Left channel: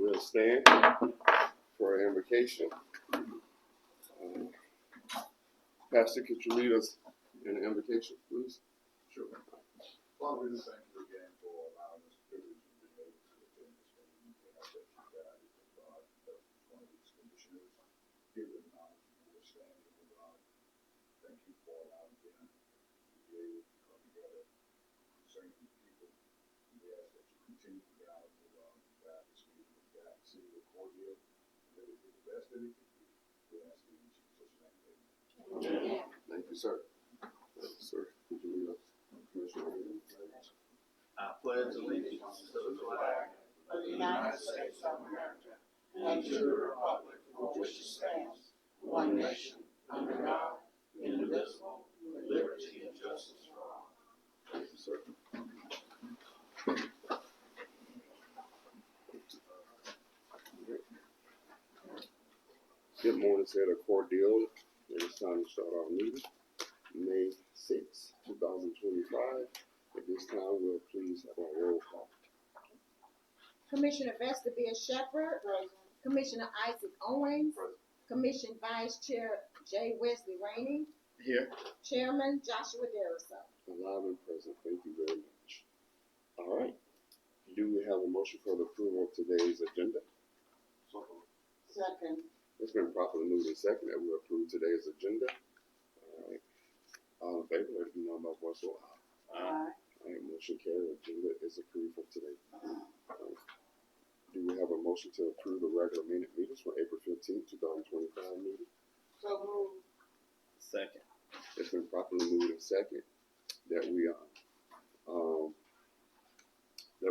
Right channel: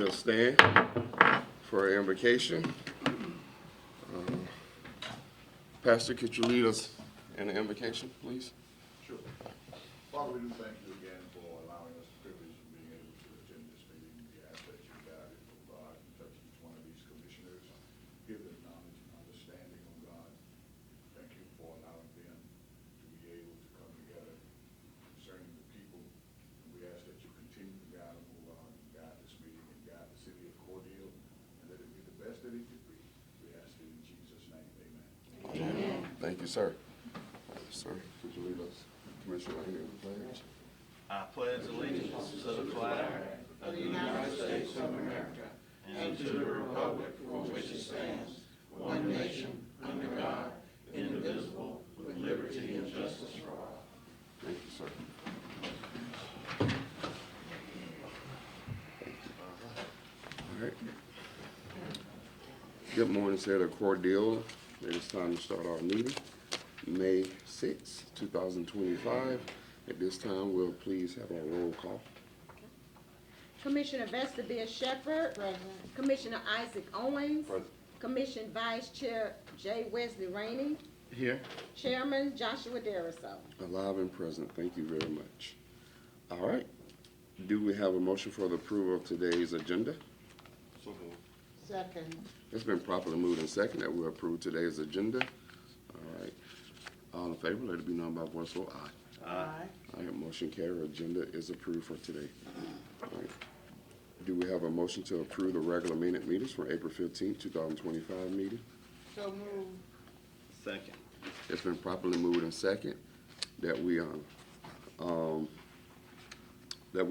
we'll stand for invocation. Pastor, could you lead us in the invocation, please? Sure. Father, we thank you again for allowing us the privilege of being able to attend this meeting. We ask that you guide and provide and touch each one of these commissioners. Give them knowledge and understanding of God. Thank you for allowing them to be able to come together concerning the people. And we ask that you continue to guide this meeting and guide the city of Cordele, and let it be the best that it can be. We ask it in Jesus' name. Amen. Thank you, sir. Yes, sir. Could you lead us, Commissioner, in the pledge? I pledge allegiance to the flag of the United States of America and to the republic for which it stands, one nation, under God, indivisible, with liberty and justice for all. Thank you, sir. All right. Good morning, City of Cordele. It is time to start our meeting. May 6, 2025. At this time, we'll please have a roll call. Commissioner Vestibia Shepherd, Commissioner Isaac Owens, Commission Vice Chair J. Wesley Rainey, Here. Chairman Joshua Dariso. Alive and present. Thank you very much. All right. Do we have a motion for the approval of today's agenda? Second. It's been properly moved and second that we approve today's agenda. All right. All in favor, let it be known by voice vote aye. Aye. All right, motion carried. Agenda is approved for today. All right. Do we have a motion to approve the regular meetings for April 15, 2025 meeting? So moved. Second. It's been properly moved and second that we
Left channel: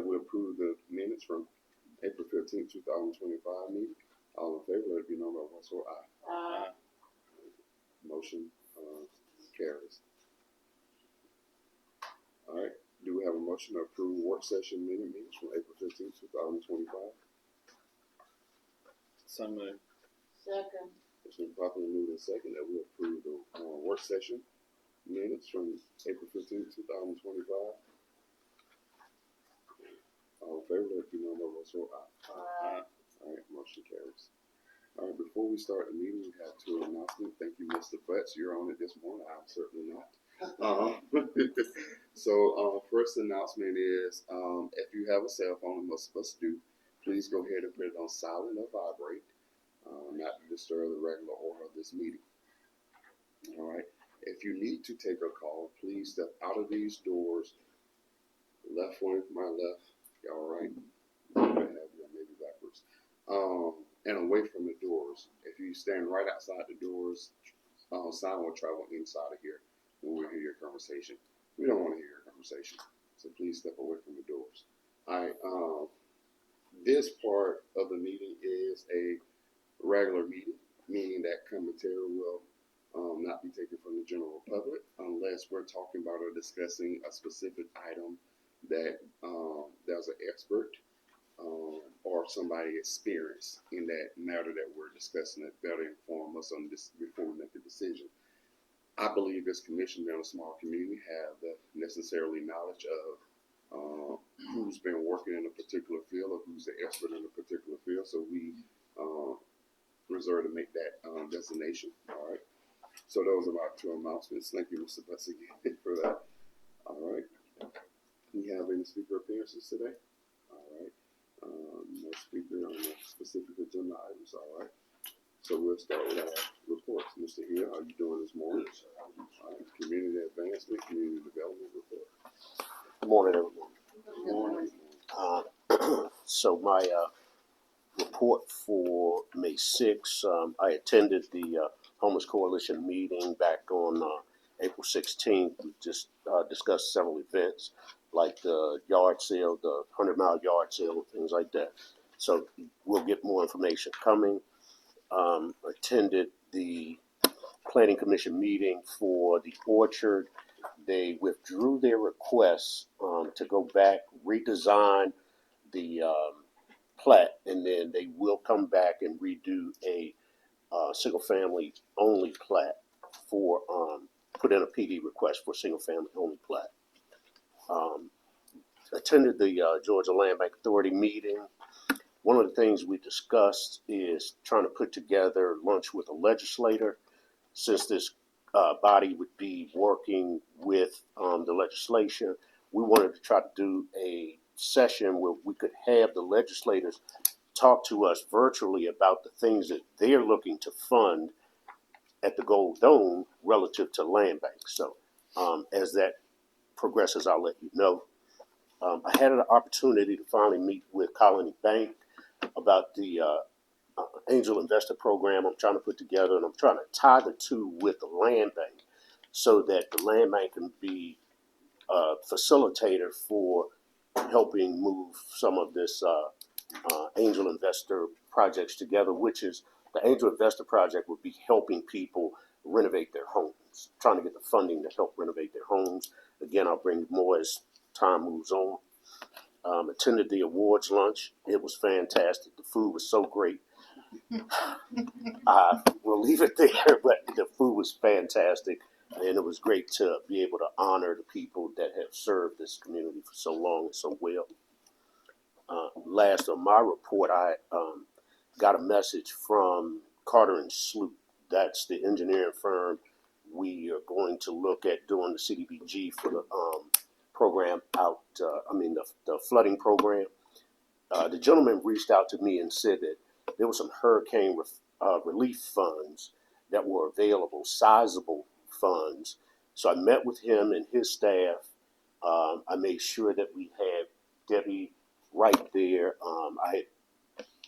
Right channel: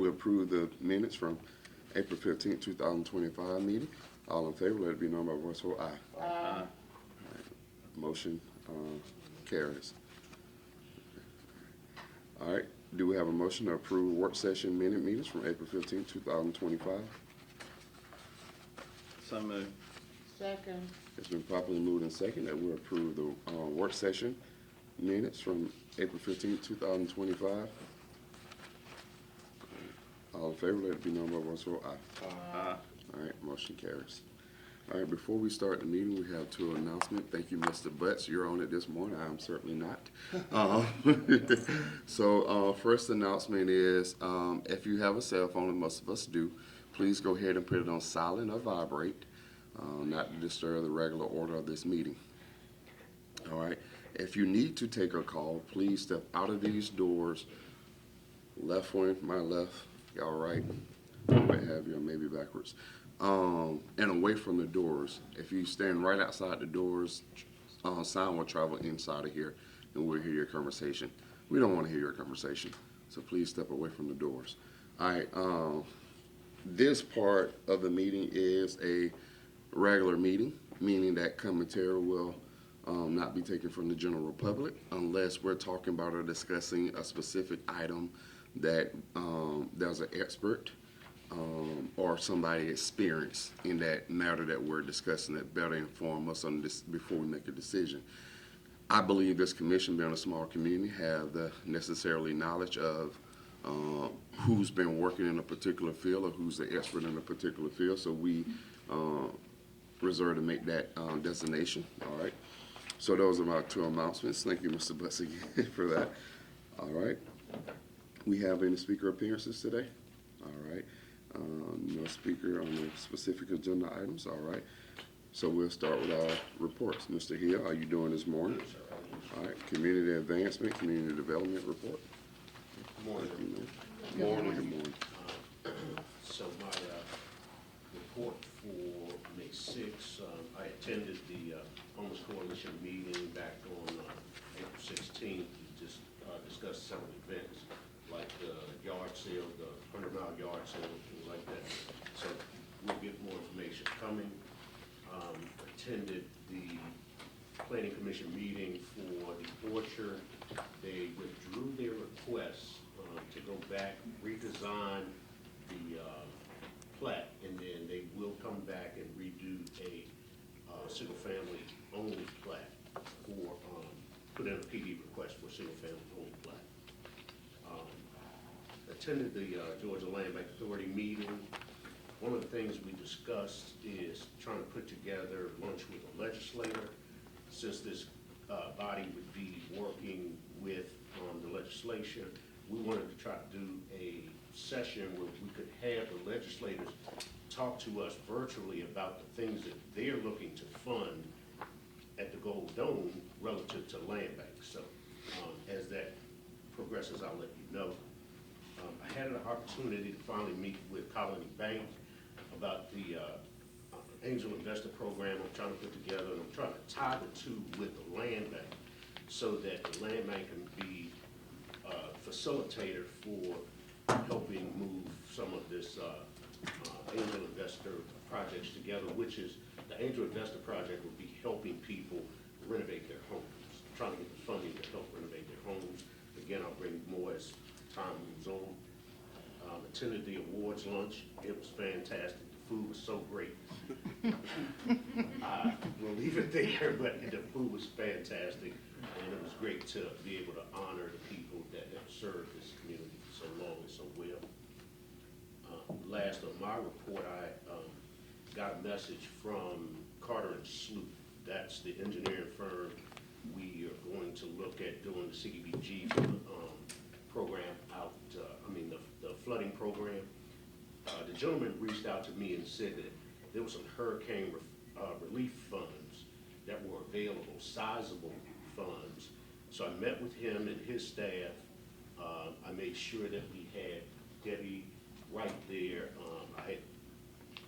approve the minutes from April 15, 2025 meeting. All in favor, let it be known by voice vote aye. Aye. All right. Motion carries. All right. Do we have a motion to approve work session meetings from April 15, 2025? So moved. Second. It's been properly moved and second that we approve the work session minutes from April 15, 2025. All in favor, let it be known by voice vote aye. Aye. All right, motion carries. All right, before we start the meeting, we have two announcements. Thank you, Mr. Butts. You're on it this morning. I'm certainly not. First announcement is if you have a cell phone, and most of us do, please go ahead and put it on silent or vibrate, not to disturb the regular order of this meeting. All right. If you need to take a call, please step out of these doors. Left one, my left, y'all right. I have you, maybe backwards. And away from the doors. If you stand right outside the doors, sound will travel inside of here, and we'll hear your conversation. We don't want to hear your conversation, so please step away from the doors. All right. This part of the meeting is a regular meeting, meaning that commentary will not be taken from the general public unless we're talking about or discussing a specific item that there's an expert or somebody experienced in that matter that we're discussing that better inform us on this before we make a decision. I believe this commission, being a small community, have the necessarily knowledge of who's been working in a particular field or who's the expert in a particular field, so we reserve to make that designation. All right. So those are our two announcements. Thank you, Mr. Bussey, for that. All right. We have any speaker appearances today? All right. No speaker on the specific agenda items. All right. So we'll start with our reports. Mr. Hill, how you doing this morning? All right. Community advancement, community development report. Good morning, everyone. Good morning. So my report for May 6th, I attended the Homeless Coalition meeting back on April 16th. We just discussed several events like the yard sale, the 100-mile yard sale, things like that. So we'll get more information coming. Attended the Planning Commission meeting for the Orchard. They withdrew their request to go back, redesign the plat, and then they will come back and redo a single-family only plat for put in a PD request for single-family only plat. Attended the Georgia Land Bank Authority meeting. one of the things we discussed is trying to put together lunch with a legislator, since this body would be working with the legislature. We wanted to try to do a session where we could have the legislators talk to us virtually about the things that they're looking to fund at the Gold Dome relative to land bank. So as that progresses, I'll let you know. I had an opportunity to finally meet with Colony Bank about the angel investor program I'm trying to put together, and I'm trying to tie the two with the land bank so that the land bank can be a facilitator for helping move some of this angel investor projects together, which is the angel investor project would be helping people renovate their homes, trying to get the funding to help renovate their homes. Again, I'll bring more as time moves on. Attended the awards lunch. It was fantastic. The food was so great. I will leave it there, but the food was fantastic, and it was great to be able to honor the people that have served this community for so long and so well. Last on my report, I got a message from Carter and Sloop. That's the engineering firm. We are going to look at doing the CDBG for the program out, the flooding program. The gentleman reached out to me and said that there was some hurricane relief funds that were available, sizable funds. So I met with him and his staff. I made sure that we had Debbie right there. I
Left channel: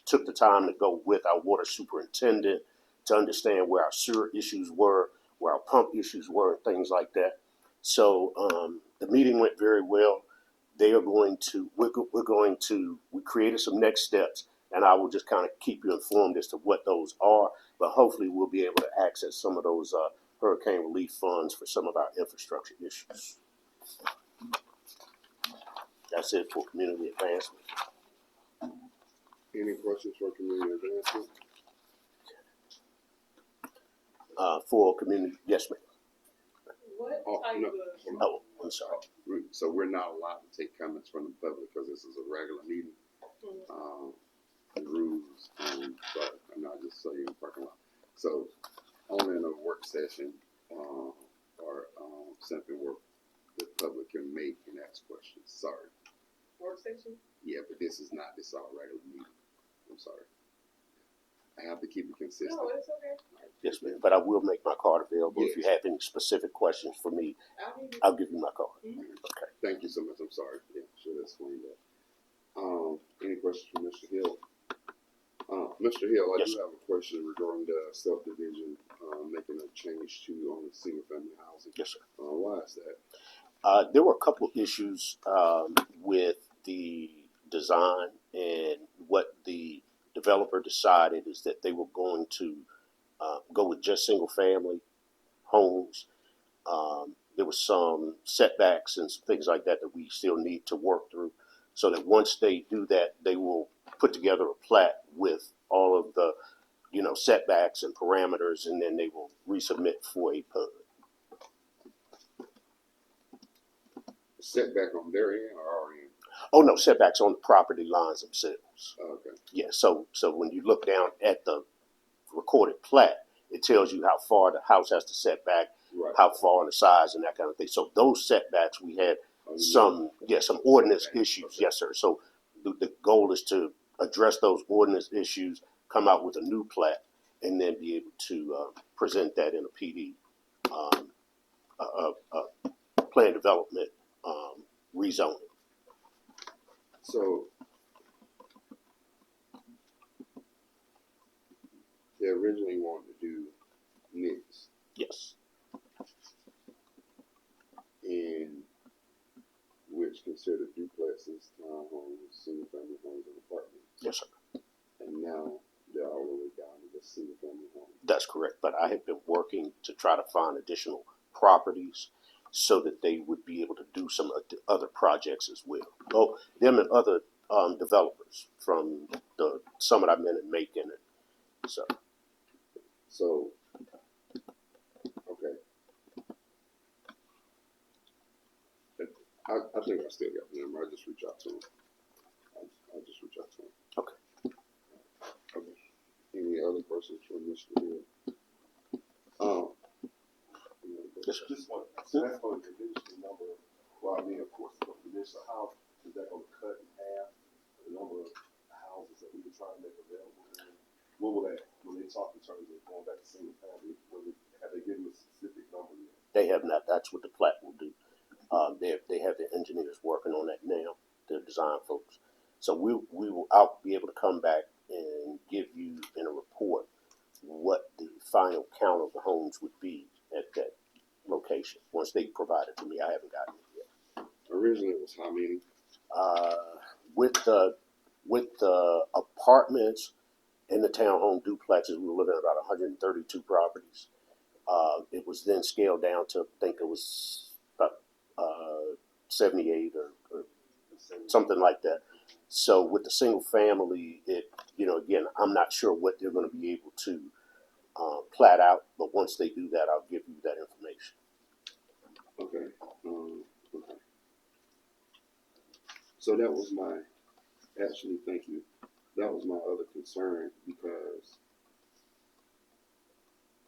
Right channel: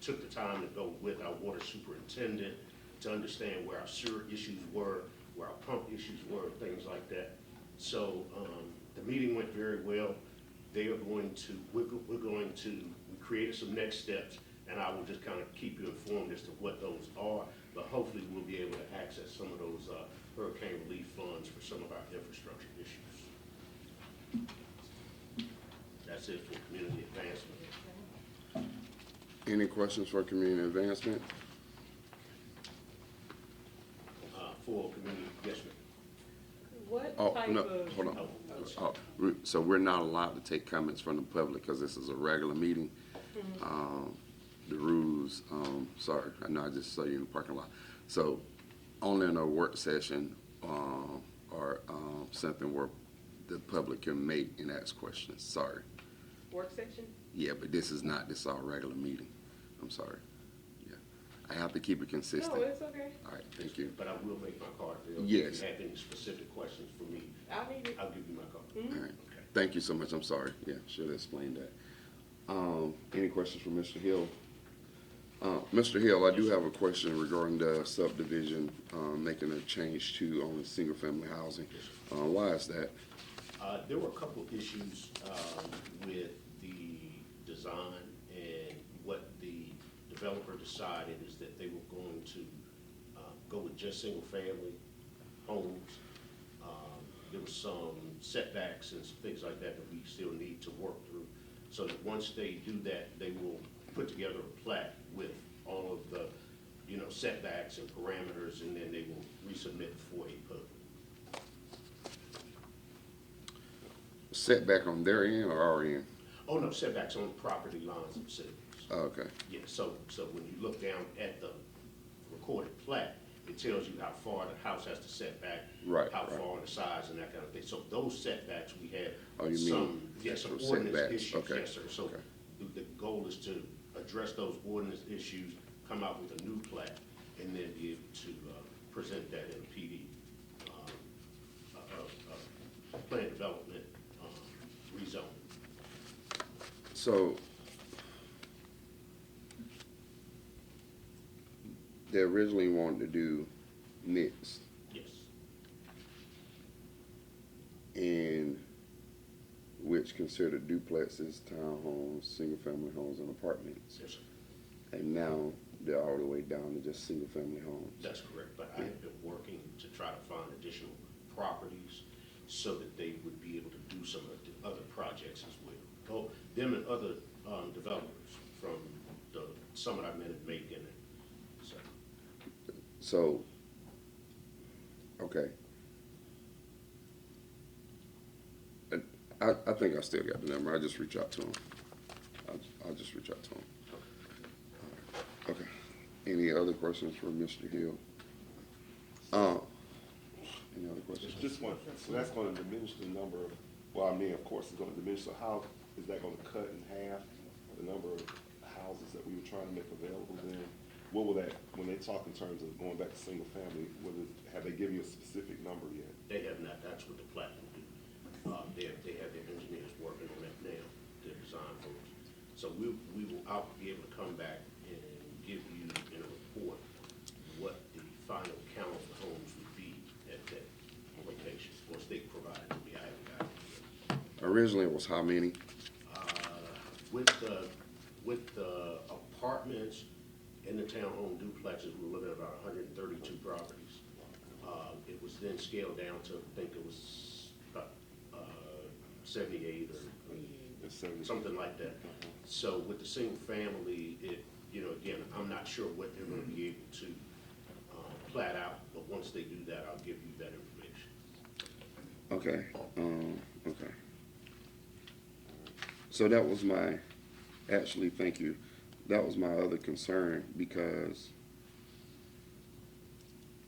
took the time to go with our water superintendent to understand where our sewer issues were, where our pump issues were, and things like that. So the meeting went very well. They are going to, we created some next steps, and I will just kind of keep you informed as to what those are, but hopefully we'll be able to access some of those hurricane relief funds for some of our infrastructure issues. That's it for community advancement. Any questions for community advancement? For community, yes, ma'am. Oh, no, hold on. Oh, I'm sorry. So we're not allowed to take comments from the public because this is a regular meeting. The rules, sorry, I know I just saw you in the parking lot. So only in a work session or something where the public can make and ask questions. Sorry. Work session? Yeah, but this is our regular meeting. I'm sorry. Yeah, I have to keep it consistent. No, it's okay. All right, Yes, thank you. ma'am. But I will make my card available. Yes. If you have any specific questions for me, I'll give you my card. All right. Okay. Thank you so much. I'm sorry. Yeah, should have explained that. Any questions for Mr. Hill? Mr. Hill, I do have a question regarding the subdivision, making a change to single family housing. Yes, sir. Why is that? There were a couple of issues with the design, and what the developer decided is that they were going to go with just single family homes. There was some setbacks and things like that that we still need to work through, so that once they do that, they will put together a plat with all of the, setbacks and parameters, and then they will resubmit for a PUD. Setback on their end or our end? Oh, no, setbacks on the property lines themselves. Okay. Yeah, so when you look down at the recorded plat, it tells you how far the house has to set back, Right. how far the size and that kind of thing. So those setbacks, we had Oh, you mean some ordinance setbacks. issues, Okay. yes, sir. So the goal is to address those ordinance issues, come out with a new plat, and then be able to present that in a PD, plan development, rezoning. So they originally wanted to do mix, Yes, and which considered duplexes, townhomes, single family homes, and apartments. yes, sir. And now they're all the way down to just single family homes. That's correct, but I have been working to try to find additional properties so that they would be able to do some other projects as well. Well, them and other developers from the summit I've been at Macon. So, okay. And I think I still got the number. I'll just reach out to him. I'll just reach out to him. Okay. Any other questions for Mr. Hill? Any other questions? Just one, so that's gonna diminish the number, well, I mean, of course, it's gonna diminish, so how is that gonna cut in half the number of houses that we were trying to make available then? What will that, when they talk in terms of going back to single family, have they given you a specific number yet? They have not, that's what the plat will do. They have their engineers working on that now, their design folks. So I'll be able to come back and give you in a report what the final count of the homes would be at that location, once they provide it to me. I haven't got it yet. Originally it was how many? With the apartments and the townhome duplexes, we were looking at about 132 properties. It was then scaled down to, I think it was about 78 or something like that. So with the single family, again, I'm not sure what they're going to be able to plat out, but once they do that, I'll give you that information. Okay, okay. So that was actually, thank you. That was my other concern, because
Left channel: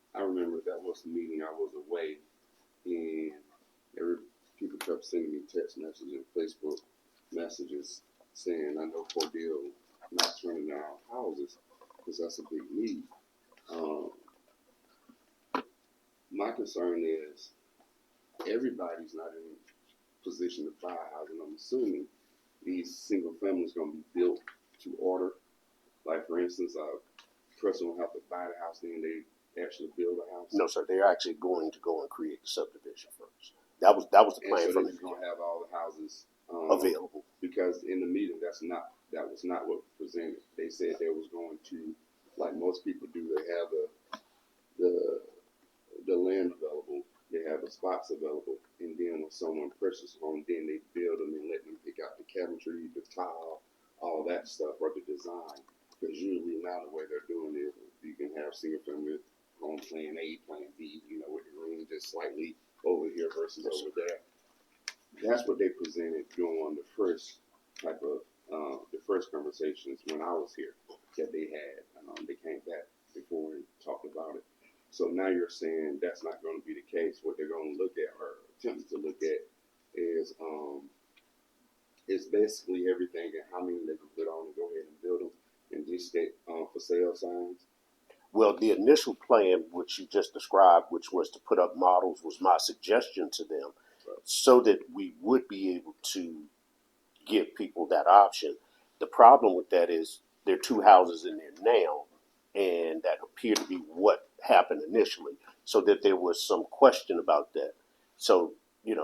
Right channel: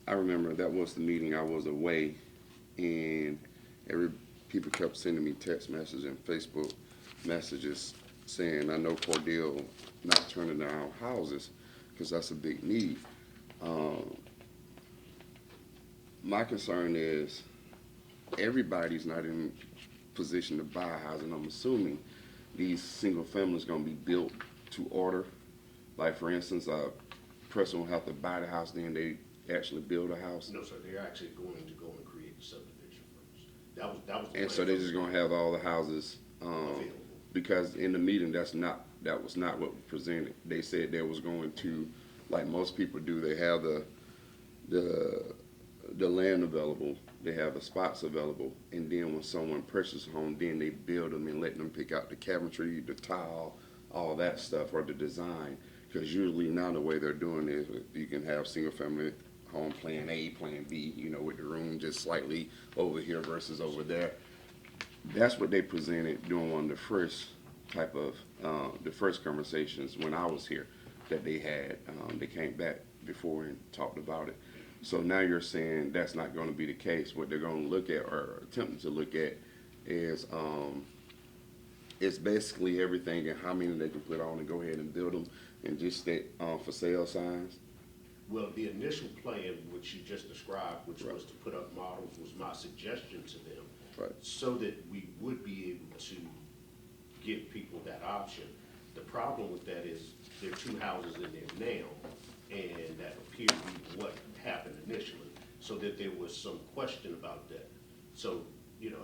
I remember that was the meeting I was away, and people kept sending me text messages and Facebook messages saying, I know Cordele not turning down houses, because that's a big need. My concern is everybody's not in position to buy a house, and I'm assuming these single families gonna be built to order. Like for instance, a person will have to buy the house, then they actually build a house. No, sir, they're actually going to go and create a subdivision first. That was the And so plan they're from just gonna have all the houses available. because in the meeting that was not what was presented. They said they was going to, like most people do, they have the land available, they have the spots available, and then when someone purchases a home, then they build them and let them pick out the cabinetry, the tile, all that stuff, or the design. Because usually now the way they're doing it, you can have single family home plan A, plan B, with the room just slightly over here versus over there. That's what they presented during the first the first conversations when I was here that they had. They came back before and talked about it. So now you're saying that's not going to be the case. What they're going to look at or attempting to look at is it's basically everything and how many they can put on and go ahead and build them and just set for sale signs. Well, the initial plan, which you just described, which was to put up models, was my suggestion to them, Right. so that we would be able to give people that option. The problem with that is there are two houses in there now, and that appeared to be what happened initially, so that there was some question about that. So,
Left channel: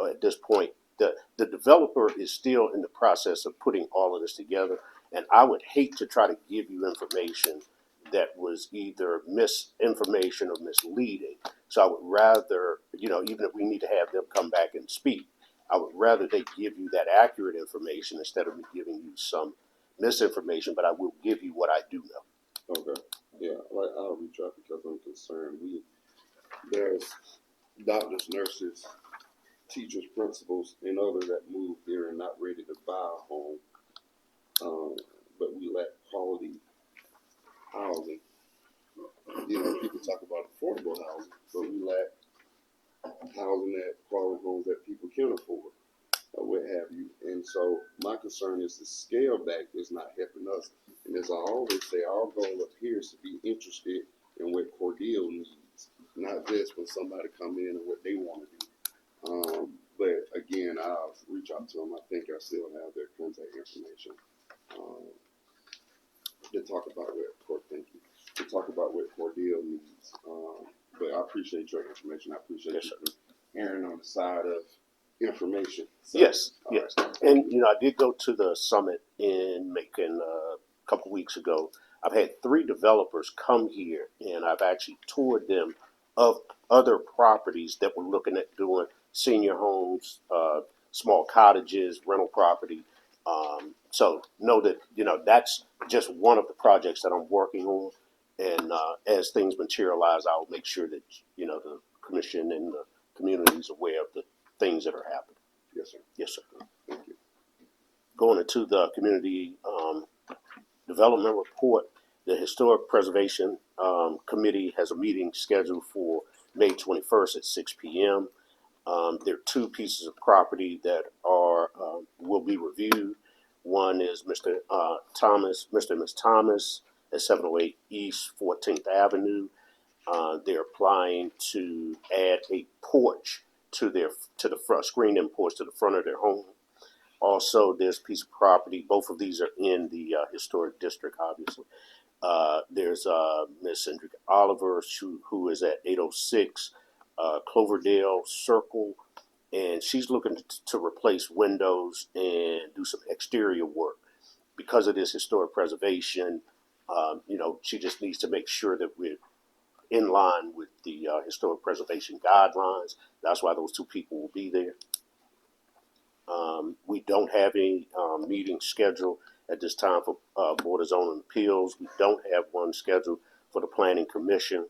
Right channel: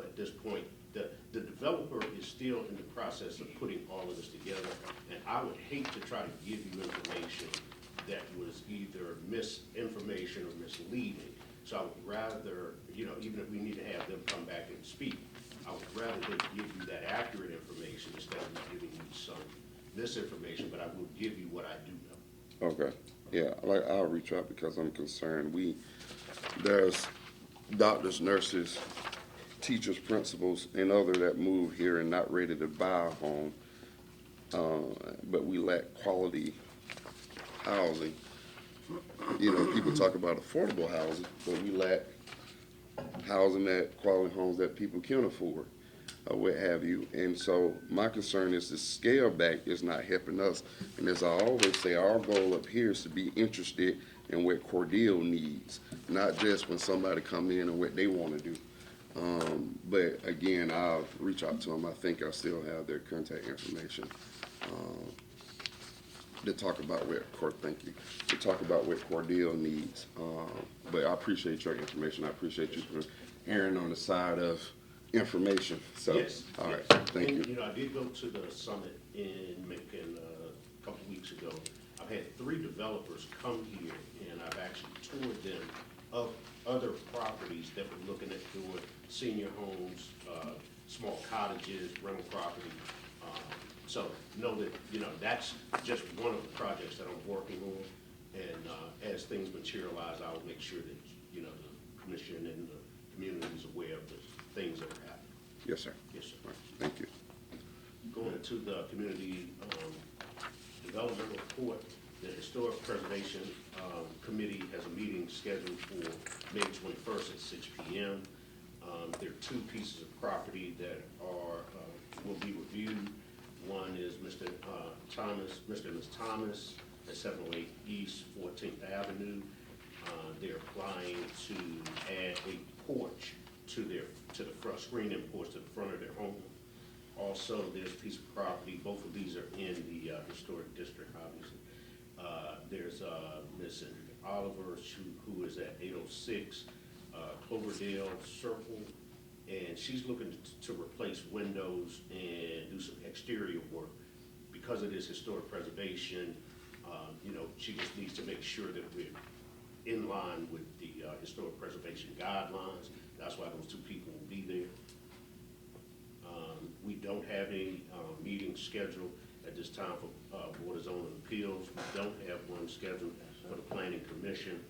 at this point, the developer is still in the process of putting all of this together, and I would hate to try to give you information that was either misinformation or misleading. So I would rather, even if we need to have them come back and speak, I would rather they give you that accurate information instead of me giving you some misinformation, but I will give you what I do know. Okay. Yeah, I'll reach out because I'm concerned. There's doctors, nurses, teachers, principals, and others that move here and not ready to buy a home, but we lack quality housing. People talk about affordable housing, but we lack housing that quality homes that people can afford, or what have you. And so my concern is the scale back is not helping us. And as I always say, our goal up here is to be interested in what Cordele needs, not just when somebody come in and what they want to do. But again, I'll reach out to them. I think I still have their contact information. To talk about thank you. To talk about what Cordele needs. But I appreciate your information. I appreciate you erring on the side of information. So, Yes, all yes. right, thank And, you. I did go to the summit in Macon a couple weeks ago. I've had 3 developers come here, and I've actually toured them of other properties that we're looking at doing, senior homes, small cottages, rental property. So know that, that's just one of the projects that I'm working on. And as things materialize, I'll make sure that, the commission and the community is aware of the things that are happening. Yes, sir. Yes, sir. Thank you. Going into the community development report, The Historic Preservation Committee has a meeting scheduled for May 21st at 6 p.m. There are two pieces of property that will be reviewed. One is Mr. Mr. and Ms. Thomas at 708 East 14th Avenue. They're applying to add a porch to the front, screen-in porch to the front of their home. Also, there's a piece of property, both of these are in the historic district, obviously. There's Miss Cindric Oliver, who is at 806 Cloverdale Circle, and she's looking to replace windows and do some exterior work. Because of this historic preservation, she just needs to make sure that we're in line with the historic preservation guidelines. That's why those two people will be there. We don't have any meetings scheduled at this time for Board of Zoning Appeals. We don't have one scheduled for the Planning Commission.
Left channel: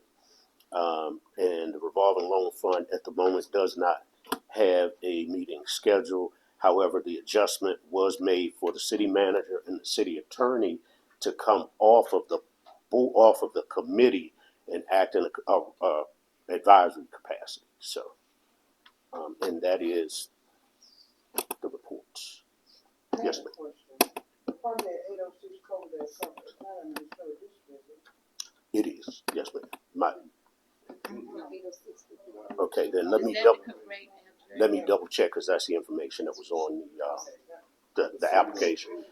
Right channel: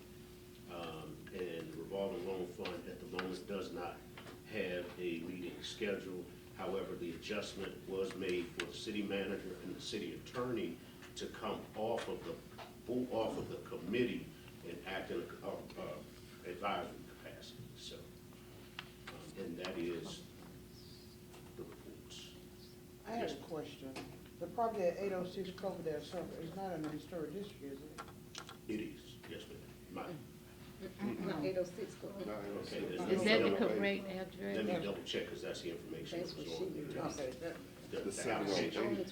And the revolving loan fund at the moment does not have a meeting scheduled. However, the adjustment was made for the city manager and the city attorney to come off of the committee and act in a advisory capacity. So, and that is the reports. I have Yes, a ma'am. question. The property at 806 Cloverdale Circle is not in the historic district, is it? It is, yes, ma'am. 806. Okay, then Is let me that double, correct address? let me double check, because that's the information that was on the application.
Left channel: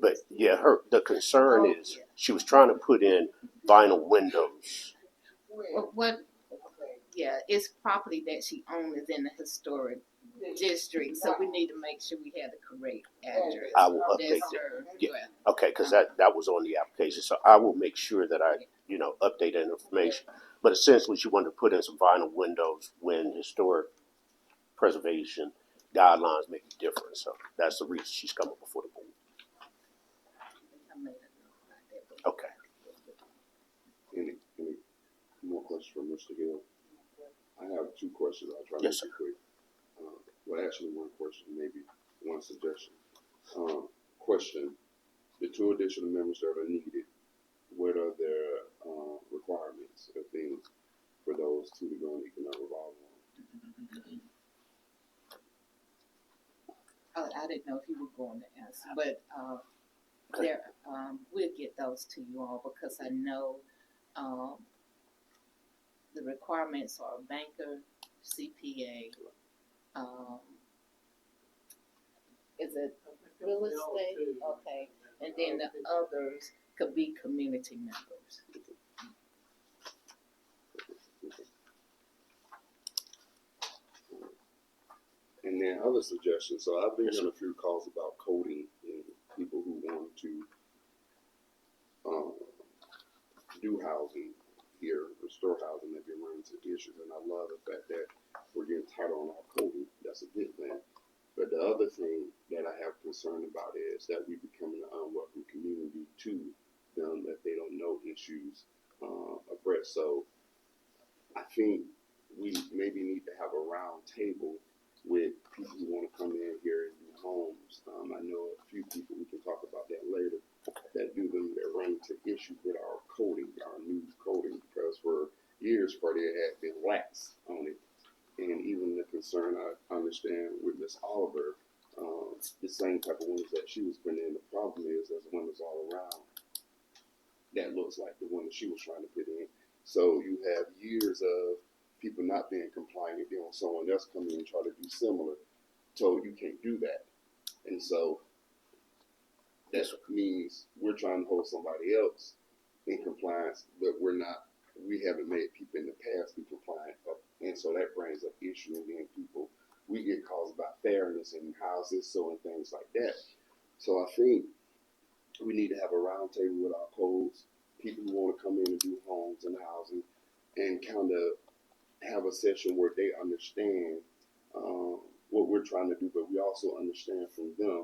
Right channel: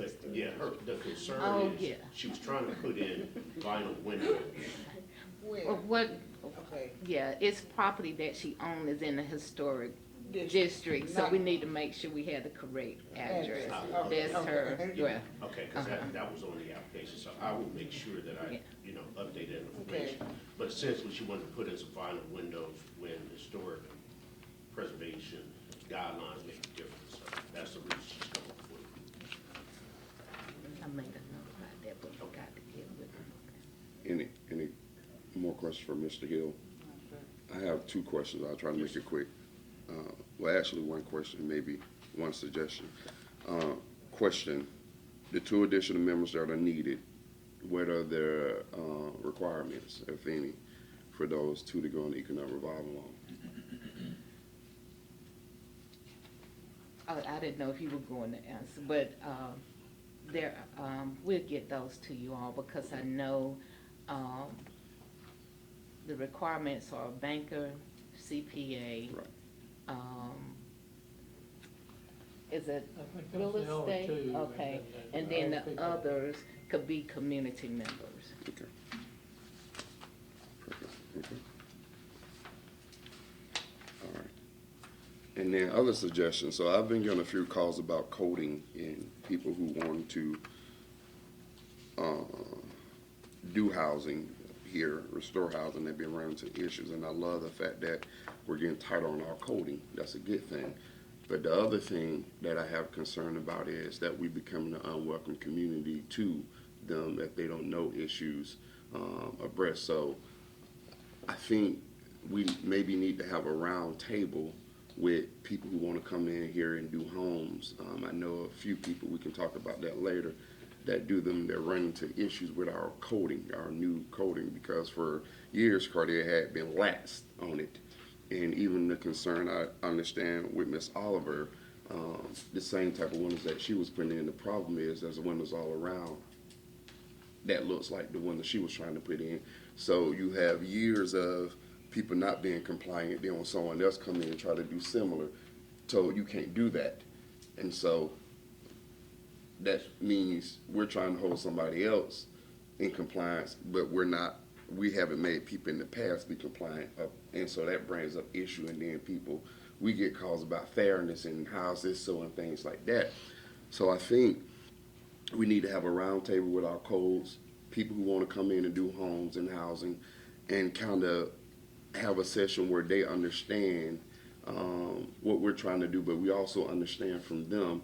But yeah, the concern is, she was trying to put in vinyl windows. What, yeah, it's property that she owns in the historic district, so we need to make sure we have the correct address. I will That's update. her, yeah. Okay, because that was on the application, so I will make sure that I, update that information. But essentially, she wanted to put in some vinyl windows when historic preservation guidelines make a difference. So that's the reason she's coming before the board. I'll make a note about that. Okay. Any more questions for Mr. Hill? I have two questions. I'll try to make Yes, it sir. quick. Well, actually, one question, maybe one suggestion. Question, the two additional members that are needed, what are their requirements, if any, for those two to go on the economic revolving loan? Oh, I didn't know if you were going to answer, but, we'll get those to you all, because I know, the requirements are banker, CPA, is it real estate? Okay, and then the others could be community members. Okay. All right. And then other suggestions. So I've been getting a few calls about coding and people who want to do housing here, restore housing. They've been running into issues, and I love the fact that we're getting tighter on our coding. That's a good thing. But the other thing that I have concern about is that we become an unwelcome community to them if they don't know issues abreast. So I think we maybe need to have a round table with people who want to come in here and do homes. I know a few people, we can talk about that later, that do them. They're running into issues with our coding, our new coding, because for years Cordele had been lax on it. And even the concern I understand with Miss Oliver, the same type of windows that she was putting in. The problem is there's windows all around that looks like the one that she was trying to put in. So you have years of people not being compliant, then when someone else come in and try to do similar, told you can't do that. And so that means we're trying to hold somebody else in compliance, but we're not. We haven't made people in the past be compliant, and so that brings up issue. And then we get calls about fairness in houses, so and things like that. So I think we need to have a round table with our codes, people who want to come in and do homes and housing, and kind of have a session where they understand what we're trying to do, but we also understand from them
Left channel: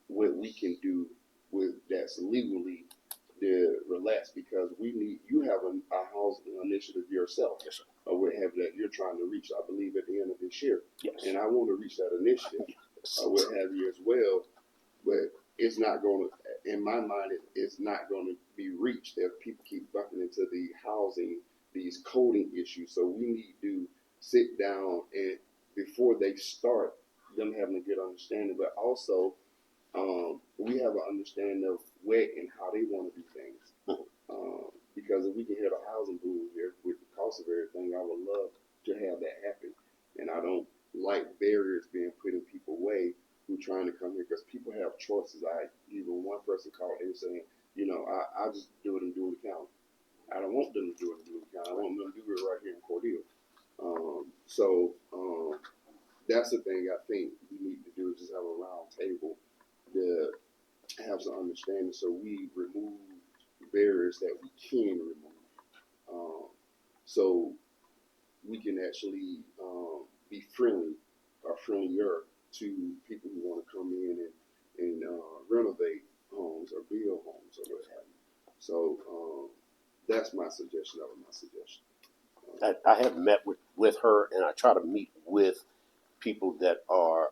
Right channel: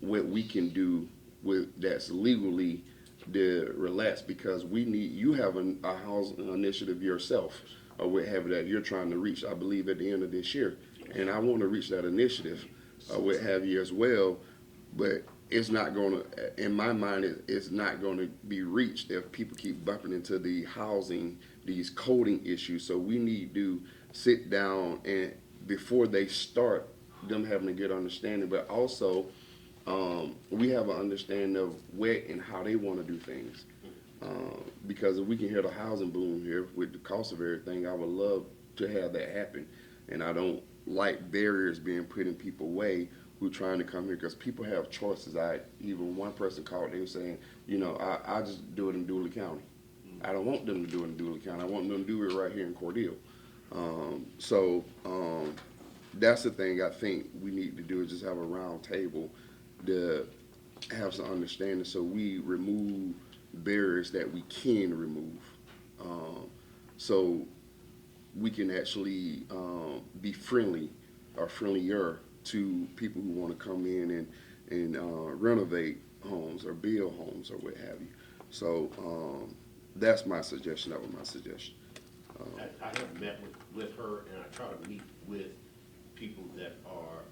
what we can do with that's legally to relax, because you have a housing initiative yourself, or whatever that you're trying to reach, I believe at the end of this year, and I want to reach that initiative, what have you as well, but it's not going to, in my mind, it's not going to be reached if people keep bumping into the housing, these coding issues. So we need to sit down and before they start, them having a good understanding, but also we have an understanding of where and how they want to do things. Because if we can hear the housing boom here with the cost of everything, I would love to have that happen. And I don't like barriers being put in people's way who trying to come here because people have choices. Even one person called, they were saying, I just do it in Dooley County. I don't want them to do it in Dooley County. I want them to do it right here in Cordele. That's the thing I think we need to do is just have a round table to have some understanding so we remove barriers that we can remove. Um, so we can actually be friendly or friendlier to people who want to come in and renovate homes or build homes or what have you. So that's my suggestion. That was my suggestion. I have met with her, and I try to meet with people that are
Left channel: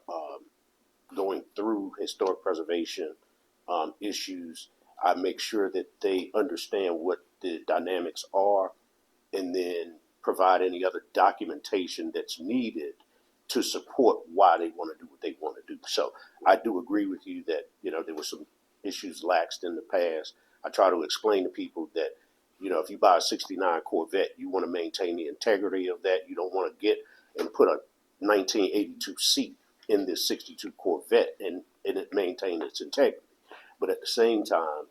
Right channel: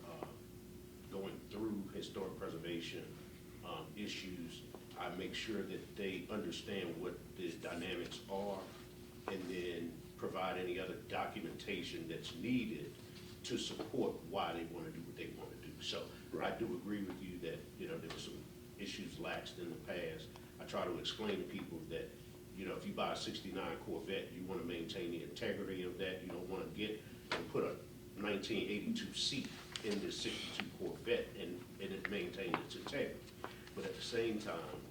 going through historic preservation issues. I make sure that they understand what the dynamics are, and then provide any other documentation that's needed to support why they want to do what they want to do. So I do agree with you that, there were some issues laxed in the past. I try to explain to people that, if you buy a 69 Corvette, you want to maintain the integrity of that. You don't want to get and put a 1982 seat in this 62 Corvette and it maintain its integrity. But at the same time,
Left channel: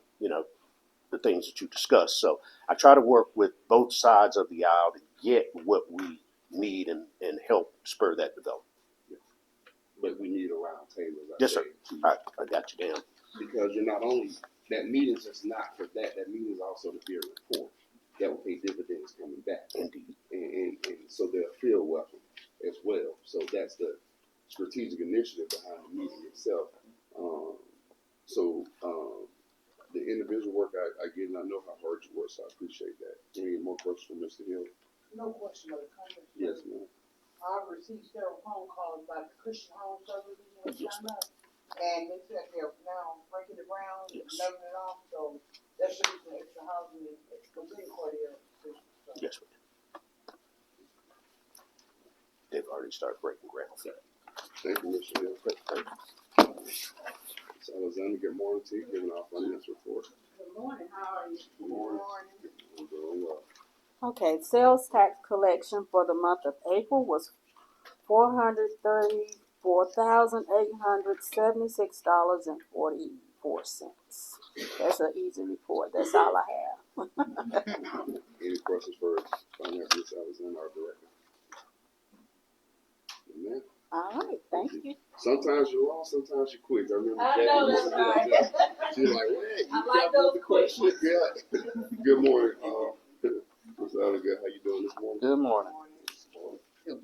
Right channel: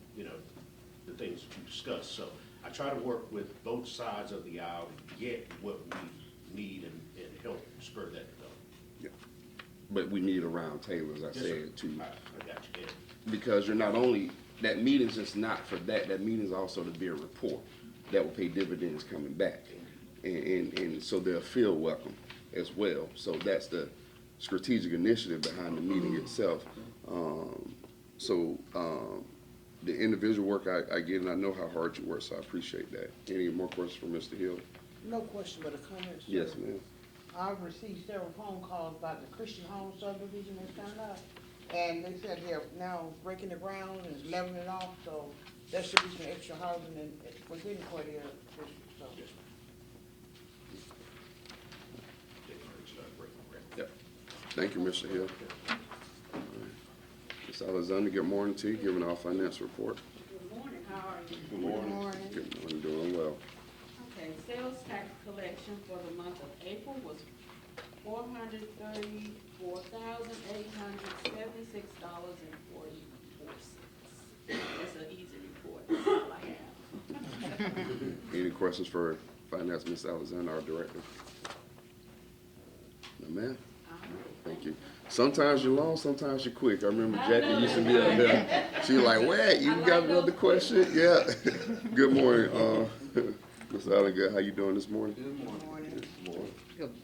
the things that you discussed. So I try to work with both sides of the aisle to get what we need and help spur that development. But we need a round table, as I Yes, sir. said, too. I got you, Dan. Because you're not only, that meeting is just not for that. That meeting is also to build rapport that will pay dividends coming back. And so they'll feel welcome as well. So that's the strategic initiative behind the meeting itself. The individual work I get, and I know how hard you work, so I appreciate that. Any more questions from Mr. Hill? No question, but a comment. Yes, ma'am. I received several phone calls about the Christian home subdivision in China, and they said they're now breaking the ground and leveling it off, so there should be some extra housing within Cordele. So. Yes, sir. They've already started breaking ground. Yep. Thank you, Mr. Hill. Ms. Alexander, good morning to you, giving our financial report. Good morning, how are you? Good morning. Good morning, doing well. Okay, sales tax collection for the month of April was $434,876.44. That's an easy report. That's all I have. Any questions for Finance Ms. Alexander, our director? No, ma'am. All right, thank you. Sometimes you're long, sometimes you're quick. I remember Jackie used to be like that. She was like, "What? You got another question?" Yeah. Good morning, Ms. Alexander. How you doing this morning? Good morning. Good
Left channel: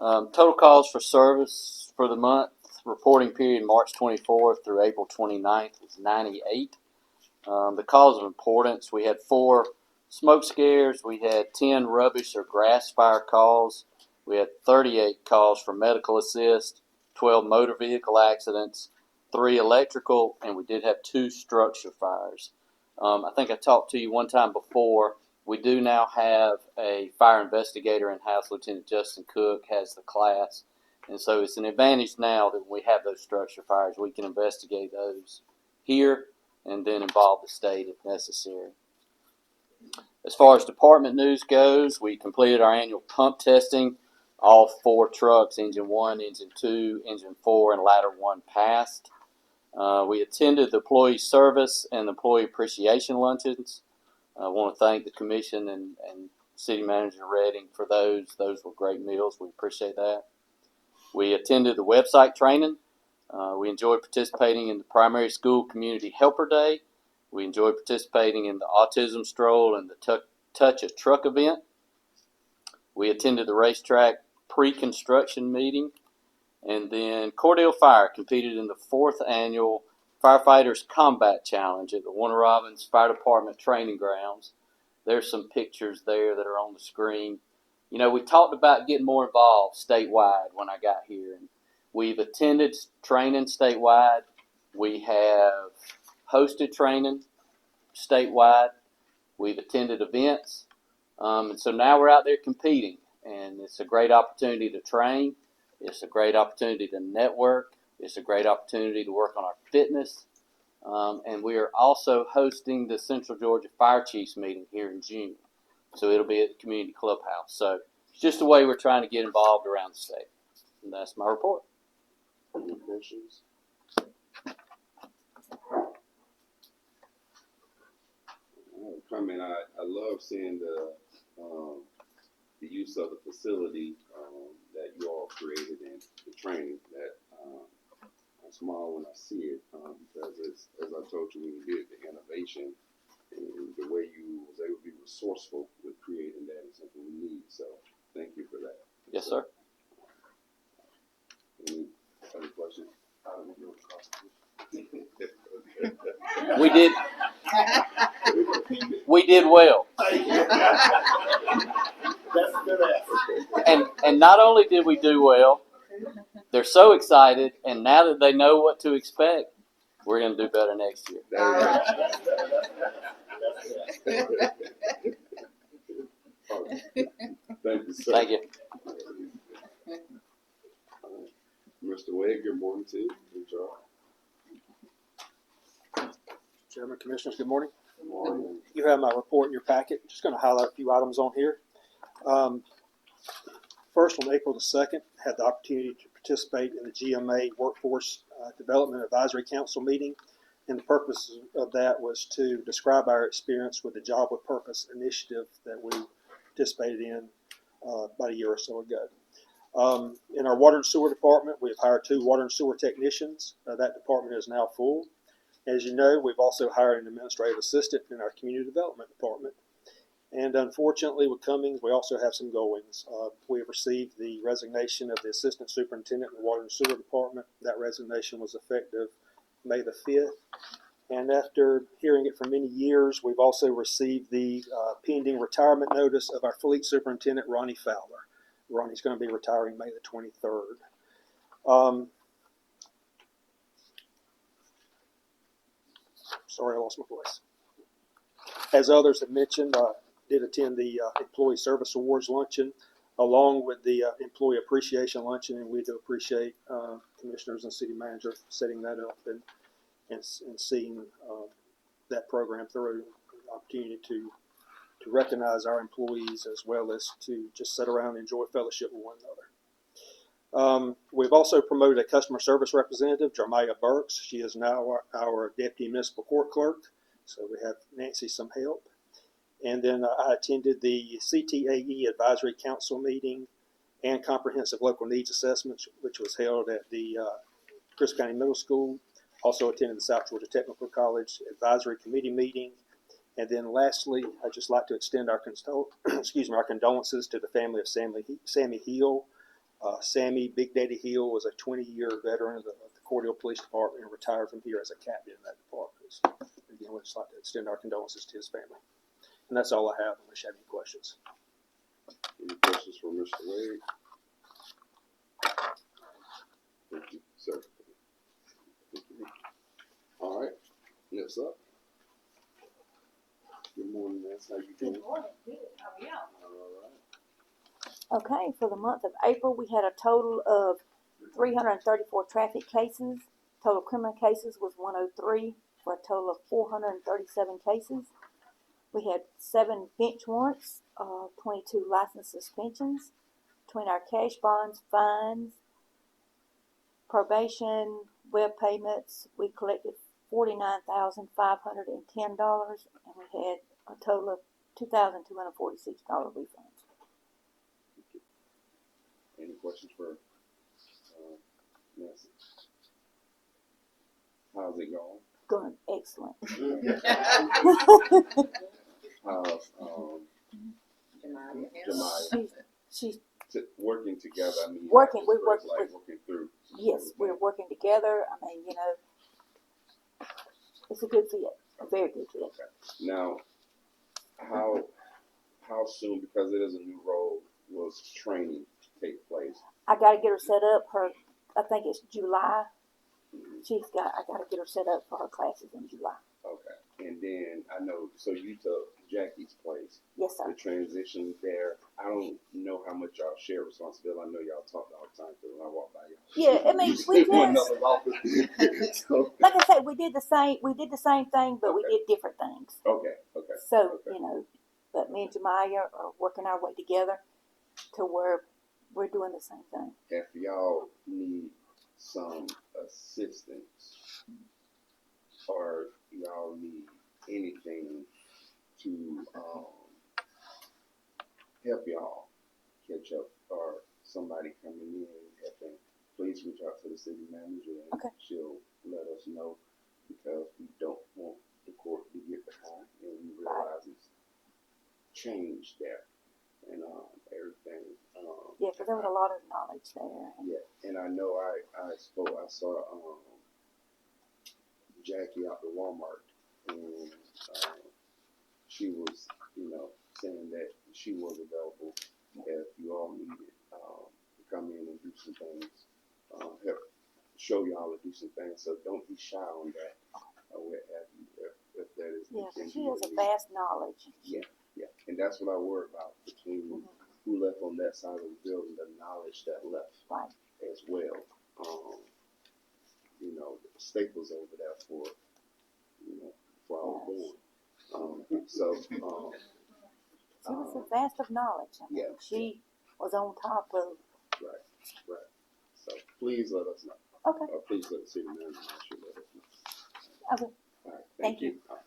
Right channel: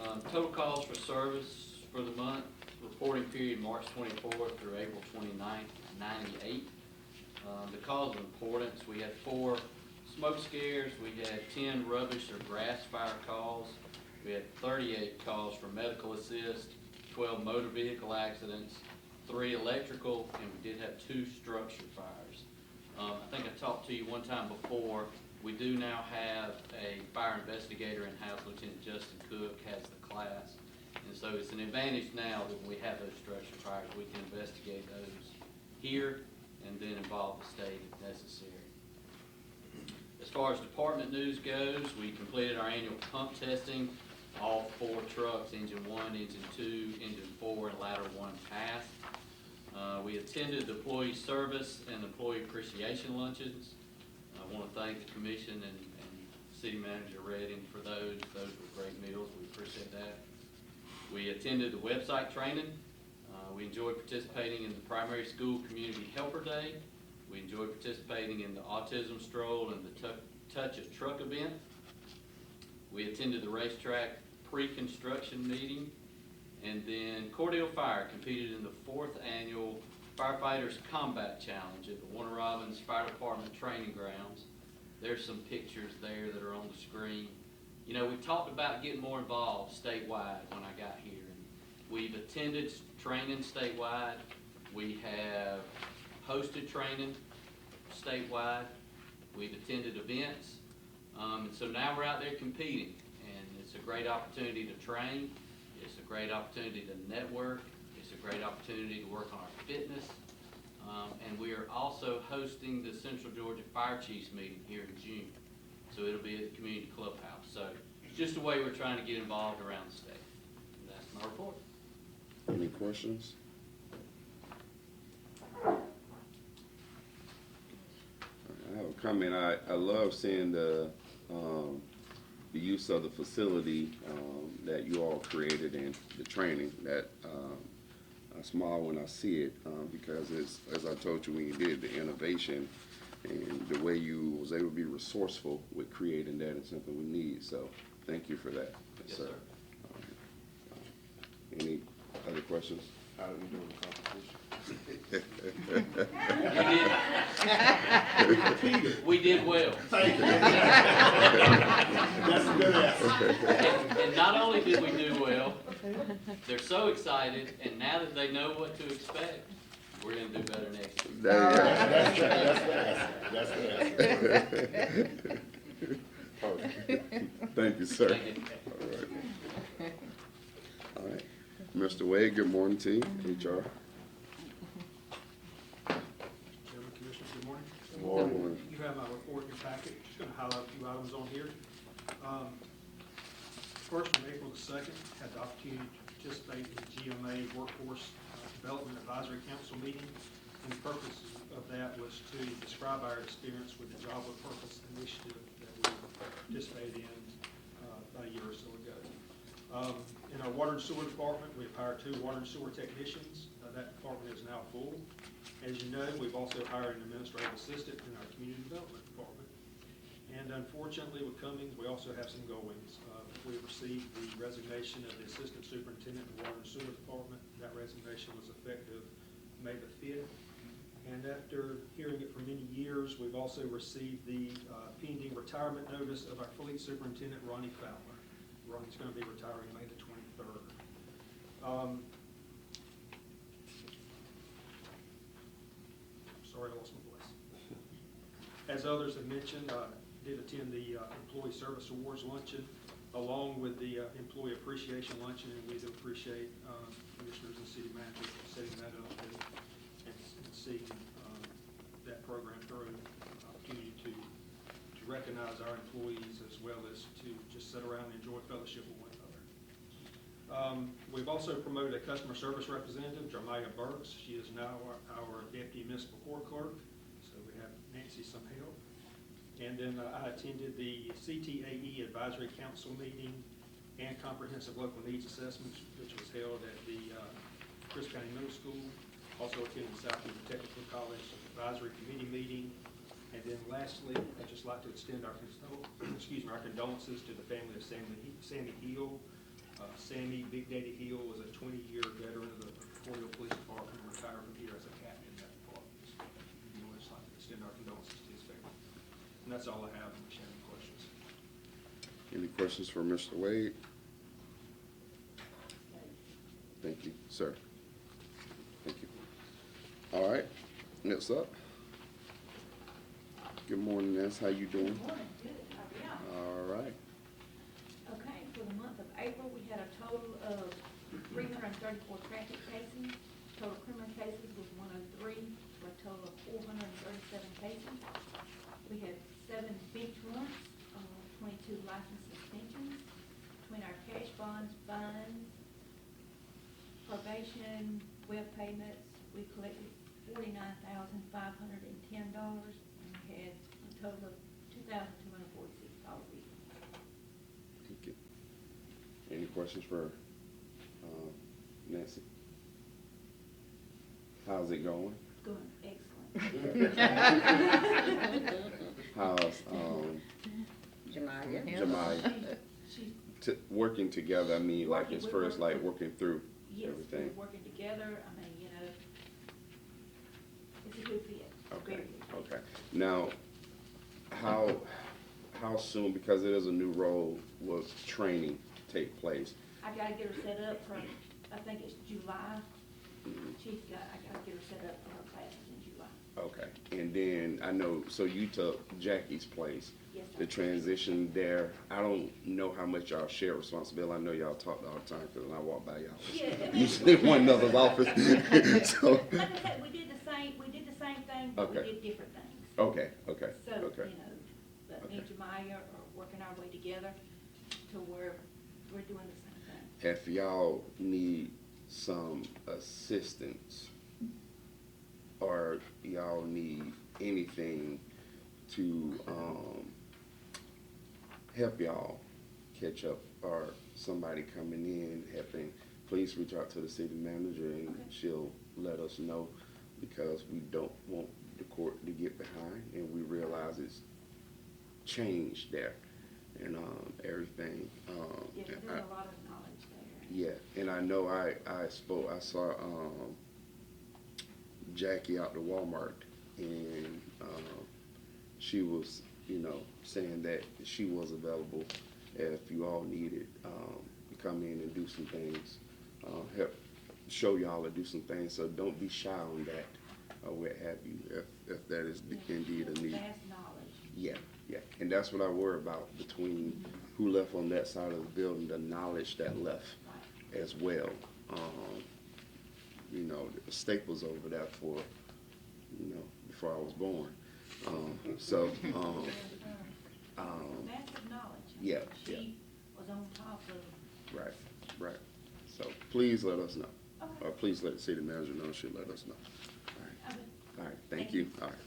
morning. Total calls for service for the month, reporting period March 24th through April 29th is 98. The calls of importance, we had 4 smoke scares, we had 10 rubbish or grass fire calls, we had 38 calls for medical assist, 12 motor vehicle accidents, 3 electrical, and we did have 2 structure fires. I think I talked to you one time before. We do now have a fire investigator in-house. Lieutenant Justin Cook has the class. And so it's an advantage now that when we have those structure fires, we can investigate those here and then involve the state if necessary. As far as department news goes, we completed our annual pump testing. All 4 trucks, engine 1, engine 2, engine 4, and ladder 1 passed. We attended the employee service and employee appreciation luncheons. I want to thank the commission and City Manager Redding for those. Those were great meals. We appreciate that. We attended the website training. We enjoyed participating in the primary school community helper day. We enjoyed participating in the autism stroll and the touch a truck event. We attended the racetrack pre-construction meeting. And then Cordele Fire competed in the 4th annual Firefighters Combat Challenge at the Warner Robins Fire Department Training Grounds. There's some pictures there that are on the screen. You know, we talked about getting more involved statewide when I got here. And we've attended training statewide. We have hosted training statewide. We've attended events. And so now we're out there competing, and it's a great opportunity to train. It's a great opportunity to network. It's a great opportunity to work on our fitness. And we are also hosting the Central Georgia Fire Chiefs meeting here in June. So it'll be at the community clubhouse. So just the way we're trying to get involved around the state. And that's my report. Any questions? I have a comment. I love seeing the use of the facility that you all created and the training that I smile when I see it because it's, as I told you when you did the innovation and the way you was able to be resourceful with creating that is something we need. So thank you for that. Yes, sir. Any other questions? We did. We did well. And not only did we do well, they're so excited, and now that they know what to expect, we're going to do better next year. Thank you, sir. Thank you. All right. Mr. Wade, good morning to you. HR. Chairman, Commissioners, good morning. Good morning. You have my report in your packet. Just going to highlight a few items on here. First, on April the 2nd, had the opportunity to participate in the GMA Workforce Development Advisory Council meeting. And the purpose of that was to describe our experience with the Job with Purpose initiative that we participated in about a year or so ago. In our water and sewer department, we've hired 2 water and sewer technicians. That department is now full. As you know, we've also hired an administrative assistant in our community development department. And unfortunately, with Cummings, we also have some goings. We have received the resignation of the assistant superintendent in the water and sewer department. That resignation was effective May the 5th. And after hearing it for many years, we've also received the pending retirement notice of our fleet superintendent, Ronnie Fowler. Ronnie's going to be retiring May the 23rd. Sorry, I lost my voice. As others have mentioned, I did attend the Employee Service Awards luncheon along with the Employee Appreciation Luncheon, and we do appreciate commissioners and city manager setting that up and seeing that program through. Opportunity to recognize our employees as well as to just sit around and enjoy fellowship with one another. We've also promoted a customer service representative, Jermiah Burks. She is now our deputy municipal court clerk, so we have Nancy some help. And then I attended the CTAE Advisory Council meeting and Comprehensive Local Needs Assessment, which was held at the Chris County Middle School. Also attended the South Georgia Technical College Advisory Committee meeting. And then lastly, I'd just like to extend our condolences to the family of Sammy Hill. Sammy Big Daddy Hill was a 20-year veteran of the Cordele Police Department and retired from here as a captain in that department. So we'd just like to extend our condolences to his family. And that's all I have. If you have any questions. Any questions for Mr. Wade? Thank you, sir. Thank you. All right, next up. Good morning, Ness. How you doing? All right. Okay, for the month of April, we had a total of 334 traffic cases. Total criminal cases was 103 for a total of 437 cases. We had 7 bench warrants, 22 license suspensions. Between our cash bonds, fines, probation, web payments, we collected $49,510, and we had a total of $2,246 refunds. Okay. Any questions for Nancy? How's it going? Going excellent. How's Jemima She's working together? I mean, like working. as We far as work. like working through. Yes, we're working together. I mean, you know, it's a good fit. Okay. A very good fit. Okay. Now, how soon, because it is a new role, will training take place? I got to get her set up. I think it's July. I gotta get her set up for her classes in July. Okay, and then I know, so you took Jackie's place, Yes, the sir. transition there. I don't know how much y'all share responsibility. I know y'all talk all the time because when I walk by y'all, Yeah, I mean, usually we in one did, another's office. So, like I said, we did the same thing, but we Okay. did different things. okay, okay, So, okay. you know, but me and Jemiah are working our way together to where we're doing the same thing. If y'all need some assistance or y'all need anything to help y'all catch up or somebody coming in helping, please reach out to the city manager and Okay. she'll let us know because we don't want the court to get behind and we realize it's changed there and everything. Yeah, because there was a lot of knowledge there. Yeah, and I know I saw Jackie out to Walmart and she was, saying that she was available if you all needed to come in and do some things, help show y'all to do some things. So don't be shy on that or what have you. If that is Yeah, 'cause she indeed has a a need. vast knowledge. Yeah, yeah, and that's what I worry about between who left on that side of the building, the knowledge that left Right. as well. Staples over there for before I was born. So She was a vast of knowledge. yeah, She was on top of. right, right. So please let us know. Okay. Or please let the city manager know. She'll let us know. Okay. All right. Thank Thank you. you. All right.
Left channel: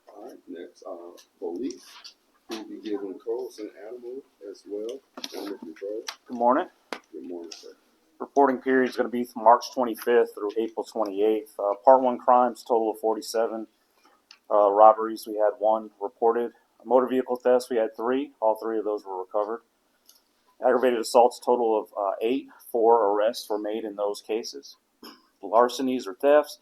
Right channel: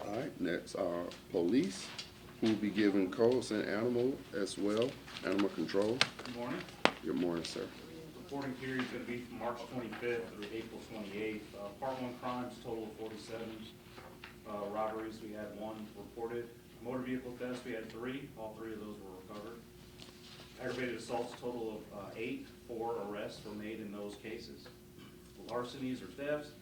All right. Next, police, who will be giving codes and animal as well, animal control. Good morning. Good morning, sir. Reporting period is going to be from March 25th through April 28th. Part 1 crimes, total of 47. Robberies, we had 1 reported. Motor vehicle thefts, we had 3. All 3 of those were recovered. Aggravated assaults, total of 8. 4 arrests were made in those cases. Larcenies or thefts,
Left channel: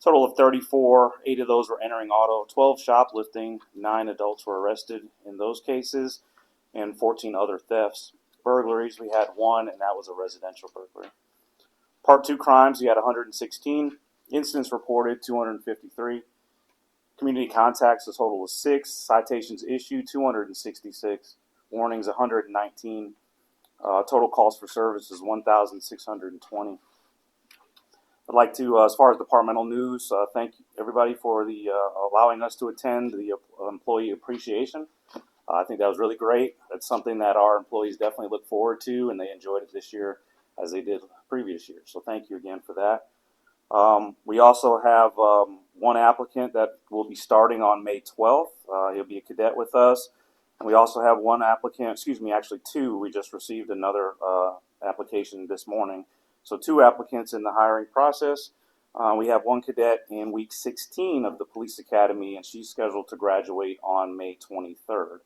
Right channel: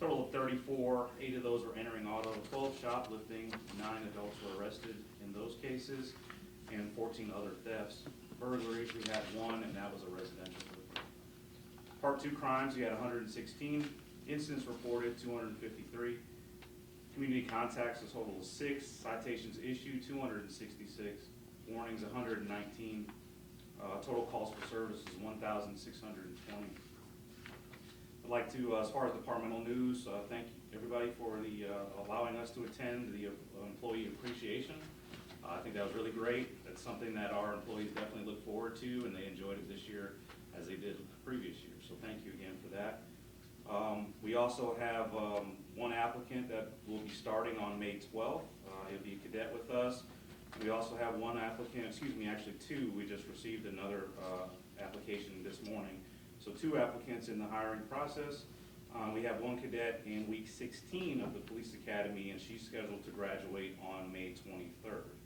total of 34. 8 of those were entering auto. 12 shoplifting. 9 adults were arrested in those cases, and 14 other thefts. Burglaries, we had 1, and that was a residential burglary. Part 2 crimes, you had 116. Incidents reported, 253. Community contacts, a total of 6. Citations issued, 266. Warnings, 119. Total calls for service is 1,620. I'd like to, as far as departmental news, thank everybody for the allowing us to attend the employee appreciation. I think that was really great. That's something that our employees definitely look forward to, and they enjoyed it this year as they did previous years. So thank you again for that. We also have 1 applicant that will be starting on May 12th. He'll be a cadet with us. And we also have 1 applicant, actually 2. We just received another application this morning. So 2 applicants in the hiring process. We have 1 cadet in week 16 of the police academy, and she's scheduled to graduate on May 23rd.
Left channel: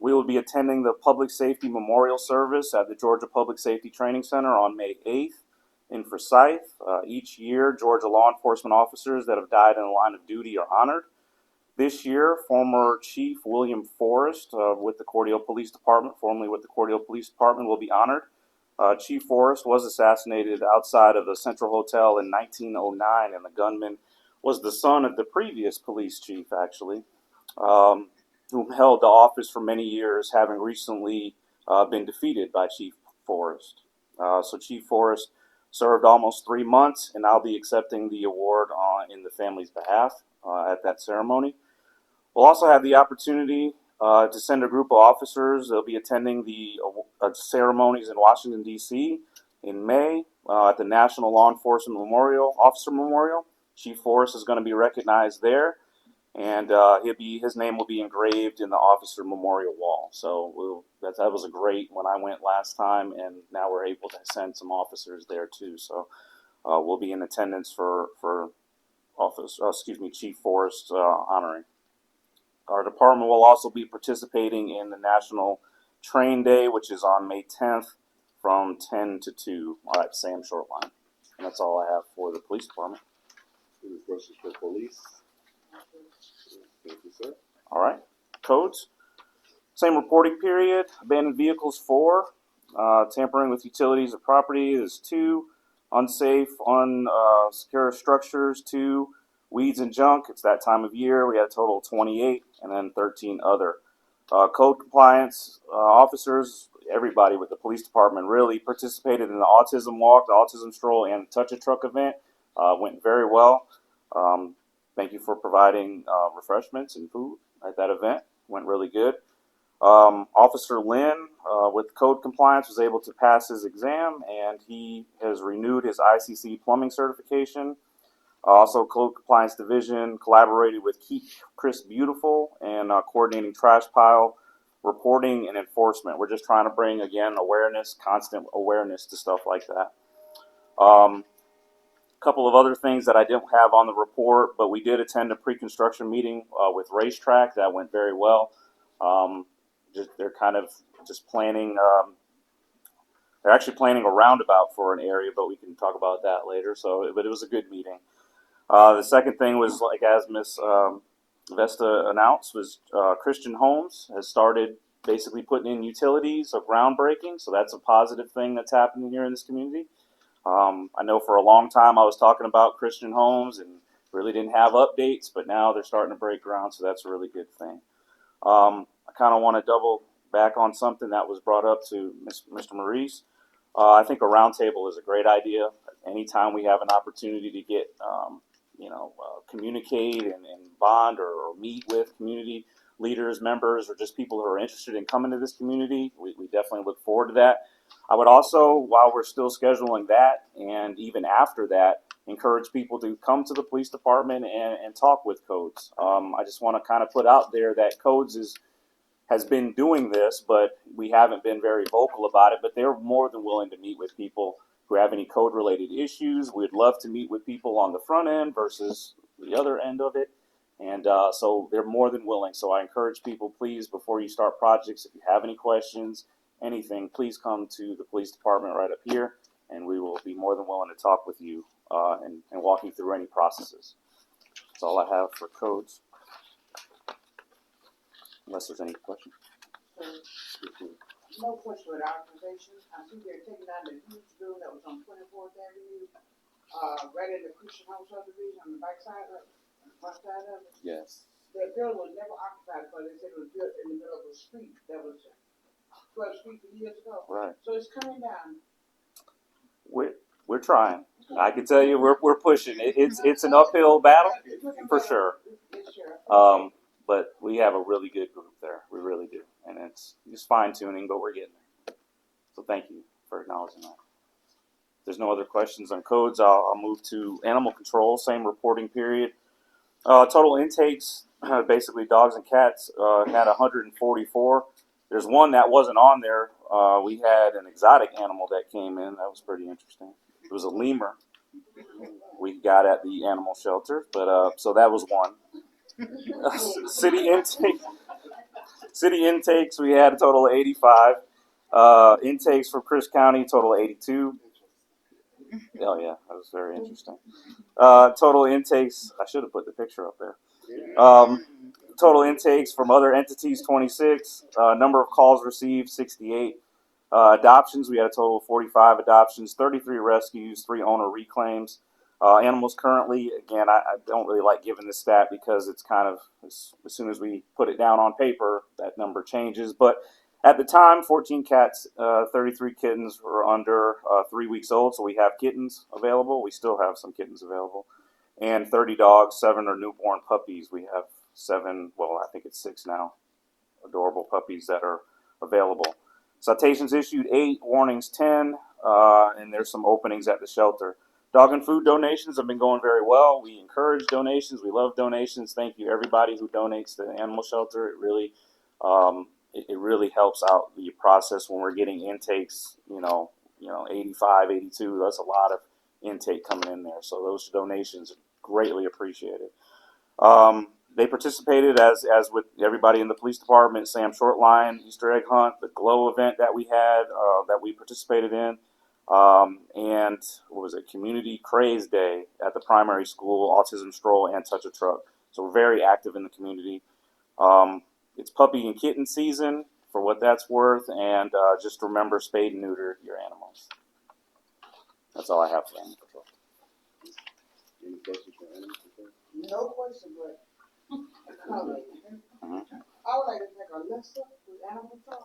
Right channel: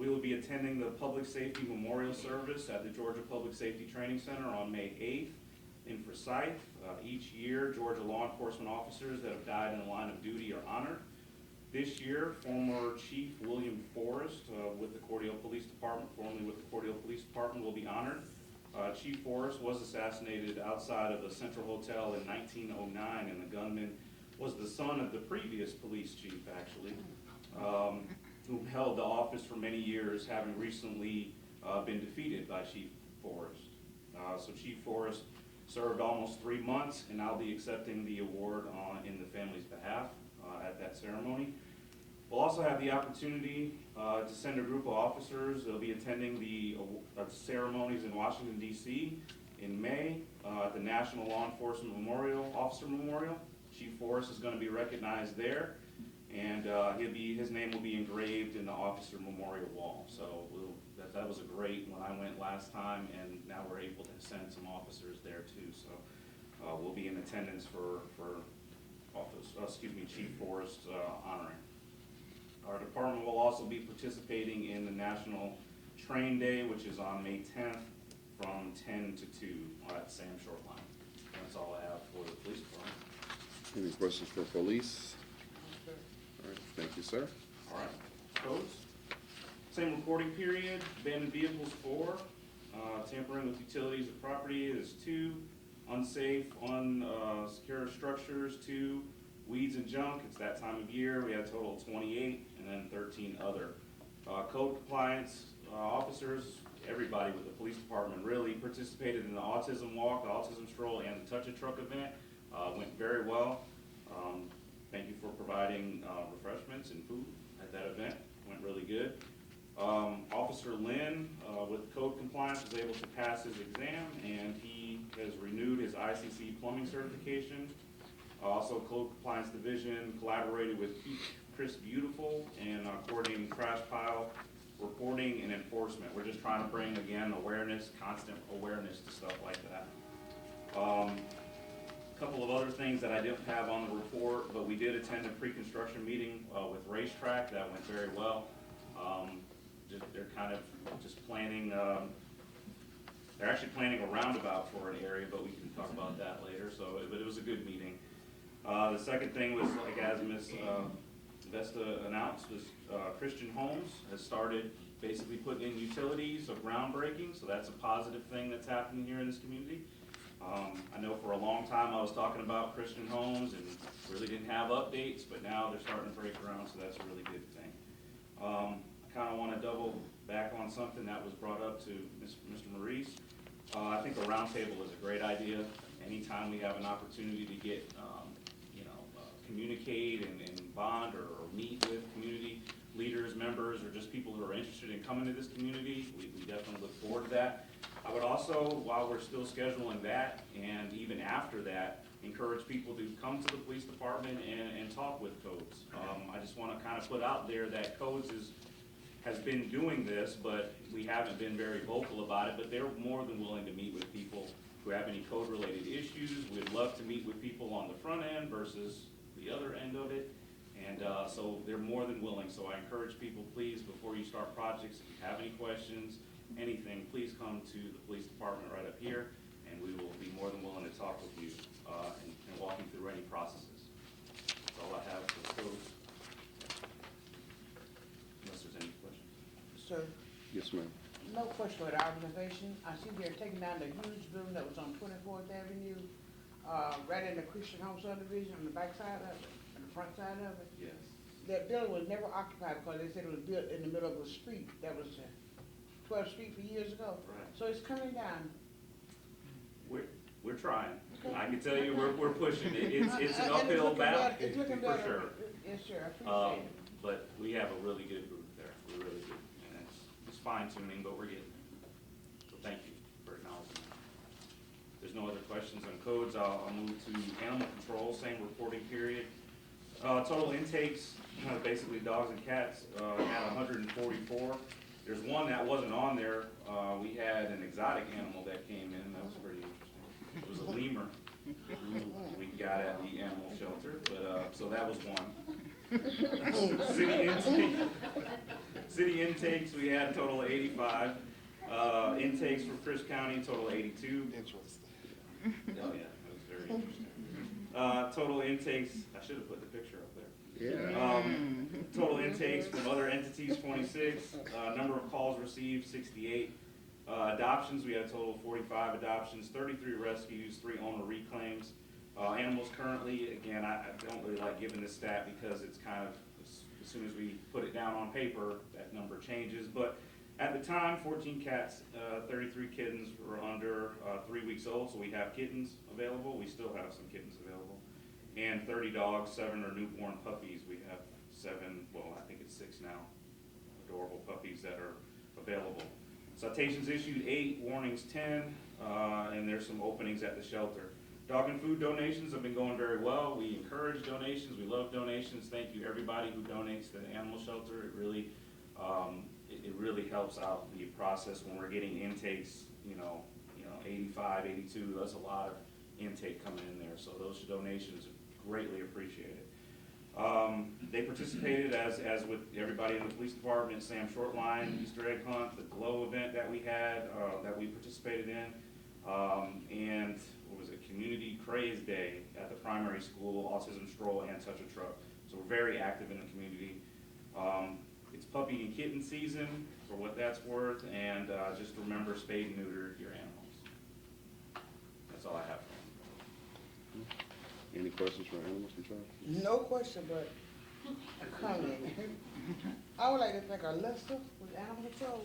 We will be attending the Public Safety Memorial Service at the Georgia Public Safety Training Center on May 8th in Forsyth. Each year, Georgia law enforcement officers that have died in the line of duty are honored. This year, former Chief William Forrest with the Cordele Police Department, formerly with the Cordele Police Department, will be honored. Chief Forrest was assassinated outside of the Central Hotel in 1909, and the gunman was the son of the previous police chief, actually, who held the office for many years, having recently been defeated by Chief Forrest. So Chief Forrest served almost 3 months, and I'll be accepting the award in the family's behalf at that ceremony. We'll also have the opportunity to send a group of officers. They'll be attending the ceremonies in Washington, D.C. in May at the National Law Enforcement Officer Memorial. Chief Forrest is going to be recognized there, and his name will be engraved in the Officer Memorial Wall. So that was a great when I went last time, and now we're able to send some officers there too. So we'll be in attendance for Chief Forrest honoring. Our department will also be participating in the National Train Day, which is on May 10th from 10 to 2 at Sam Shoreline. And that's all I have for the police department. Any questions for police? All right, thank you, sir. All right, codes. Same reporting period. Abandoned vehicles 4. tampering with utilities or property is 2. Unsafe, unsecure structures, 2. Weeds and junk, it's that time of year. We had a total of 28, and then 13 other. Code compliance officers, everybody with the police department really participated in the autism walk, the autism stroll, and touch a truck event. Went very well. Thank you for providing refreshments and food at that event. Went really good. Officer Lynn, with code compliance, was able to pass his exam, and he has renewed his ICC plumbing certification. Also, Code Compliance Division collaborated with Keep Chris Beautiful and coordinating trash pile reporting and enforcement. We're just trying to bring, again, awareness, constant awareness to stuff like that. A couple of other things that I didn't have on the report, but we did attend a pre-construction meeting with Racetrack. That went very well. They're kind of just planning, they're actually planning a roundabout for an area, but we can talk about that later. But it was a good meeting. The second thing was, like as Ms. Vesta announced, was Christian Homes has started basically putting in utilities of groundbreaking, so that's a positive thing that's happening here in this community. I know for a long time I was talking about Christian Homes and really didn't have updates, but now they're starting to break ground, so that's a really good thing. I kind of want to double back on something that was brought up to Mr. Maurice. I think a roundtable is a great idea. Anytime we have an opportunity to get communicate and bond or meet with community leaders, members, or just people who are interested in coming to this community, we definitely look forward to that. I would also, while we're still scheduling that, and even after that, encourage people to come to the police department and talk with Codes. I just want to kind of put out there that Codes has been doing this, but we haven't been very vocal about it, but they're more than willing to meet with people who have any code-related issues. We'd love to meet with people on the front end versus the other end of it. And so they're more than willing. So I encourage people, please, before you start projects, if you have any questions, anything, please come to the police department right up here, and we will be more than willing to talk with you and walk you through any processes. That's all I have for codes. Unless there's any questions. So, Yes, ma'am. no question with our organization. I see they're taking down the huge building that was on 24th Avenue, right in the Christian Home subdivision on the back side of it, on the front side of it. Yes. The building was never occupied, but they said it was built in the middle of a street that was 12th Street for years ago. Right. So it's coming down. We're trying. I can tell you we're pushing it. It's an uphill battle for sure. But we have a really good group there. We really do. And it's just fine tuning, but we're getting there. So thank you for acknowledging that. If there's no other questions on codes, I'll move to animal control, same reporting period. Total intakes, basically dogs and cats, had 144. There's one that wasn't on there. We had an exotic animal that came in. That was pretty interesting. It was a lemur we got at the animal shelter, but so that was one. City intakes, we had a total of 85. Intakes for Pierce County, total of 82. Oh yeah, that was very interesting. Total intakes, I should have put the picture up there. Total intakes from other entities, 26. Number of calls received, 68. Adoptions, we had a total of 45 adoptions, 33 rescues, 3 owner reclaims. Animals currently, again, I don't really like giving this stat because it's kind of, as soon as we put it down on paper, that number changes. But at the time, 14 cats, 33 kittens were under 3 weeks old, so we have kittens available. We still have some kittens available. And 30 dogs, 7 are newborn puppies. We have 7, well, I think it's 6 now, adorable puppies that are available. Citations issued 8, warnings 10, and there's some openings at the shelter. Dog and food donations have been going very well. We encourage donations. We love donations. Thank you to everybody who donates to the animal shelter. It really helps out the process when we're getting intakes, 85, 82. That's a lot of intake coming in there. So those donations are greatly appreciated. They participated as with everybody in the police department, Sam Shortline, Easter egg hunt, the GLOW event that we had, that we participated in. And what was it? Community Craze Day at the primary school, Autism Stroll, and Touch a Truck. So we're very active in the community. It's puppy and kitten season for what that's worth, and just remember spade and neuter your animals. That's all I have for you. Any questions for animal control? No question, but comment. I would like to make a list with animal control.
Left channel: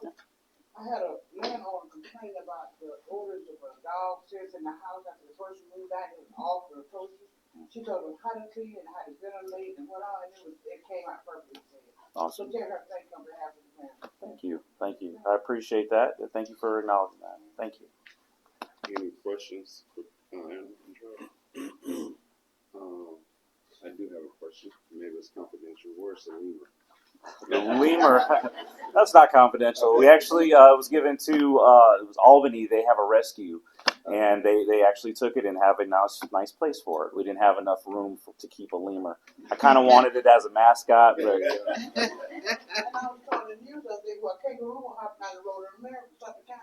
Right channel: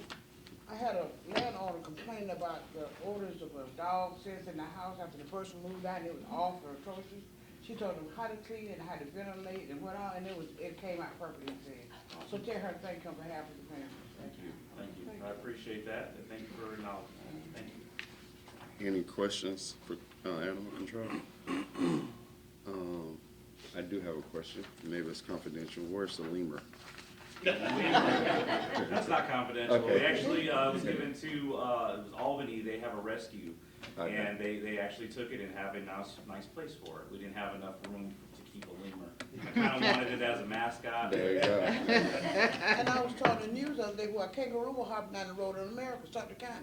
I had a landlord complain about the odors of a dog sitting in the house after the person moved out. It was awful, atrocious. She told me how to clean it, how to ventilate, and what all, and it came out perfectly said. Awesome. So tell her thank you on behalf of the family. Thank you. Thank you. I appreciate that. Thank you for acknowledging that. Thank you. Any questions for animal control? I do have a question. Maybe it's confidential. Where's the lemur? The lemur, that's not confidential. We actually was given to Albany. They have a rescue, and they actually took it and have a nice place for it. We didn't have enough room to keep a lemur. I kind of wanted it as a mascot, but And I was told the news the other day where a kangaroo hopping down the road in America, Suffolk County.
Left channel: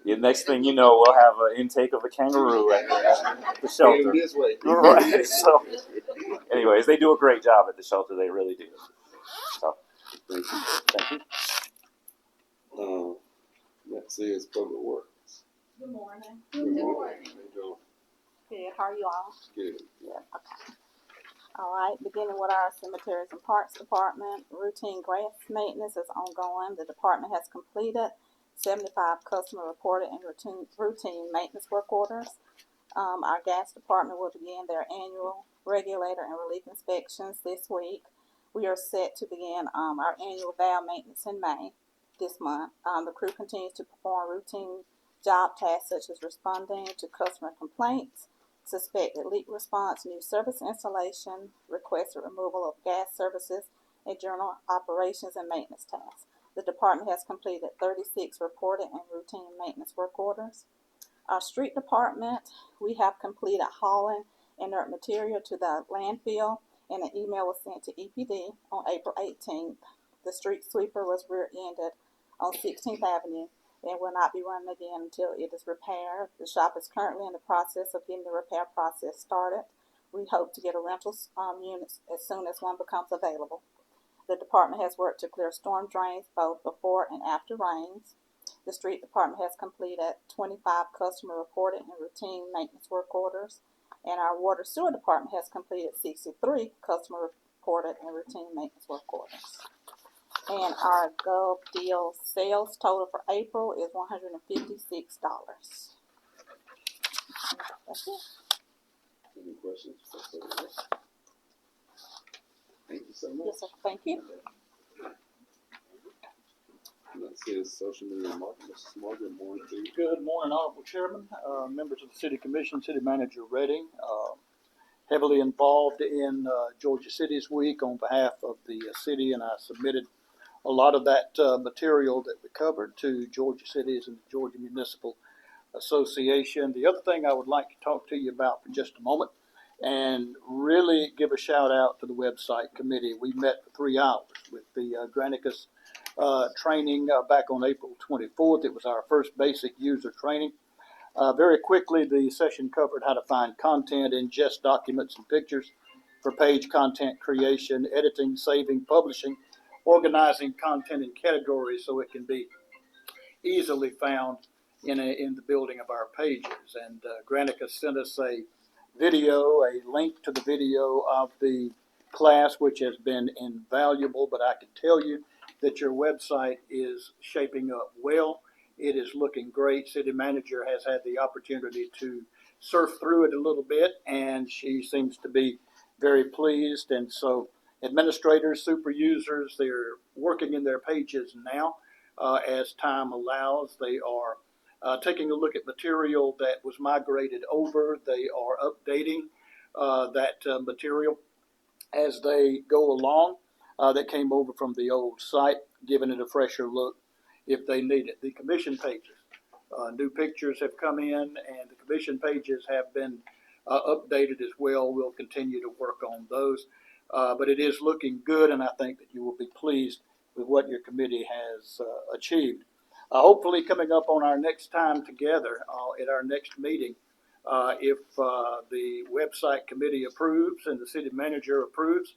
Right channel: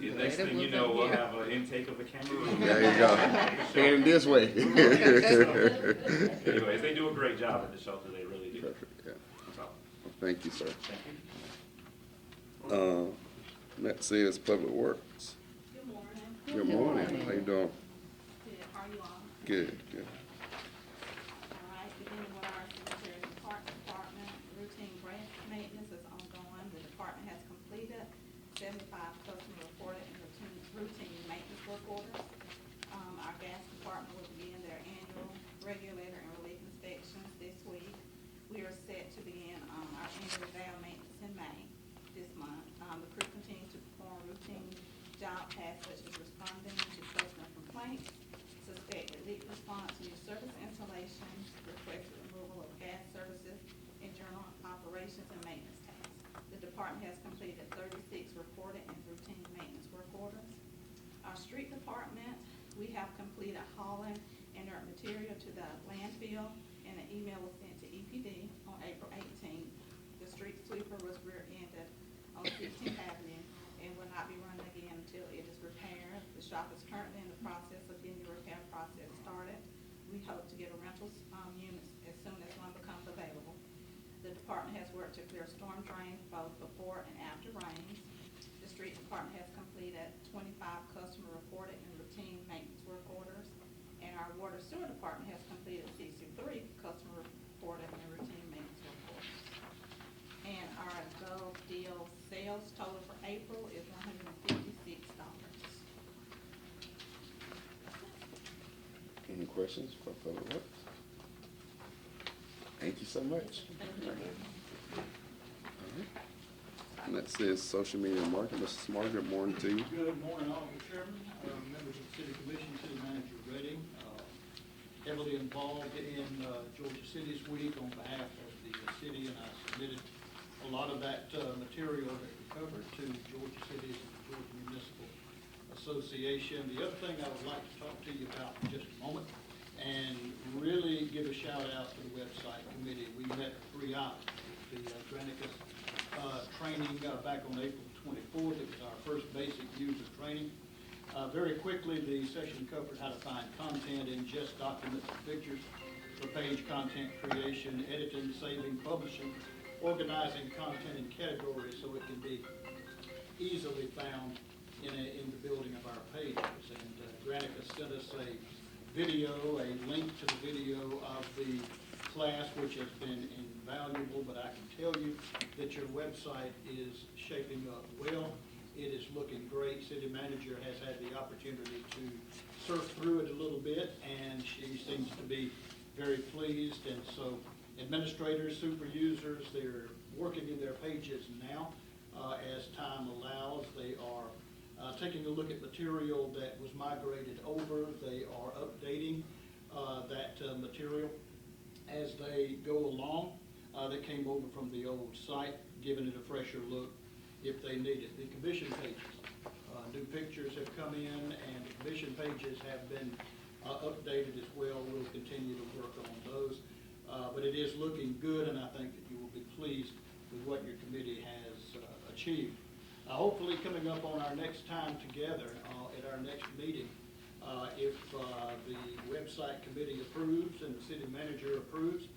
the next thing you know, we'll have an intake of a kangaroo at the shelter. This way. Right. So, anyways, they do a great job at the shelter. They really do. So, Thank you, sir. Next is Public Works. Good morning. Good morning. How you doing? Good, how are you all? Good. Good. All right, beginning with our cemeteries and parks department, routine grass maintenance is ongoing. The department has completed 75 customer reported and routine maintenance work orders. Our gas department will begin their annual regulator and relief inspections this week. We are set to begin our annual valve maintenance in May this month. The crew continues to perform routine job tasks such as responding to customer complaints, suspected leak response, new service installation, requested removal of gas services, and general operations and maintenance tasks. The department has completed 36 reported and routine maintenance work orders. Our street department, we have completed hauling inert material to the landfill, and an email was sent to EPD on April 18th. The street sweeper was rear-ended on 16th Avenue and will not be running again until it is repaired. The shop is currently in the process of getting the repair process started. We hope to get a rental unit as soon as one becomes available. The department has worked to clear storm drains both before and after rains. The street department has completed 25 customer reported and routine maintenance work orders. And our water sewer department has completed 63 customer reported and routine maintenance work orders. And our Gov Deal sales total for April is $156. That's it. Any questions for Public Works? Thank you so much. Yes, sir. Thank you. Next is social media and marketing. Mr. Smart, good morning to you. Good morning, Honorable Chairman, members of the City Commission, City Manager Redding, heavily involved in Georgia City's Week on behalf of the city, and I submitted a lot of that material that we covered to Georgia Cities and Georgia Municipal Association. The other thing I would like to talk to you about in just a moment, and really give a shout out to the website committee. We met for 3 hours with the Granicus training back on April 24th. It was our first basic user training. Very quickly, the session covered how to find content, ingest documents and pictures for page content creation, editing, saving, publishing, organizing content in categories so it can be easily found in the building of our pages. And Granicus sent us a video, a link to the video of the class, which has been invaluable, but I can tell you that your website is shaping up well. It is looking great. City manager has had the opportunity to surf through it a little bit, and she seems to be very pleased. And so administrators, super users, they're working in their pages now as time allows. They are taking a look at material that was migrated over. They are updating that material as they go along that came over from the old site, giving it a fresher look if they need it. The commission pages, new pictures have come in, and commission pages have been updated as well. We'll continue to work on those. But it is looking good, and I think that you will be pleased with what your committee has achieved. Hopefully coming up on our next time together at our next meeting, If the website committee approves and the city manager approves,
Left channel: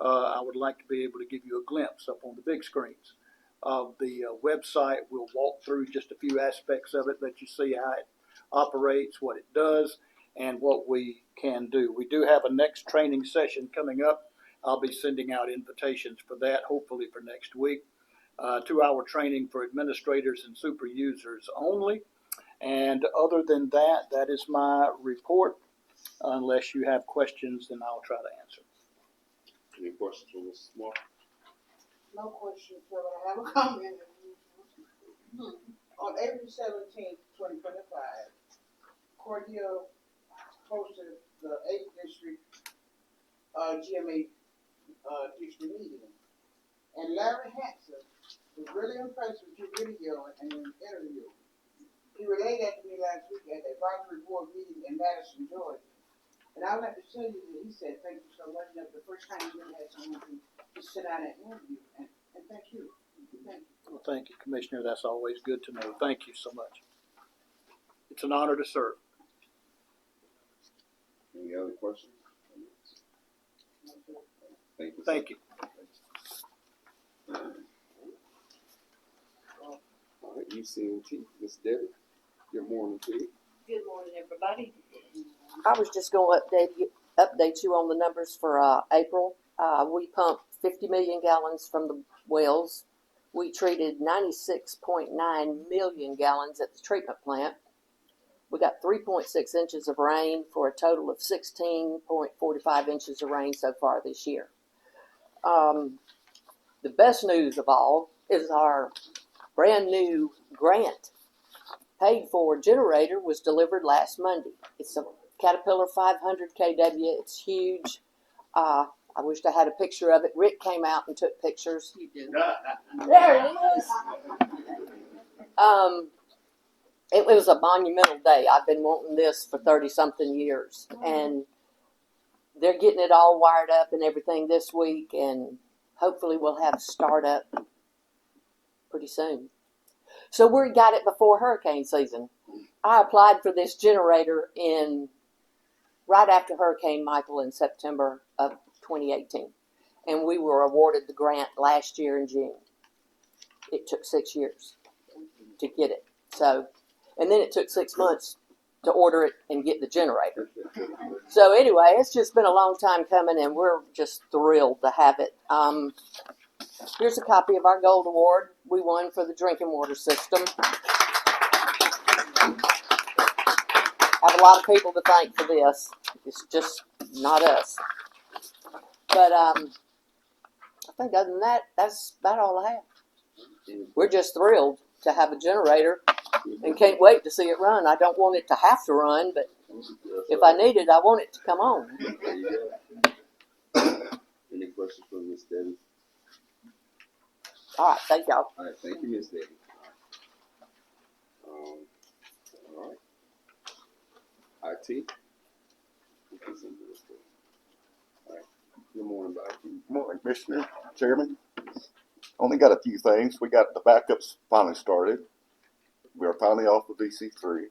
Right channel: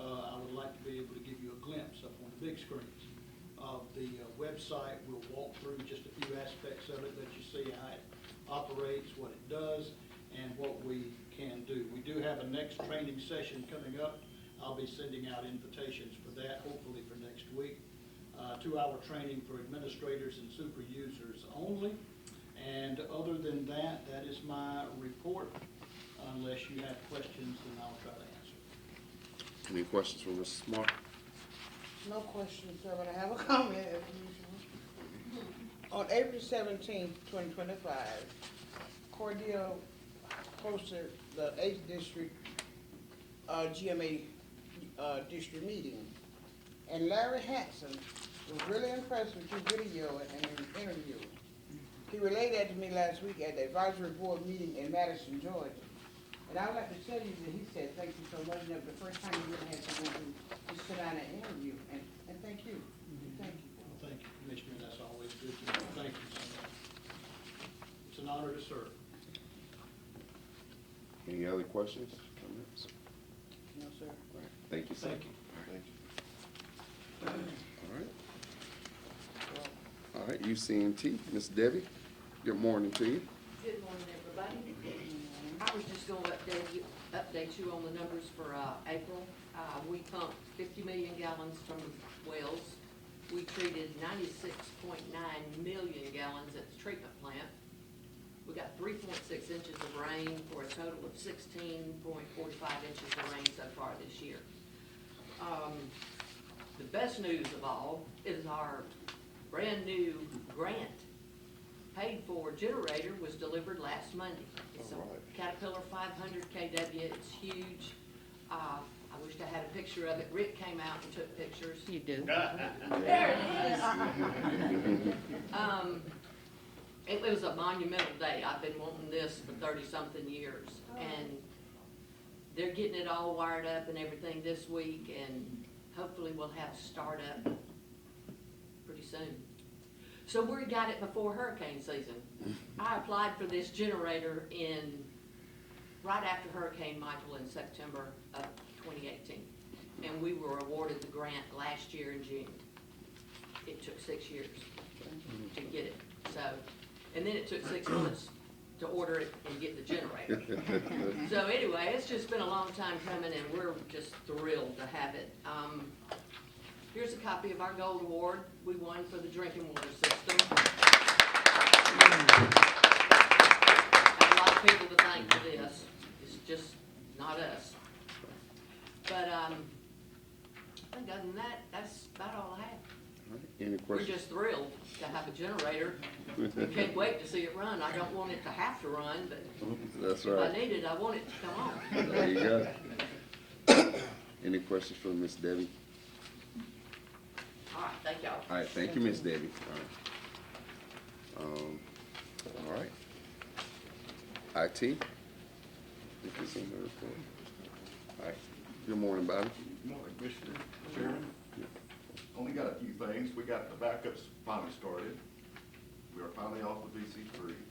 I would like to be able to give you a glimpse up on the big screens of the website. We'll walk through just a few aspects of it, let you see how it operates, what it does, and what we can do. We do have a next training session coming up. I'll be sending out invitations for that, hopefully for next week. 2-hour training for administrators and super users only. And other than that, that is my report. Unless you have questions, then I'll try to answer. Any questions from Mr. Smart? No questions, sir. I have a comment. On April 17th, 2025, Cordele hosted the 8th District GMA district meeting. And Larry Hanson was really impressed with your video and interview. He relayed that to me last week at the advisory board meeting in Madison, Georgia. And I'd like to tell you that he said, thank you so much. That was the first time you had someone to sit down and interview. And thank you. Thank you. Well, thank you, Commissioner. That's always good to know. Thank you so much. It's an honor to serve. Any other questions? No, sir. Thank you. Thank you. All right. All right, UCNT, Ms. Debbie, good morning to you. Good morning, everybody. I was just going to update you on the numbers for April. We pumped 50 million gallons from the wells. We treated 96.9 million gallons at the treatment plant. We got 3.6 inches of rain for a total of 16.45 inches of rain so far this year. The best news of all is our brand new grant paid for generator was delivered last Monday. It's a Caterpillar 500 kW. It's huge. I wish I had a picture of it. Rick came out and took pictures. You do. There it is. It was a monumental day. I've been wanting this for 30-something years. And they're getting it all wired up and everything this week. And hopefully we'll have startup pretty soon. So we got it before hurricane season. I applied for this generator right after Hurricane Michael in September of 2018. And we were awarded the grant last year in June. It took 6 years to get it. And then it took 6 months to order it and get the generator. So anyway, it's just been a long time coming, and we're just thrilled to have it. Here's a copy of our gold award we won for the drinking water system. I have a lot of people to thank for this. It's just not us. But I think other than that, that's about all I have. We're just thrilled to have a generator and can't wait to see it run. I don't want it to have to run, but if I need it, I want it to come on. There you go. Any questions for Ms. Debbie? All right, thank y'all. All right, thank you, Ms. Debbie. All right. IT? All right. Good morning, Bobby. Good morning, Commissioner, Chairman. Only got a few things. We got the backups finally started. We are finally off of DC3.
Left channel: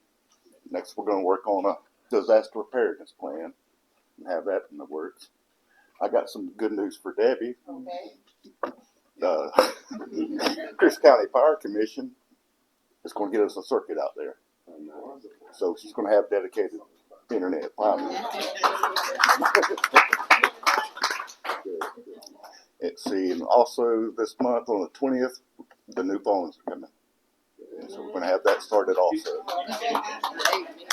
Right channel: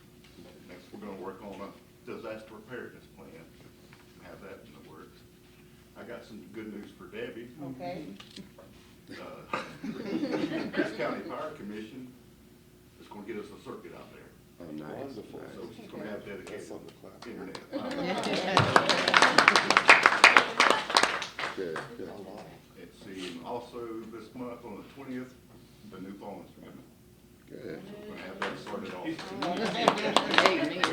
Next, we're going to work on a disaster preparedness plan and have that in the works. I got some good news for Debbie. Okay. The Pierce County Fire Commission is going to get us a circuit out there. So she's going to have dedicated internet finally. Let's see, and also this month on the 20th, the new phones are coming. So we're going to have that started also.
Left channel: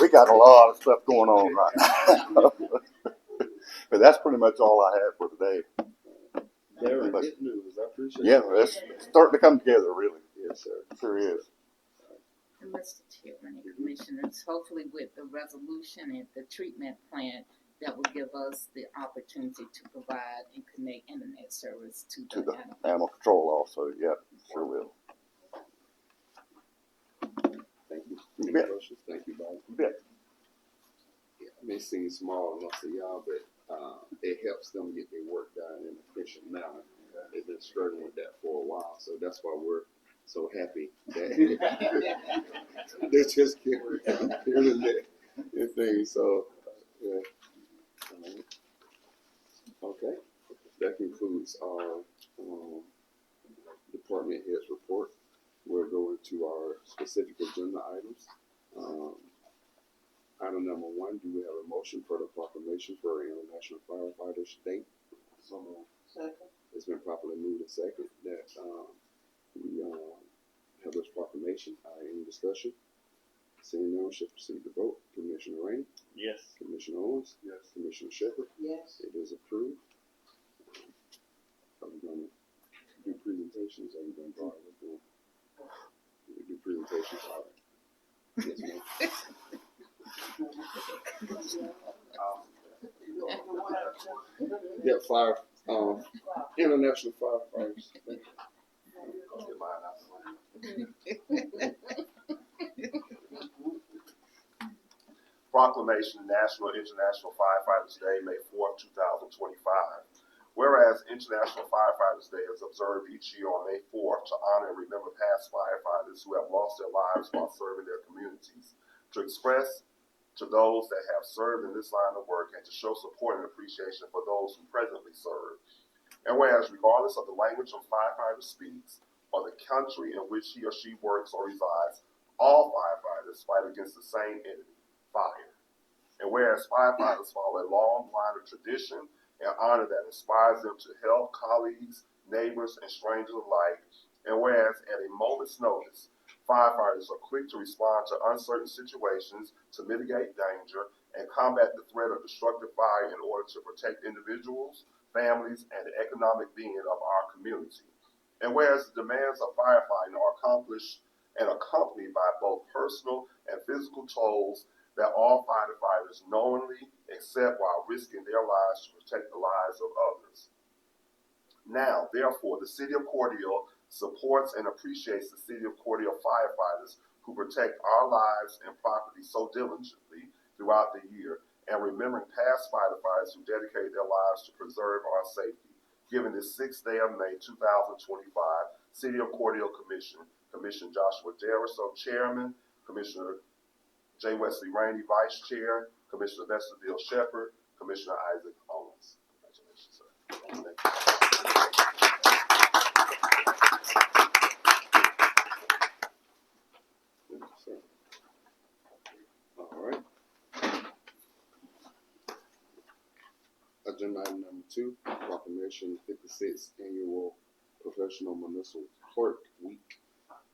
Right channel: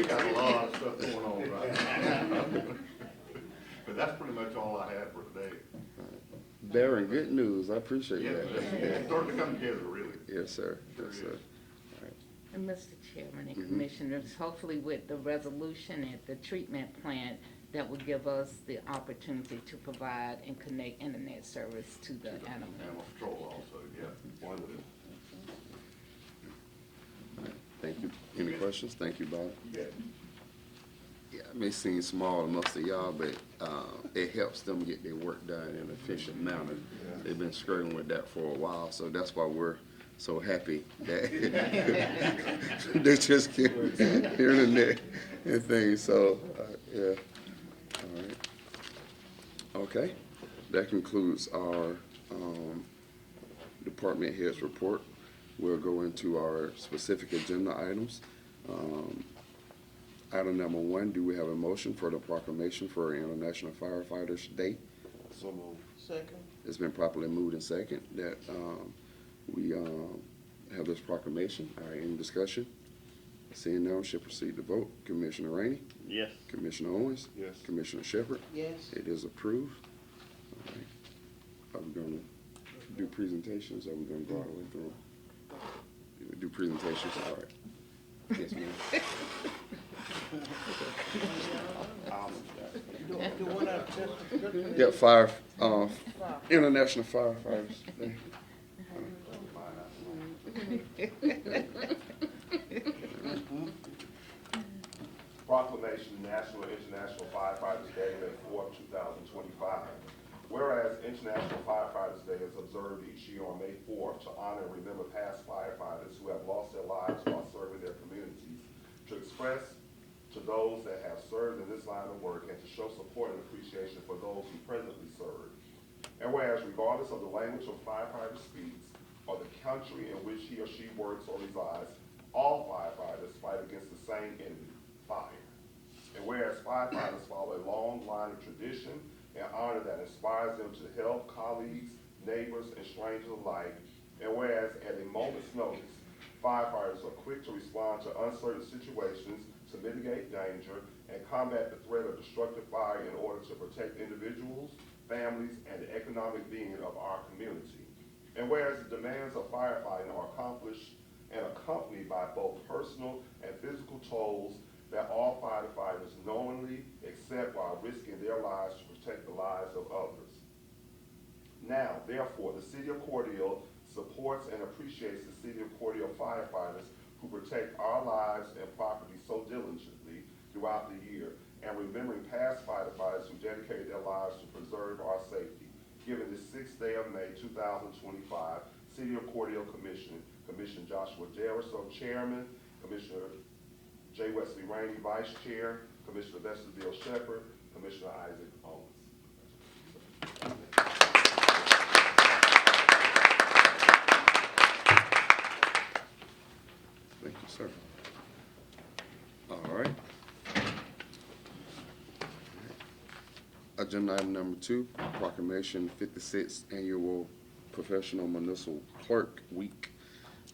We got a lot of stuff going on right now. But that's pretty much all I have for today. Very good news. I appreciate it. Yeah, it's starting to come together, really. Yes, sir. Sure is. And Mr. Chairman and Commissioners, hopefully with the resolution and the treatment plan, that will give us the opportunity to provide and connect internet service to the animals. Animal control also, yeah, sure will. Thank you. Any questions? Thank you, Bob. Yeah. Yeah, it may seem small to most of y'all, but it helps them get their work done in an efficient manner. They've been struggling with that for a while, so that's why we're so happy that they just get internet and things. So, yeah. All right. Okay. That concludes our department heads report. We'll go into our specific agenda items. Um, Item number one, do we have a motion for the proclamation for International Firefighters Day? So moved. Second. It's been properly moved and second that we have this proclamation. All right, any discussion? Seeing none, should proceed to vote. Commissioner Rainey? Yes. Commissioner Owens? Yes. Commissioner Shepherd? Yes. It is approved. Are we going to do presentations or are we going to go all the way through? We do presentations, all right. Yes, ma'am. Yeah, five, International Firefighters Day. Proclamation National International Firefighters Day, May 4, 2025. Whereas International Firefighters Day is observed each year on May 4 to honor and remember past firefighters who have lost their lives while serving their communities, to express to those that have served in this line of work and to show support and appreciation for those who presently serve. And whereas regardless of the language a firefighter speaks or the country in which he or she works or resides, all firefighters fight against the same enemy, fire. And whereas firefighters follow a long line of tradition and honor that inspires them to help colleagues, neighbors, and strangers alike, and whereas at a moment's notice, firefighters are quick to respond to uncertain situations to mitigate danger and combat the threat of destructive fire in order to protect individuals, families, and the economic being of our community. And whereas the demands of firefighting are accomplished and accompanied by both personal and physical tolls that all firefighters knowingly accept while risking their lives to protect the lives of others. Now, therefore, the City of Cordele supports and appreciates the City of Cordele firefighters who protect our lives and property so diligently throughout the year, and remembering past firefighters who dedicated their lives to preserve our safety. Given the 6th day of May 2025, City of Cordele Commissioner Joshua Darriso, Chairman, Commissioner J. Wesley Rainey, Vice Chair, Commissioner Nestor Bill Shepherd, Commissioner Isaac Owens. Thank you, sir. All right. Agenda item number 2, proclamation 56th Annual Professional Municipal Clerk Week.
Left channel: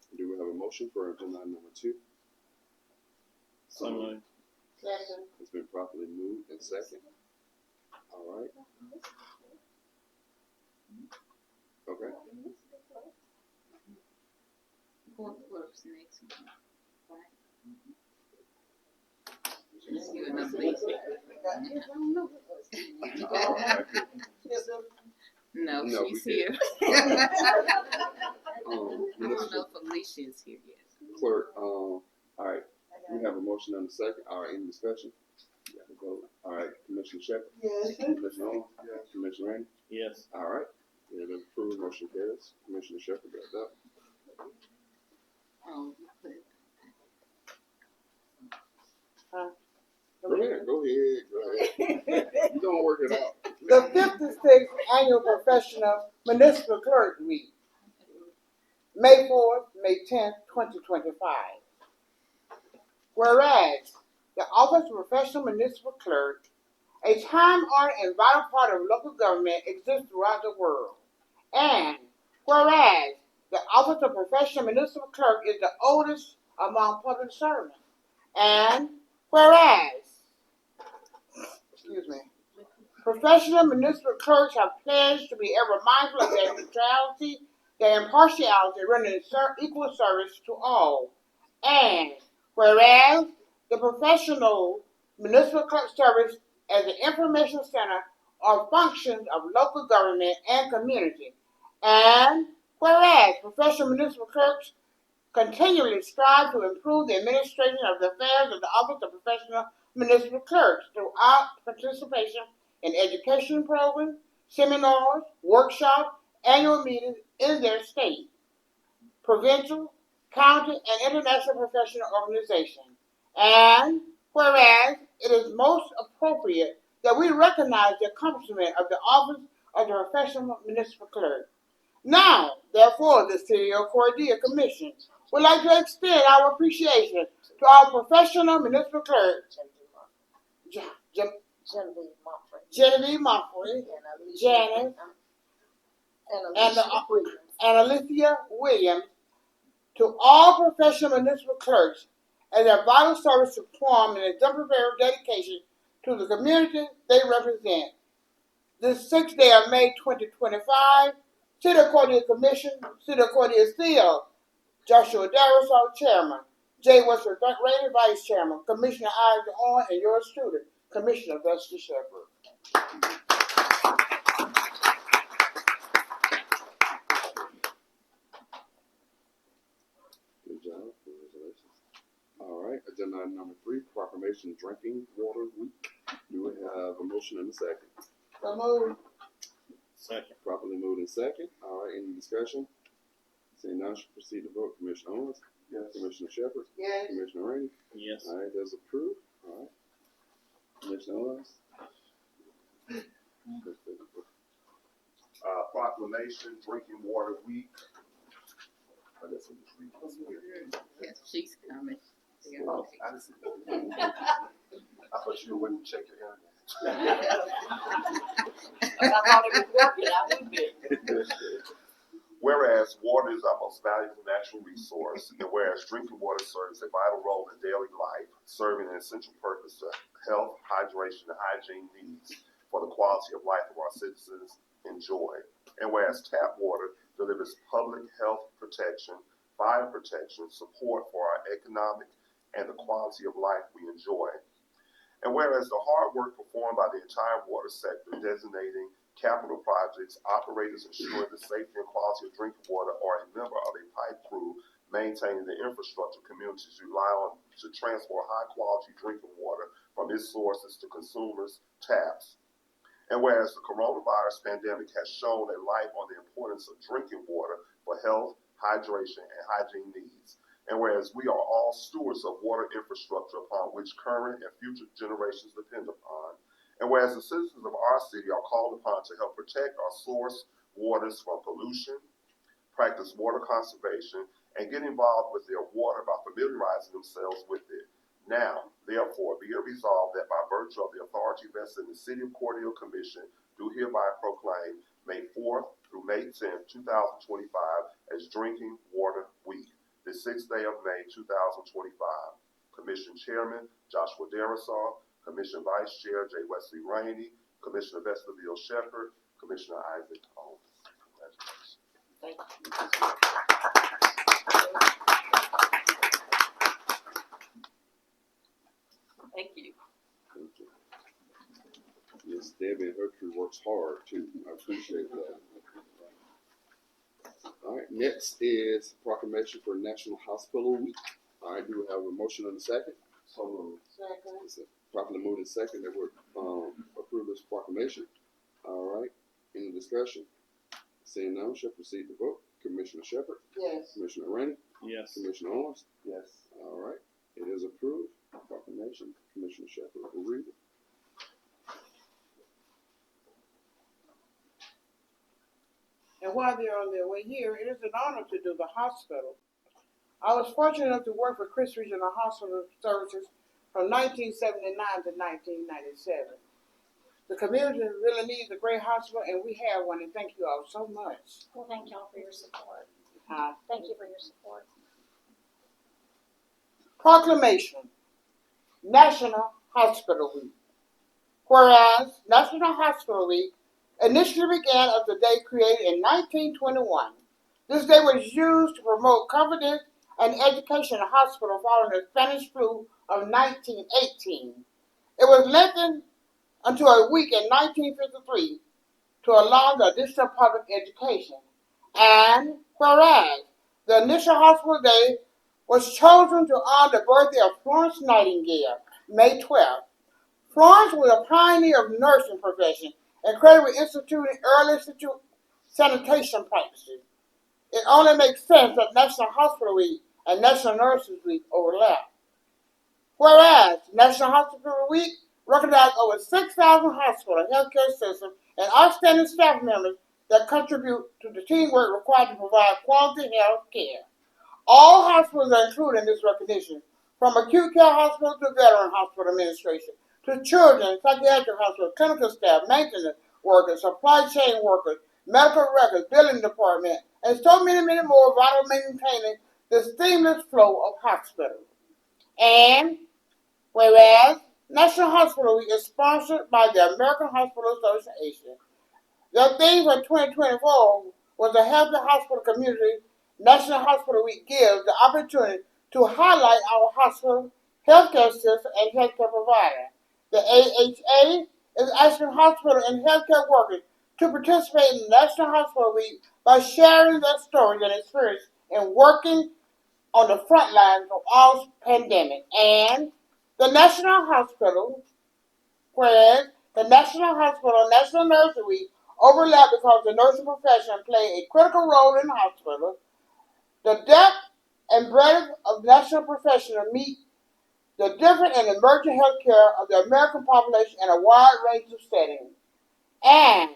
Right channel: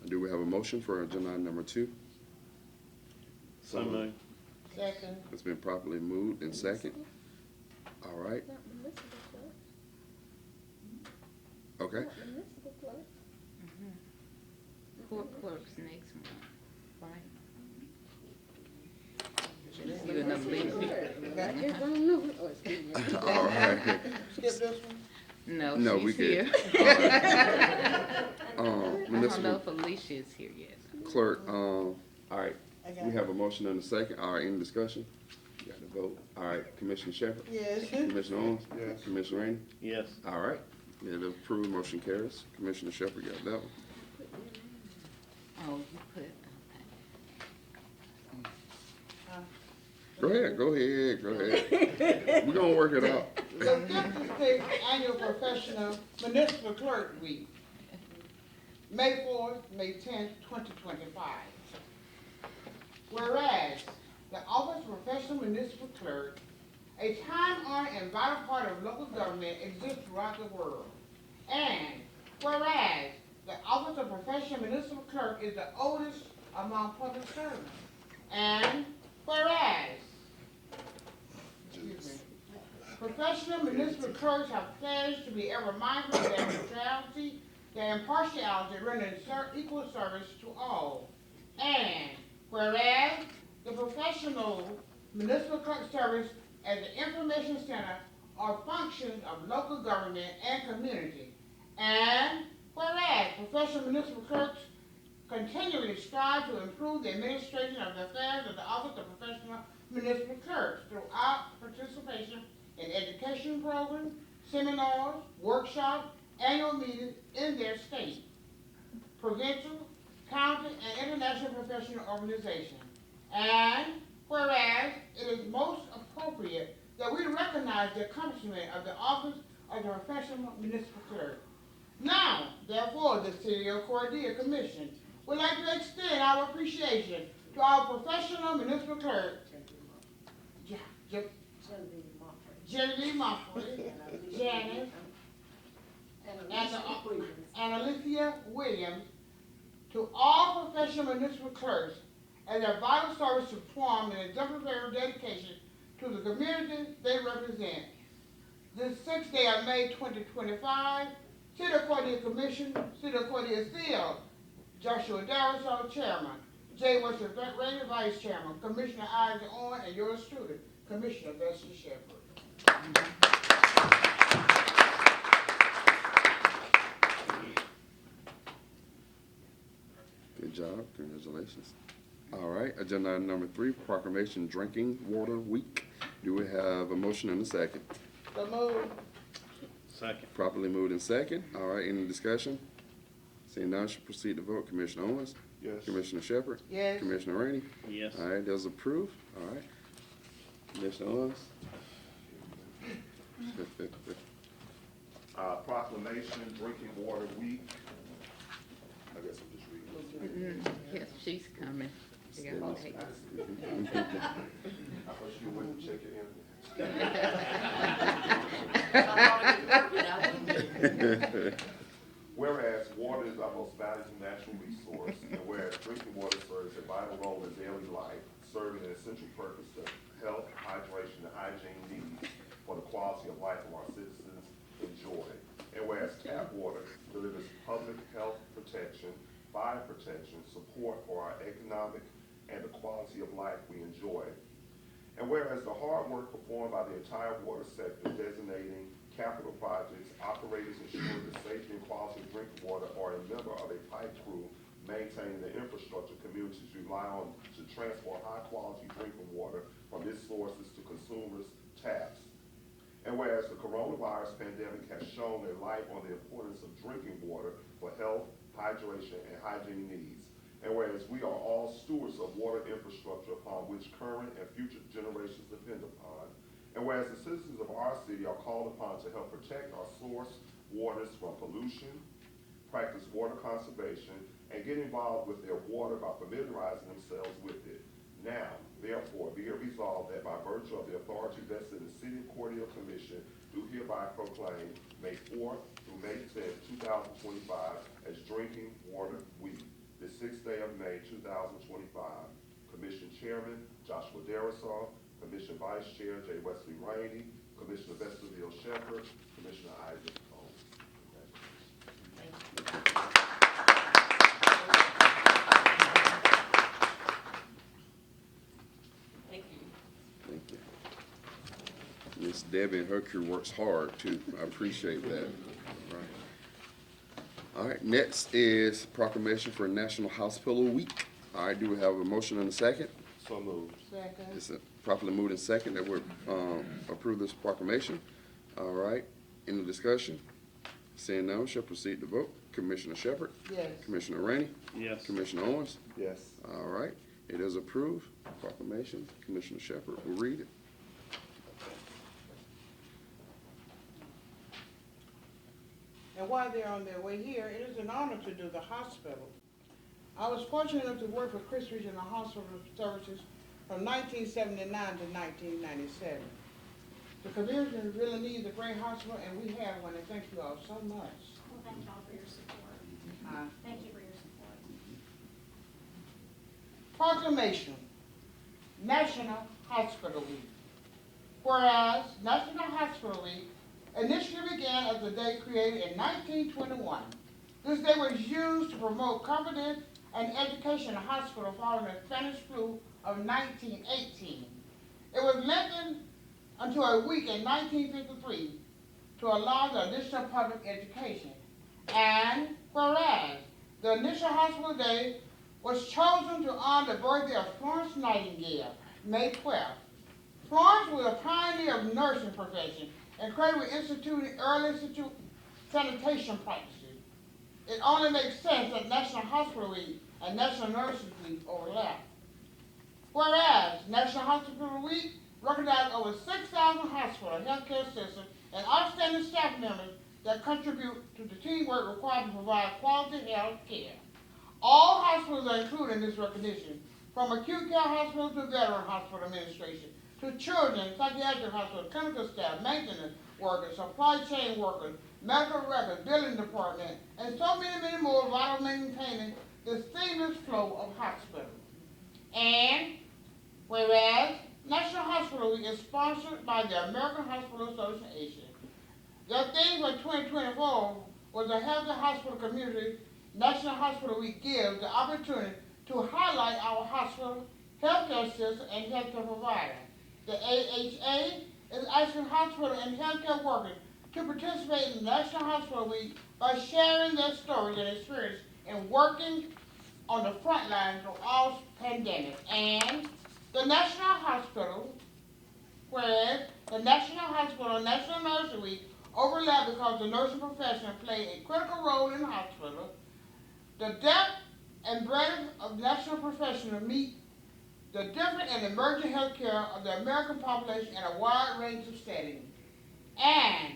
Do we have a motion for agenda item number 2? So moved. Second. It's been properly moved and second. All right. Okay. Court clerks next month, right? All right. No, No, we she's here. I don't Municipal know if Felicia's here yet. Clerk, all right. We have a motion and a second. All right, any discussion? Got to vote. All right, Commissioner Shepherd? Yes. Commissioner Owens? Yes. Commissioner Rainey? Yes. All right. It is approved, motion carries. Commissioner Shepherd, got that. Oh, you put, Go ahead, go ahead. We're gonna work it out. The 56th Annual Professional Municipal Clerk Week, May 4th, May 10th, 2025. Whereas the Office of Professional Municipal Clerk, a time-honored and vital part of local government, exists throughout the world. And whereas the Office of Professional Municipal Clerk is the oldest among public servants. And whereas, professional municipal clerks have pledged to be ever mindful of their neutrality, their impartiality, rendering equal service to all. And whereas the professional municipal clerk service as an information center are functions of local government and community. And whereas professional municipal clerks continually strive to improve the administration of the affairs of the Office of Professional Municipal Clerks throughout participation in education programs, seminars, workshops, annual meetings in their state, provincial, county, and international professional organizations. And Whereas it is most appropriate that we recognize the accomplishment of the office of the professional municipal clerk. Now, therefore, the City of Cordele Commission would like to extend our appreciation to our professional municipal clerk, Genevieve Montford, Janet, and Alicia Williams, to all professional municipal clerks and their vital service performed and exemplary dedication to the community they represent. This 6th day of May 2025, City of Cordele Commission, City of Cordele Seal, Joshua Darrison, Chairman, Jay was Rated Vice Chairman, Commissioner Isaac Owen, and yours truly, Commissioner Dusty Shepherd. Good job. Congratulations. All right. Agenda item number 3, proclamation Drinking Water Week. Do we have a motion and a second? Second. Properly moved in second. All right. Any discussion? Seeing none, should proceed to vote. Commissioner Owens? Yes. Commissioner Shepherd? Yes. Commissioner Rainey? Yes. All right. Those approved. All right. Commissioner Owens? Proclamation Drinking Water Week. I guess we'll just read it. She's coming. She Oh, gotta take it. I thought you wouldn't check it in. Whereas water is our most valuable natural resource, and whereas drinking water serves a vital role in daily life, serving an essential purpose of health, hydration, and hygiene needs for the quality of life of our citizens enjoy. And whereas tap water delivers public health protection, fire protection, support for our economic and the quality of life we enjoy. And whereas the hard work performed by the entire water sector, designating capital projects, operators ensuring the safety and quality of drinking water, or a member of a pipe crew maintaining the infrastructure communities rely on to transport high-quality drinking water from its sources to consumers' taps. And whereas the coronavirus pandemic has shown a light on the importance of drinking water for health, hydration, and hygiene needs. And whereas we are all stewards of water infrastructure upon which current and future generations depend upon. And whereas the citizens of our city are called upon to help protect our source waters from pollution, practice water conservation, and get involved with their water by familiarizing themselves with it. Now, therefore, be it resolved that by virtue of the authority vested in the City of Cordele Commission, do hereby proclaim May 4th through May 10th, 2025 as Drinking Water Week, the 6th day of May, 2025. Commission Chairman, Joshua Darrison, Commissioner Vice Chair, J. Wesley Rainey, Commissioner Vesterville Shepherd, Commissioner Isaac Owen. Thank you. Thank you. Miss Debbie and her crew works hard too. I appreciate that. All right, next is proclamation for National Hospital Week. All right, do we have a motion and a second? So, It's properly moved in second that we approve this proclamation. All right, any discussion? Seeing none, shall proceed to vote. Commissioner Shepherd? Yes. Commissioner Rainey? Yes. Commissioner Owens? yes. All right, it is approved. Proclamation. Commissioner Shepherd will read it. And while they're on their way here, it is an honor to do the hospital. I was fortunate enough to work with Chris Regional Hospital Services from 1979 to 1997. The community really needs a great hospital, and we have one, and thank you all so much. Well, thank y'all for your support. Uh, Thank you for your support. Proclamation, National Hospital Week. Whereas National Hospital Week initially began as the day created in 1921. This day was used to promote confidence and education in the hospital following the Spanish flu of 1918. It was lengthened until a week in 1953 to allow the additional public education. And whereas the initial hospital day was chosen to honor the birthday of Florence Nightingale, May 12th. Florence was a pioneer of nursing profession and credited with instituting early sanitation practices. It only makes sense that National Hospital Week and National Nursing Week overlap. Whereas National Hospital Week recognized over 6,000 hospital and healthcare systems and outstanding staff members that contribute to the teamwork required to provide quality health care. All hospitals are included in this recognition, from acute care hospitals to veteran hospital administration, to children, psychiatric hospital, clinical staff, maintenance workers, supply chain workers, medical records, billing department, and so many, many more vital maintaining the seamless flow of hospitals. And whereas National Hospital Week is sponsored by the American Hospital Association, their theme for 2024 was a healthy hospital community. National Hospital Week gives the opportunity to highlight our hospital, healthcare system, and healthcare providers. The AHA is asking hospital and healthcare workers to participate in National Hospital Week by sharing their stories and experience in working on the front lines of all pandemic. And the National Hospital, whereas the National Hospital and National Nurse Week overlap because the nursing profession play a critical role in the hospital. The depth and breadth of national professionals meet the different and emerging health care of the American population in a wide range of settings. And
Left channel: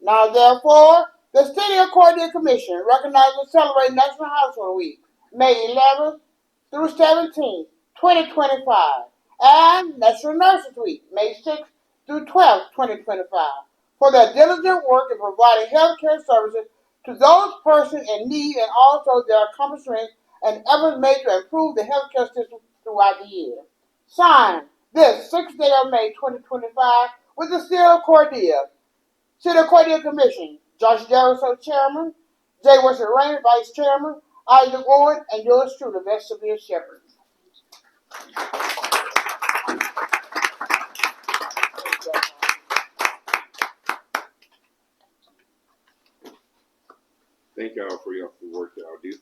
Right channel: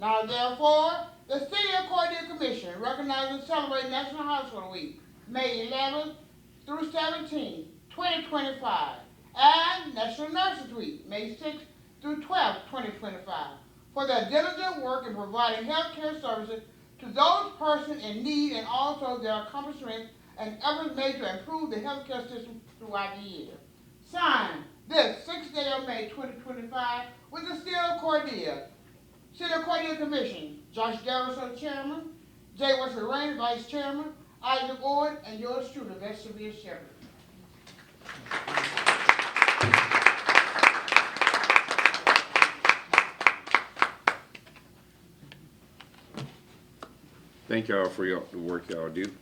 now therefore, the City of Cordele Commission recognizes and celebrates National Hospital Week, May 11th through 17th, 2025, and National Nurses Week, May 6th through 12th, 2025, for their diligent work in providing health care services to those persons in need and also their accomplishments and efforts made to improve the healthcare system throughout the year. Signed this 6th day of May 2025 with the City of Cordele. City of Cordele Commission, Josh Garrison, Chairman, Jay Wilson Raymond, Vice Chairman, Isaac Owen, and yours truly, Master Bill Shepherd. Thank y'all for the work y'all do,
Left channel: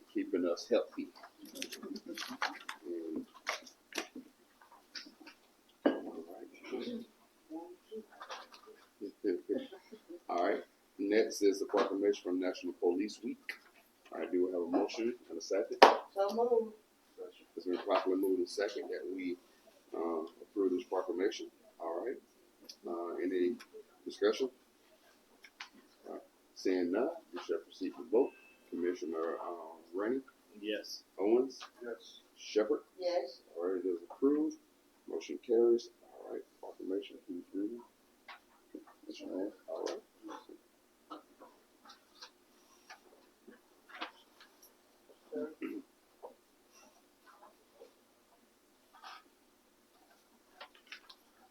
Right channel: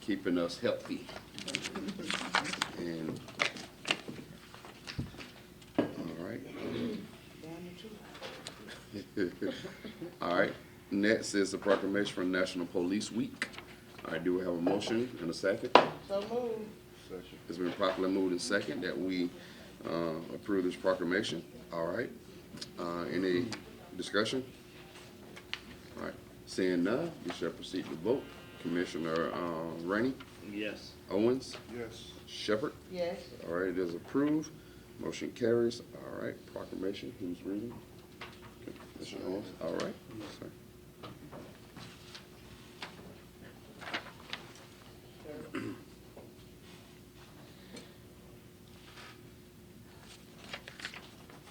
keeping us healthy. And all right. All right. Next is the proclamation for National Police Week. I do have a motion and a second. It's been properly moved and second that we approve this proclamation. All right. Any discussion? All right. Seeing none, we shall proceed to vote. Commissioner Rainey? Yes. Owens? Yes. Shepherd? Yes. All right, it is approved. Motion carries. All right, proclamation. Who's reading? Mr. Jones. All right.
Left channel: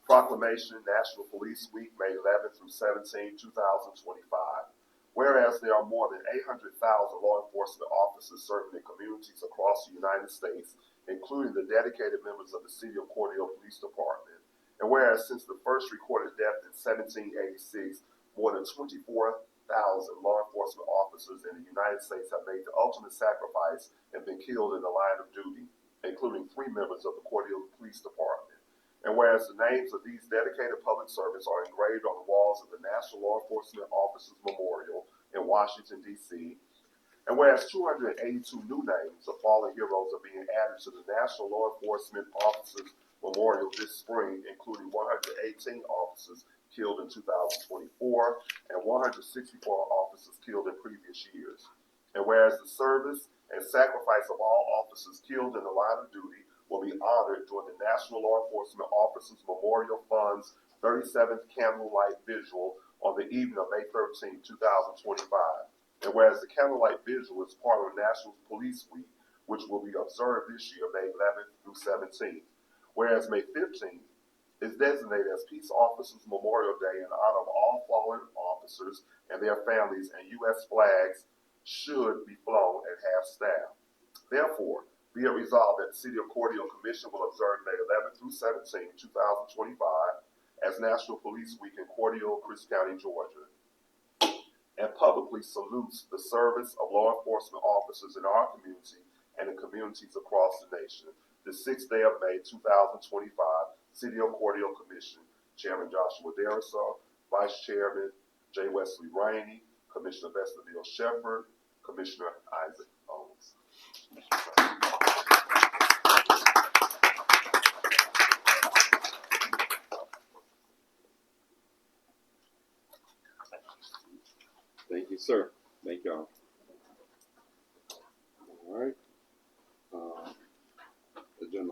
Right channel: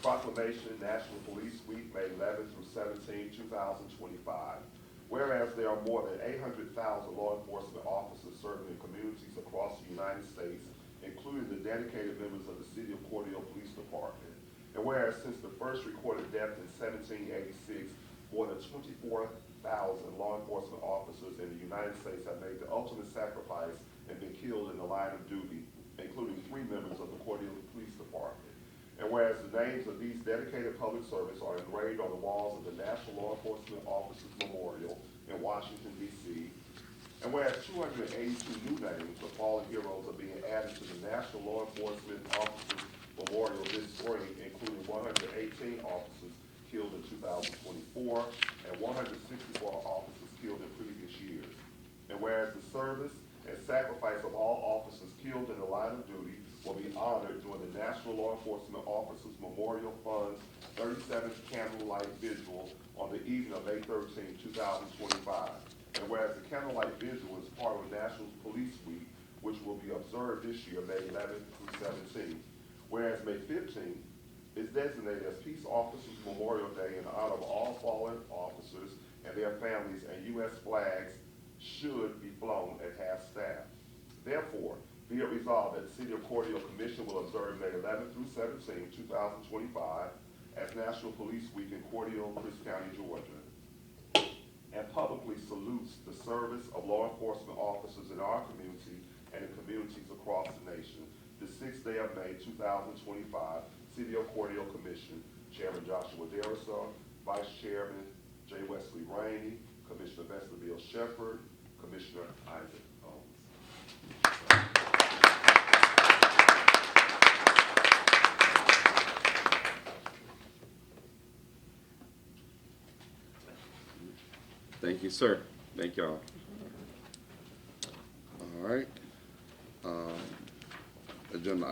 Proclamation National Police Week, May 11th through 17th, 2025. Whereas there are more than 800,000 law enforcement officers serving in communities across the United States, including the dedicated members of the City of Cordele Police Department. And whereas since the first recorded death in 1786, more than 24,000 law enforcement officers in the United States have made the ultimate sacrifice and been killed in the line of duty, including 3 members of the Cordele Police Department. And whereas the names of these dedicated public servants are engraved on the walls of the National Law Enforcement Officers Memorial in Washington, D.C., and whereas 282 new names for the fallen heroes are being added to the National Law Enforcement Officers Memorial this spring, including 118 officers killed in 2024 and 164 officers killed in previous years. And whereas the service and sacrifice of all officers killed in the line of duty will be honored during the National Law Enforcement Officers Memorial Fund's 37th Candlelight Vigil on the evening of May 13, 2025. And whereas the Candlelight Vigil is part of National Police Week, which will be observed this year, May 11th through 17th. Whereas May 15th is designated as Peace Officers Memorial Day in honor of all fallen officers and their families, and U.S. flags should be flown at half-staff. Therefore, be it resolved that the City of Cordele Commission will observe May 11th through 17th, 2025 as National Police Week in Cordele, Bruce County, Georgia, and publicly salutes the service of law enforcement officers in our community and the communities across the nation. The 6th day of May, 2025, City of Cordele Commission, Chairman Joshua Garrison, Vice Chairman J. Wesley Rainey, Commissioner Bill Shepherd, Commissioner Isaac Owens.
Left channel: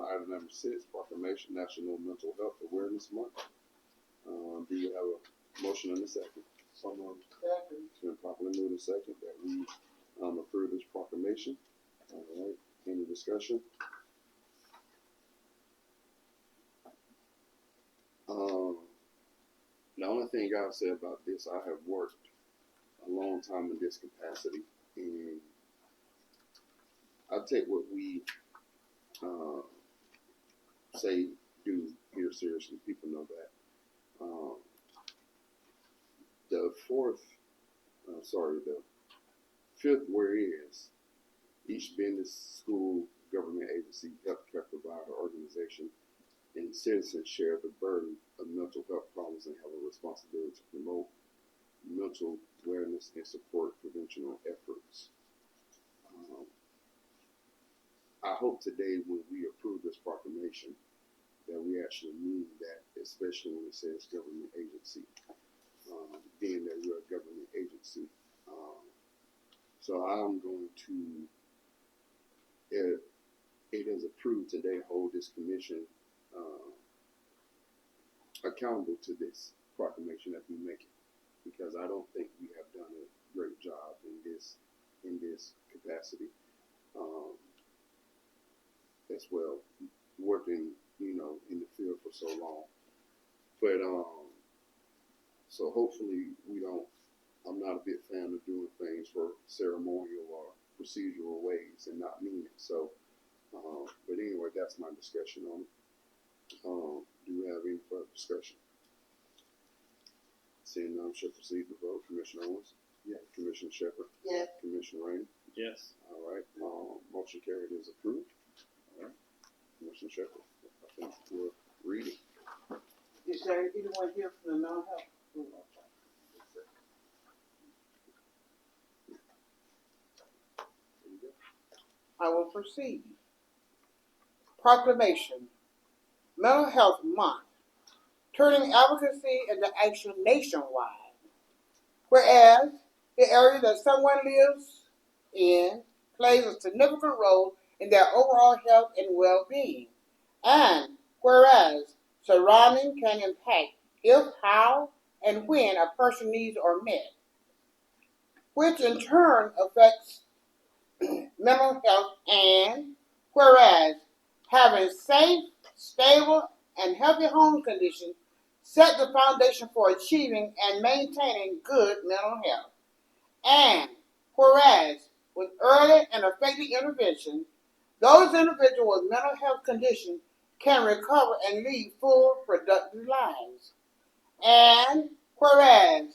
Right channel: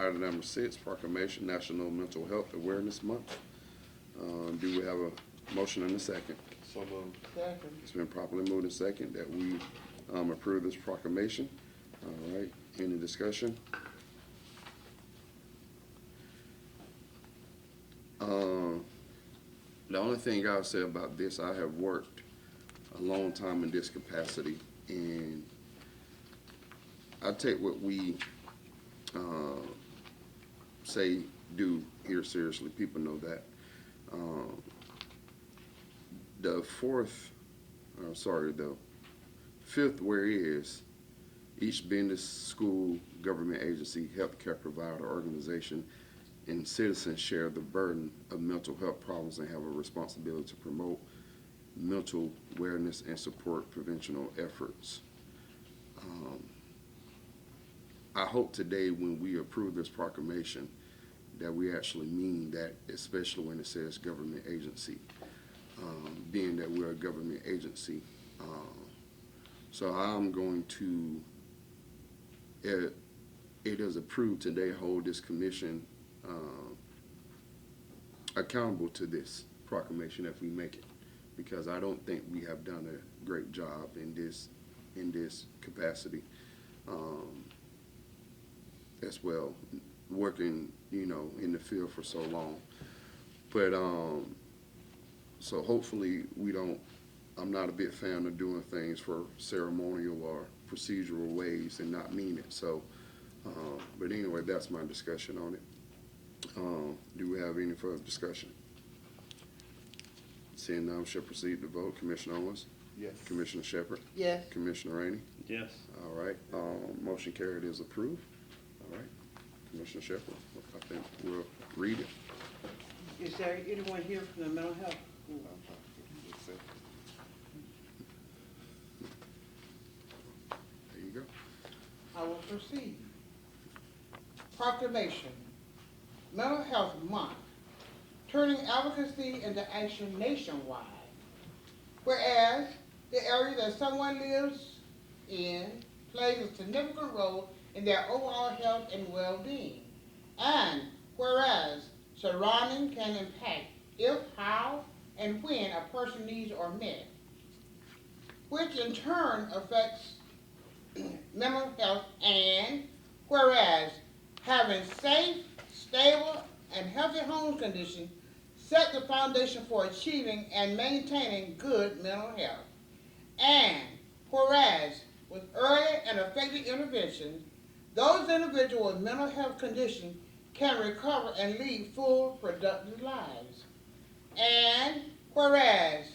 item number 6, proclamation National Mental Health Awareness Month. Do we have a motion and a second? So, It's been properly moved and second that we approve this proclamation. All right, any discussion? The only thing I'll say about this, I have worked a long time in this capacity, and I take what we say do here seriously. People know that. The fifth whereas each business, school, government agency, healthcare provider, organization, and citizens share the burden of mental health problems and have a responsibility to promote mental awareness and support preventional efforts. I hope today when we approve this proclamation that we actually mean that, especially when it says government agency, being that we're a government agency. So I'm going to, it is approved today, hold this commission accountable to this proclamation if we make it, because I don't think we have done a great job in this capacity as well, working in the field for so long. But so hopefully I'm not a big fan of doing things for ceremonial or procedural ways and not mean it. So, but anyway, that's my discussion on it. Do we have any further discussion? Seeing none, shall proceed to vote. Commissioner Owens? yes. Commissioner Shepard? Yes. Commissioner Rainey? Yes. All right, motion carried is approved. All right, Commissioner Shepard, I think we'll read it. Is there anyone here from the mental health? There you go. I will proceed. Proclamation, Mental Health Month, turning advocacy into action nationwide. Whereas the area that someone lives in plays a significant role in their overall health and well-being. And whereas surrounding can impact if, how, and when a person's needs are met, which in turn affects mental health. And whereas having safe, stable, and healthy home conditions set the foundation for achieving and maintaining good mental health. And whereas with early and effective intervention, those individuals with mental health conditions can recover and lead full, productive lives. And whereas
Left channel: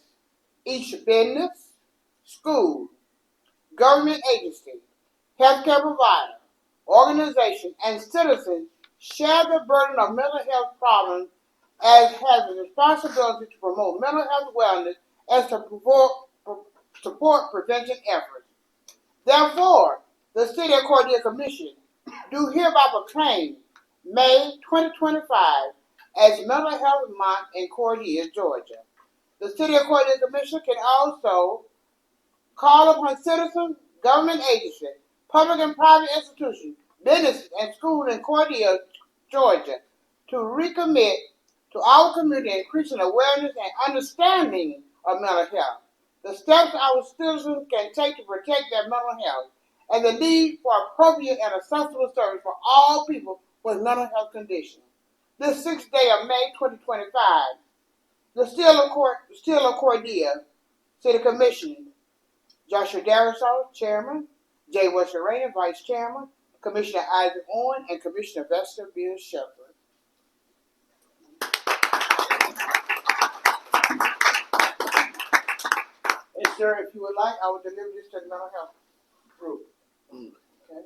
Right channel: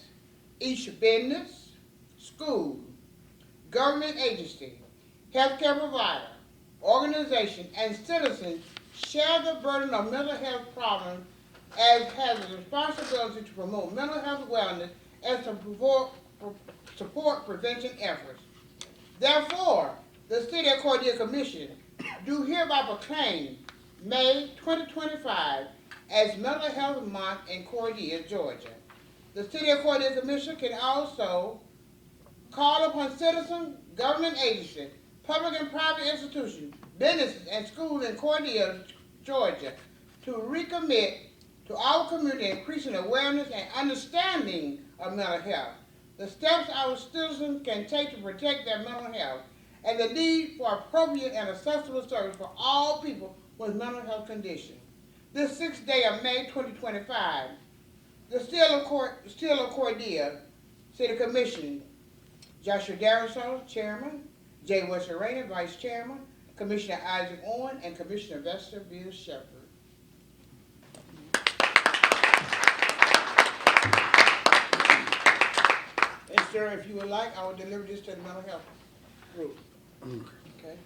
each business, school, government agency, healthcare provider, organization, and citizens share the burden of mental health problems as has the responsibility to promote mental health wellness and to support prevention efforts. Therefore, the City of Cordele Commission do hereby proclaim May 2025 as Mental Health Month in Cordele, Georgia. The City of Cordele Commission can also call upon citizens, government agencies, public and private institutions, businesses, and schools in Cordele, Georgia to recommit to our community increasing awareness and understanding of mental health, the steps our citizens can take to protect their mental health, and the need for appropriate and accessible service for all people with mental health conditions. This 6th day of May 2025, the Seal of Cordele City Commission, Joshua Garrishaw, Chairman, Jay Wesserany, Vice Chairman, Commissioner Isaac Owen, and Commissioner Vester Beers Shepherd. And sir, if you would like, I will deliver this to the mental health group. Okay.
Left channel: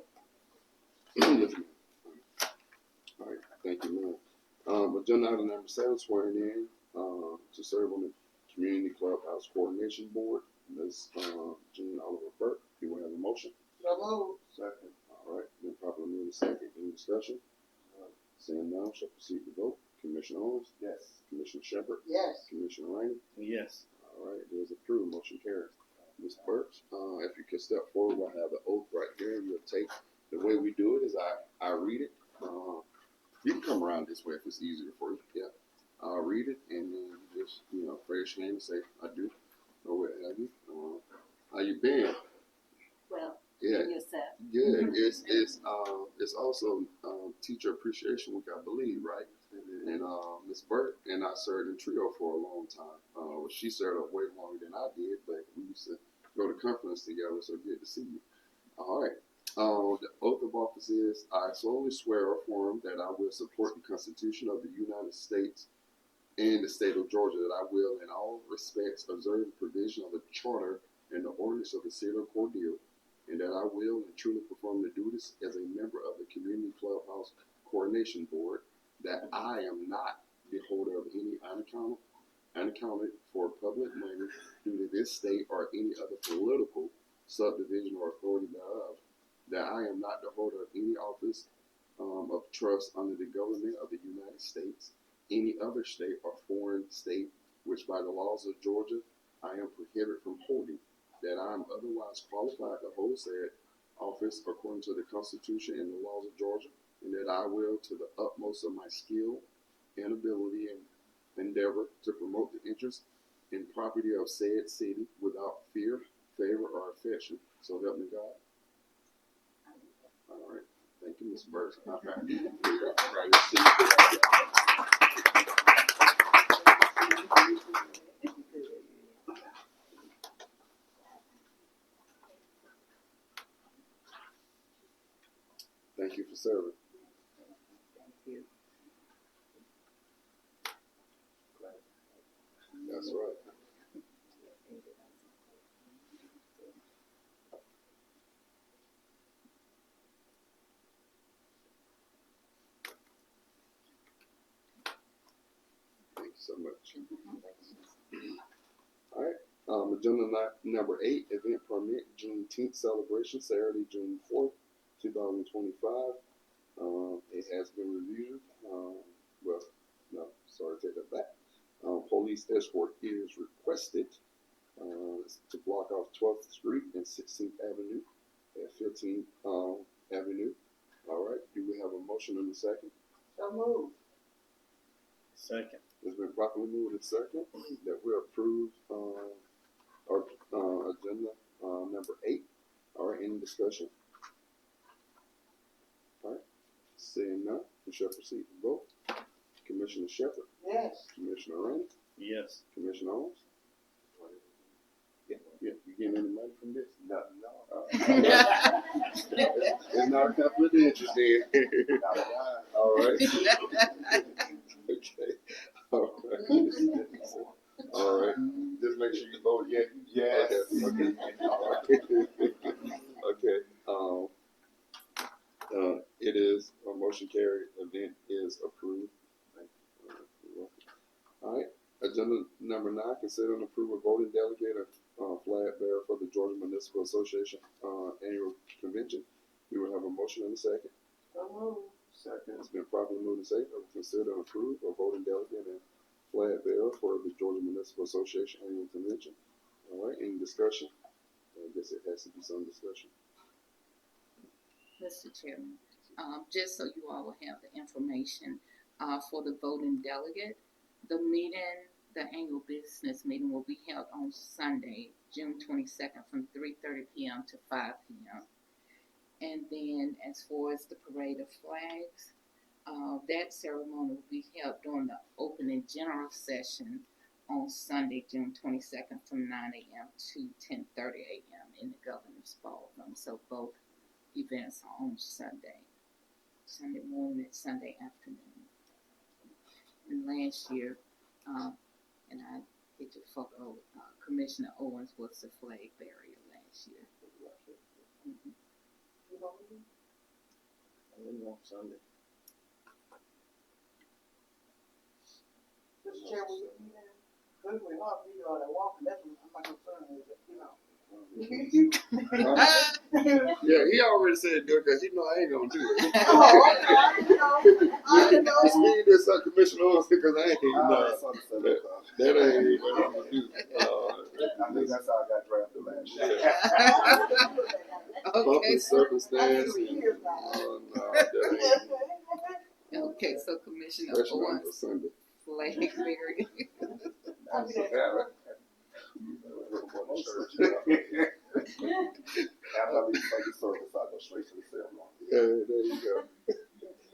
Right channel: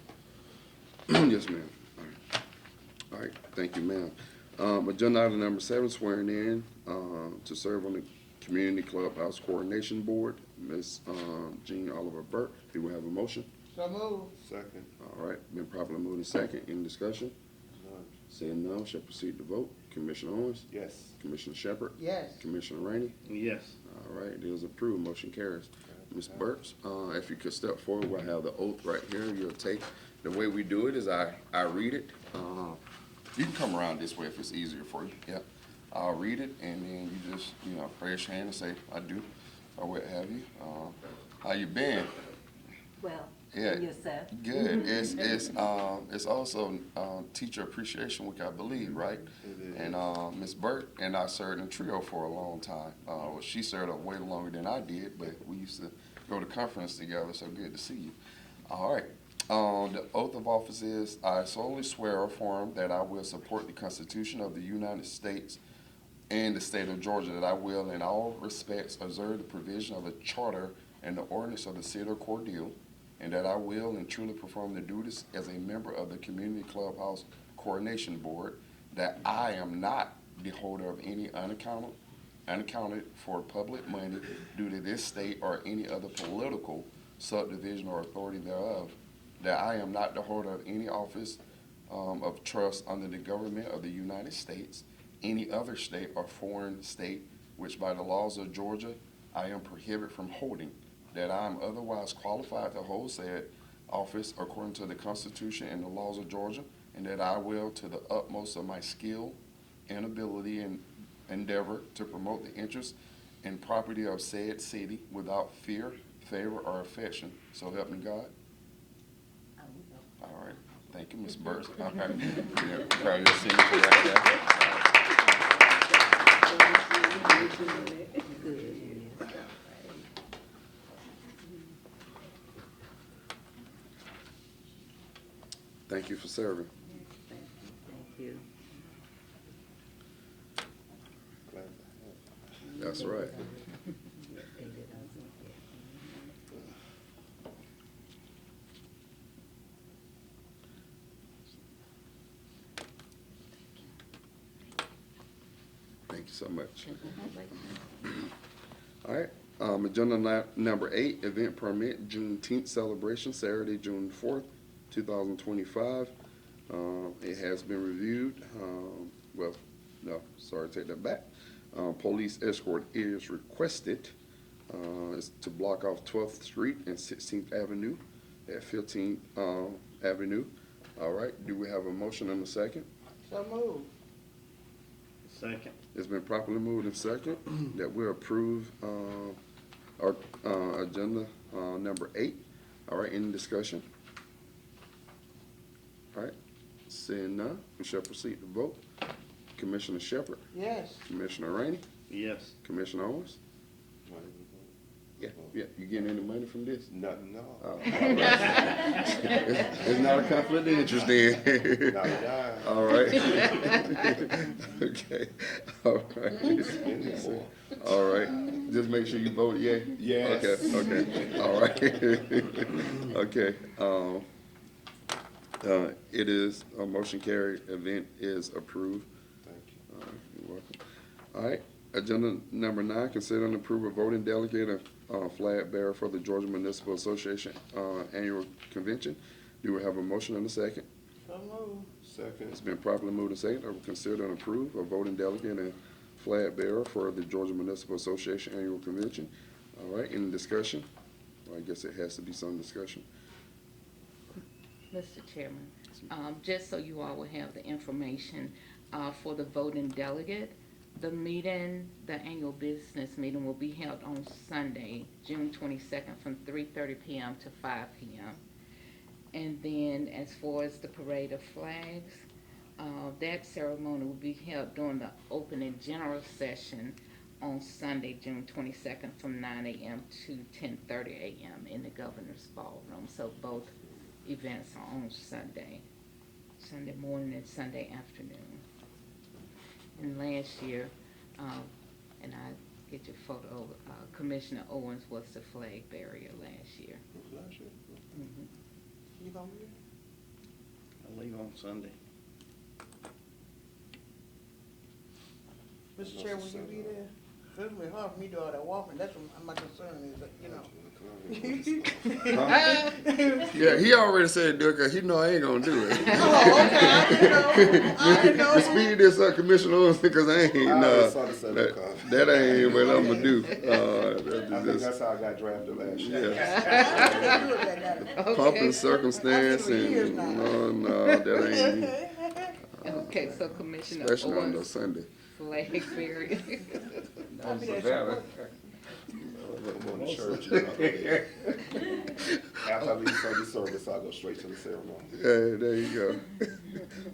Yes, ma'am. All right, thank you, ma'am. Agenda item number 7, swearing in to serve on the Community Clubhouse Coordination Board, Ms. Jean Oliver Burke. Do we have a motion? So moved. Second. All right, been properly moved and second. Any discussion? Seeing none, shall proceed to vote. Commissioner Owens? Yes. Commissioner Shepard? Yes. Commissioner Rainey? Yes. All right, it is approved. Motion carries. Mr. Burks, if you could step forward, I have the oath right here. You'll take The way we do it is I read it. You can come around this way if it's easier for you. Yep. I'll read it, and then you just, raise your hand and say, I do, or what have you. How you been? Well, Yeah, is that? good. It's also Teacher Appreciation Week, I believe, right? And Miss Burke and I served in trio for a long time. Well, she served way longer than I did, but we used to go to conference together. So good to see you. All right. The oath of office is: I solemnly swear or affirm that I will support the Constitution of the United States and the state of Georgia, that I will, in all respects, observe the provision of the charter and the ordinance of the city of Cordele, and that I will and truly perform the duties as a member of the Community Clubhouse Coordination Board, that I am not the holder of any unaccounted for public money due to this state or any other political subdivision or authority thereof, that I am not the holder of any office of trust under the government of the United States, any other state or foreign state, which by the laws of Georgia I am prohibited from holding, that I am otherwise qualified to hold said office according to the Constitution and the laws of Georgia, and that I will, to the utmost of my skill and ability and endeavor, to promote the interests and property of said city without fear, favor, or affection. So help me God. All right. Thank you, Ms. Burke. All right. All right, let's see. Thank you for serving. Thank you. That's right. Thank you so much. All right. Agenda number 8, event permit, Juneteenth celebration, Saturday, June 4th, 2025. It has been reviewed. Well, no, sorry, take that back. Police escort is requested. Is to block off 12th Street and 16th Avenue at 15th Avenue. All right. Do we have a motion and a second? So moved. Second. It's been properly moved and second that we approve our agenda number 8. All right, any discussion? All right, seeing none, we shall proceed to vote. Commissioner Shepard? Yes. Commissioner Rainey? Yes. Commissioner Owens? Yeah, you getting any money from this? No. It's not a conflict of interest then. All right. Okay. All right. All right. Just make sure you vote yay. Yes. Okay. All right. Okay. It is a motion carried. Event is approved. You're welcome. All right. Agenda number 9, consider and approve a voting delegate flag bearer for the Georgia Municipal Association annual convention. Do we have a motion and a second? So moved. Second. It's been properly moved and seconded. Consider and approve a voting delegate and flag bearer for the Georgia Municipal Association annual convention. All right, any discussion? Well, I guess it has to be some discussion. Mr. Chairman, just so you all will have the information, for the voting delegate, the meeting, the annual business meeting will be held on Sunday, June 22nd from 3:30 p.m. to 5 p.m. And then as far as the parade of flags, that ceremony will be held during the opening general session on Sunday, June 22nd from 9 a.m. to 10:30 a.m. in the governor's ballroom. So both events are on Sunday morning and Sunday afternoon. And last year, and I get your photo, Commissioner Owens was the flag bearer last year. Mm-hmm. You gonna be I leave on Sunday. there? Mr. Chairman, will you be there? It's gonna be hard for me to do all that walking, that's what my concern is, but, you know. Yeah, he already said do it because he know I ain't gonna do it. I know. The speed is Commissioner Owens because I ain't, I nah, let sunset that ain't what I'm gonna do. I think that's how I got drafted last year. Pomp and Okay. circumstance and, no, that ain't me. Okay, so Commissioner Especially on no Owens, Sunday. flag bearing. That's a valid. After I leave Sunday service, I'll go straight to the ceremony. There you go.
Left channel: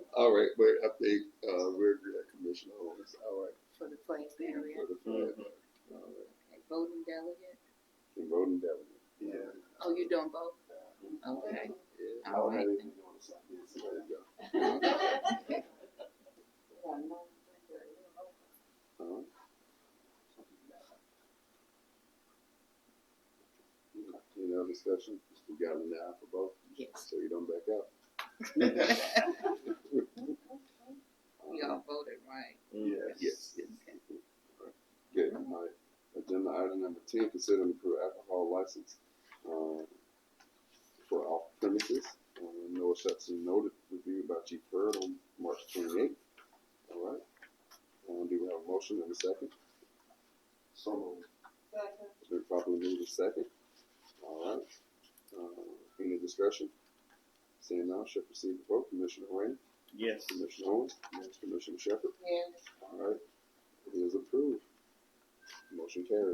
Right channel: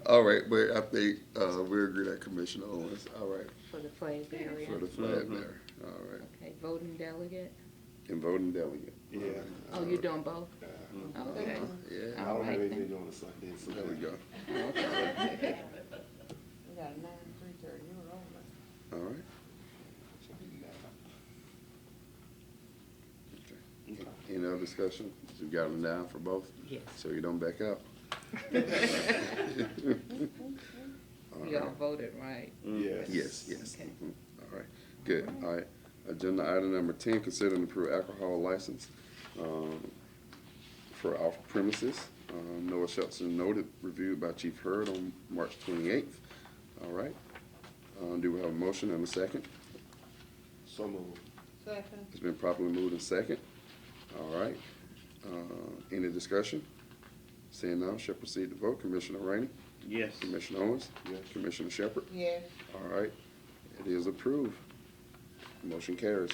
All right, but I think we agree that Commissioner Owens. All right, For the flag bearer. for the flag bearer. All right, Okay, voting delegate. and voting delegate. Yeah. Oh, you doing both? Okay. Yeah. I All don't right. know anything on a Sunday, so There we go. Okay. We got 9, 3:30, we were over. All right. Any other discussion? You got them down for both, Yes. so you don't back out. You all voted, right? Yes. Okay. All right, good. All right. Agenda item number 10, consider and approve alcohol license for off premises. Noah Shelton noted, reviewed by Chief Hurd on March 28th. All right. Do we have a motion and a second? So Second. It's been properly moved and second. All right. Any discussion? Seeing none, shall proceed to vote. Commissioner Rainey? Yes. Commissioner Owens? Yes. Commissioner Shepherd? Yes. All right. It is approved. Motion carries.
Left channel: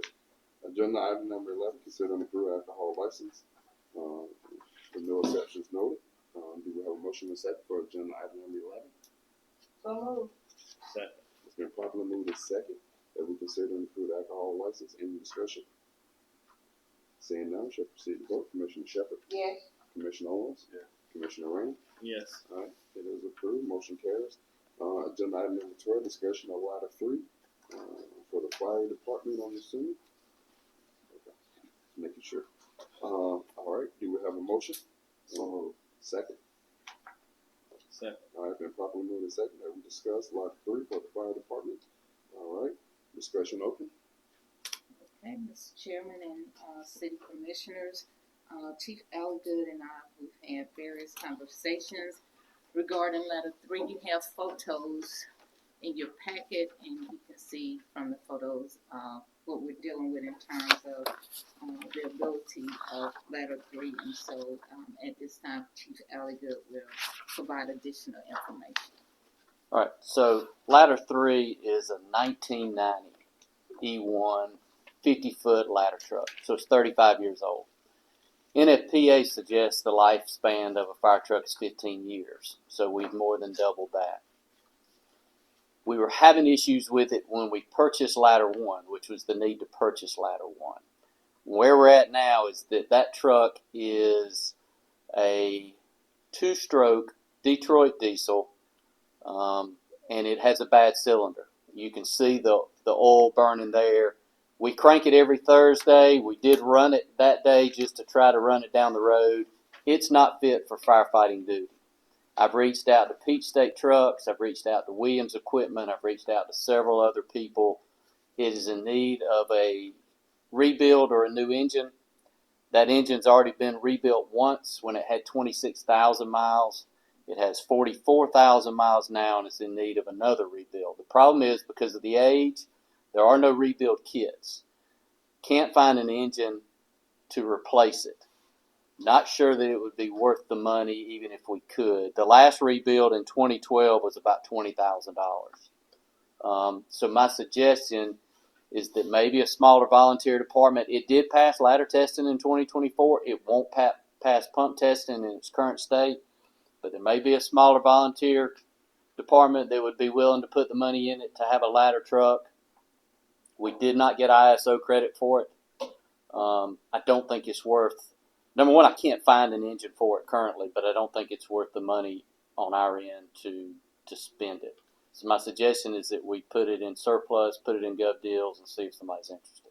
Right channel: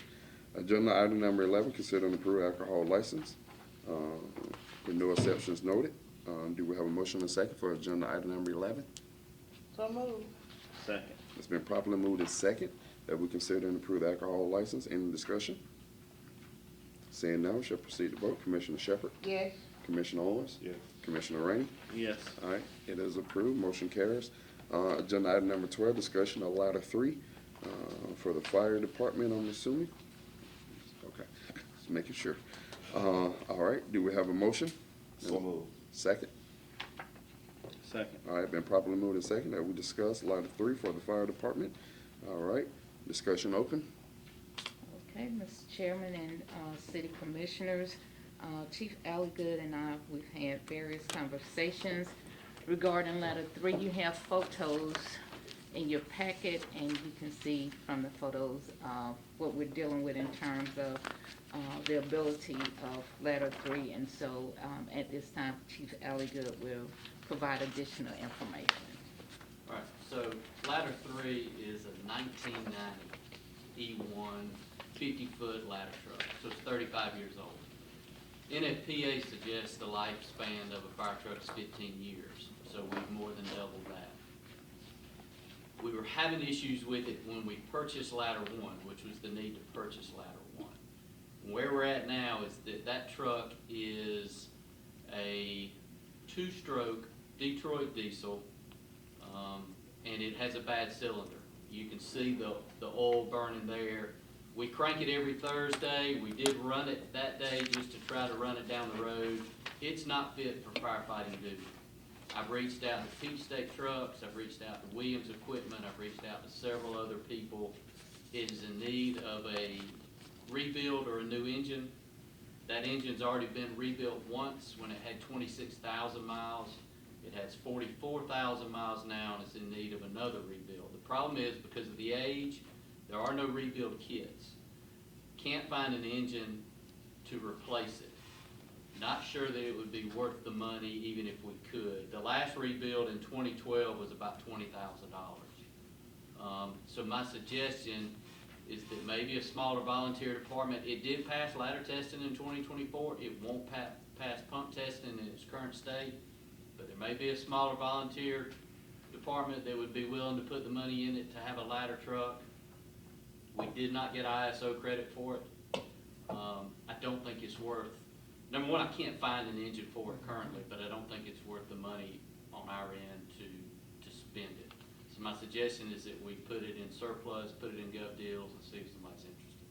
Agenda item number 11, consider and approve alcohol license. With no exceptions noted. Do we have a motion and a second for agenda item number 11? So moved. Second. It's been properly moved and second that we consider and approve alcohol license. Any discussion? Seeing none, shall proceed to vote. Commissioner Shepherd? Yes. Commissioner Owens? Yes. Commissioner Rainey? Yes. All right, it is approved, motion carries. Agenda item number 12, discussion of ladder 3 for the fire department, I'm assuming. Okay, just making sure. All right, do we have a motion? So Second. Second. All right, been properly moved and second that we discuss ladder 3 for the fire department. All right, discussion open. Okay, Mr. Chairman and city commissioners, Chief Algood and I, we've had various conversations regarding letter 3. You have photos in your packet, and you can see from the photos what we're dealing with in terms of the ability of letter 3. And so at this time, Chief Algood will provide additional information. All right, so ladder 3 is a 1990 E1 50-foot ladder truck, so it's 35 years old. NFPA suggests the lifespan of a fire truck is 15 years, so we've more than doubled that. We were having issues with it when we purchased ladder 1, which was the need to purchase ladder 1. Where we're at now is that truck is a 2-stroke Detroit diesel, and it has a bad cylinder. You can see the oil burning there. We crank it every Thursday. We did run it that day just to try to run it down the road. It's not fit for firefighting duty. I've reached out to Peach State Trucks. I've reached out to Williams Equipment. I've reached out to several other people. It is in need of a rebuild or a new engine. That engine's already been rebuilt once when it had 26,000 miles. It has 44,000 miles now, and it's in need of another rebuild. The problem is, because of the age, there are no rebuild kits. Can't find an engine to replace it. Not sure that it would be worth the money even if we could. The last rebuild in 2012 was about $20,000. So my suggestion is that maybe a smaller volunteer department. It did pass ladder testing in 2024. It won't pass pump testing in its current state. But it may be a smaller volunteer department that would be willing to put the money in it to have a ladder truck. We did not get ISO credit for it. I don't think it's worth, number one, I can't find an engine for it currently, but I don't think it's worth the money on our end to spend it. So my suggestion is that we put it in surplus, put it in gov deals, and see if somebody's interested.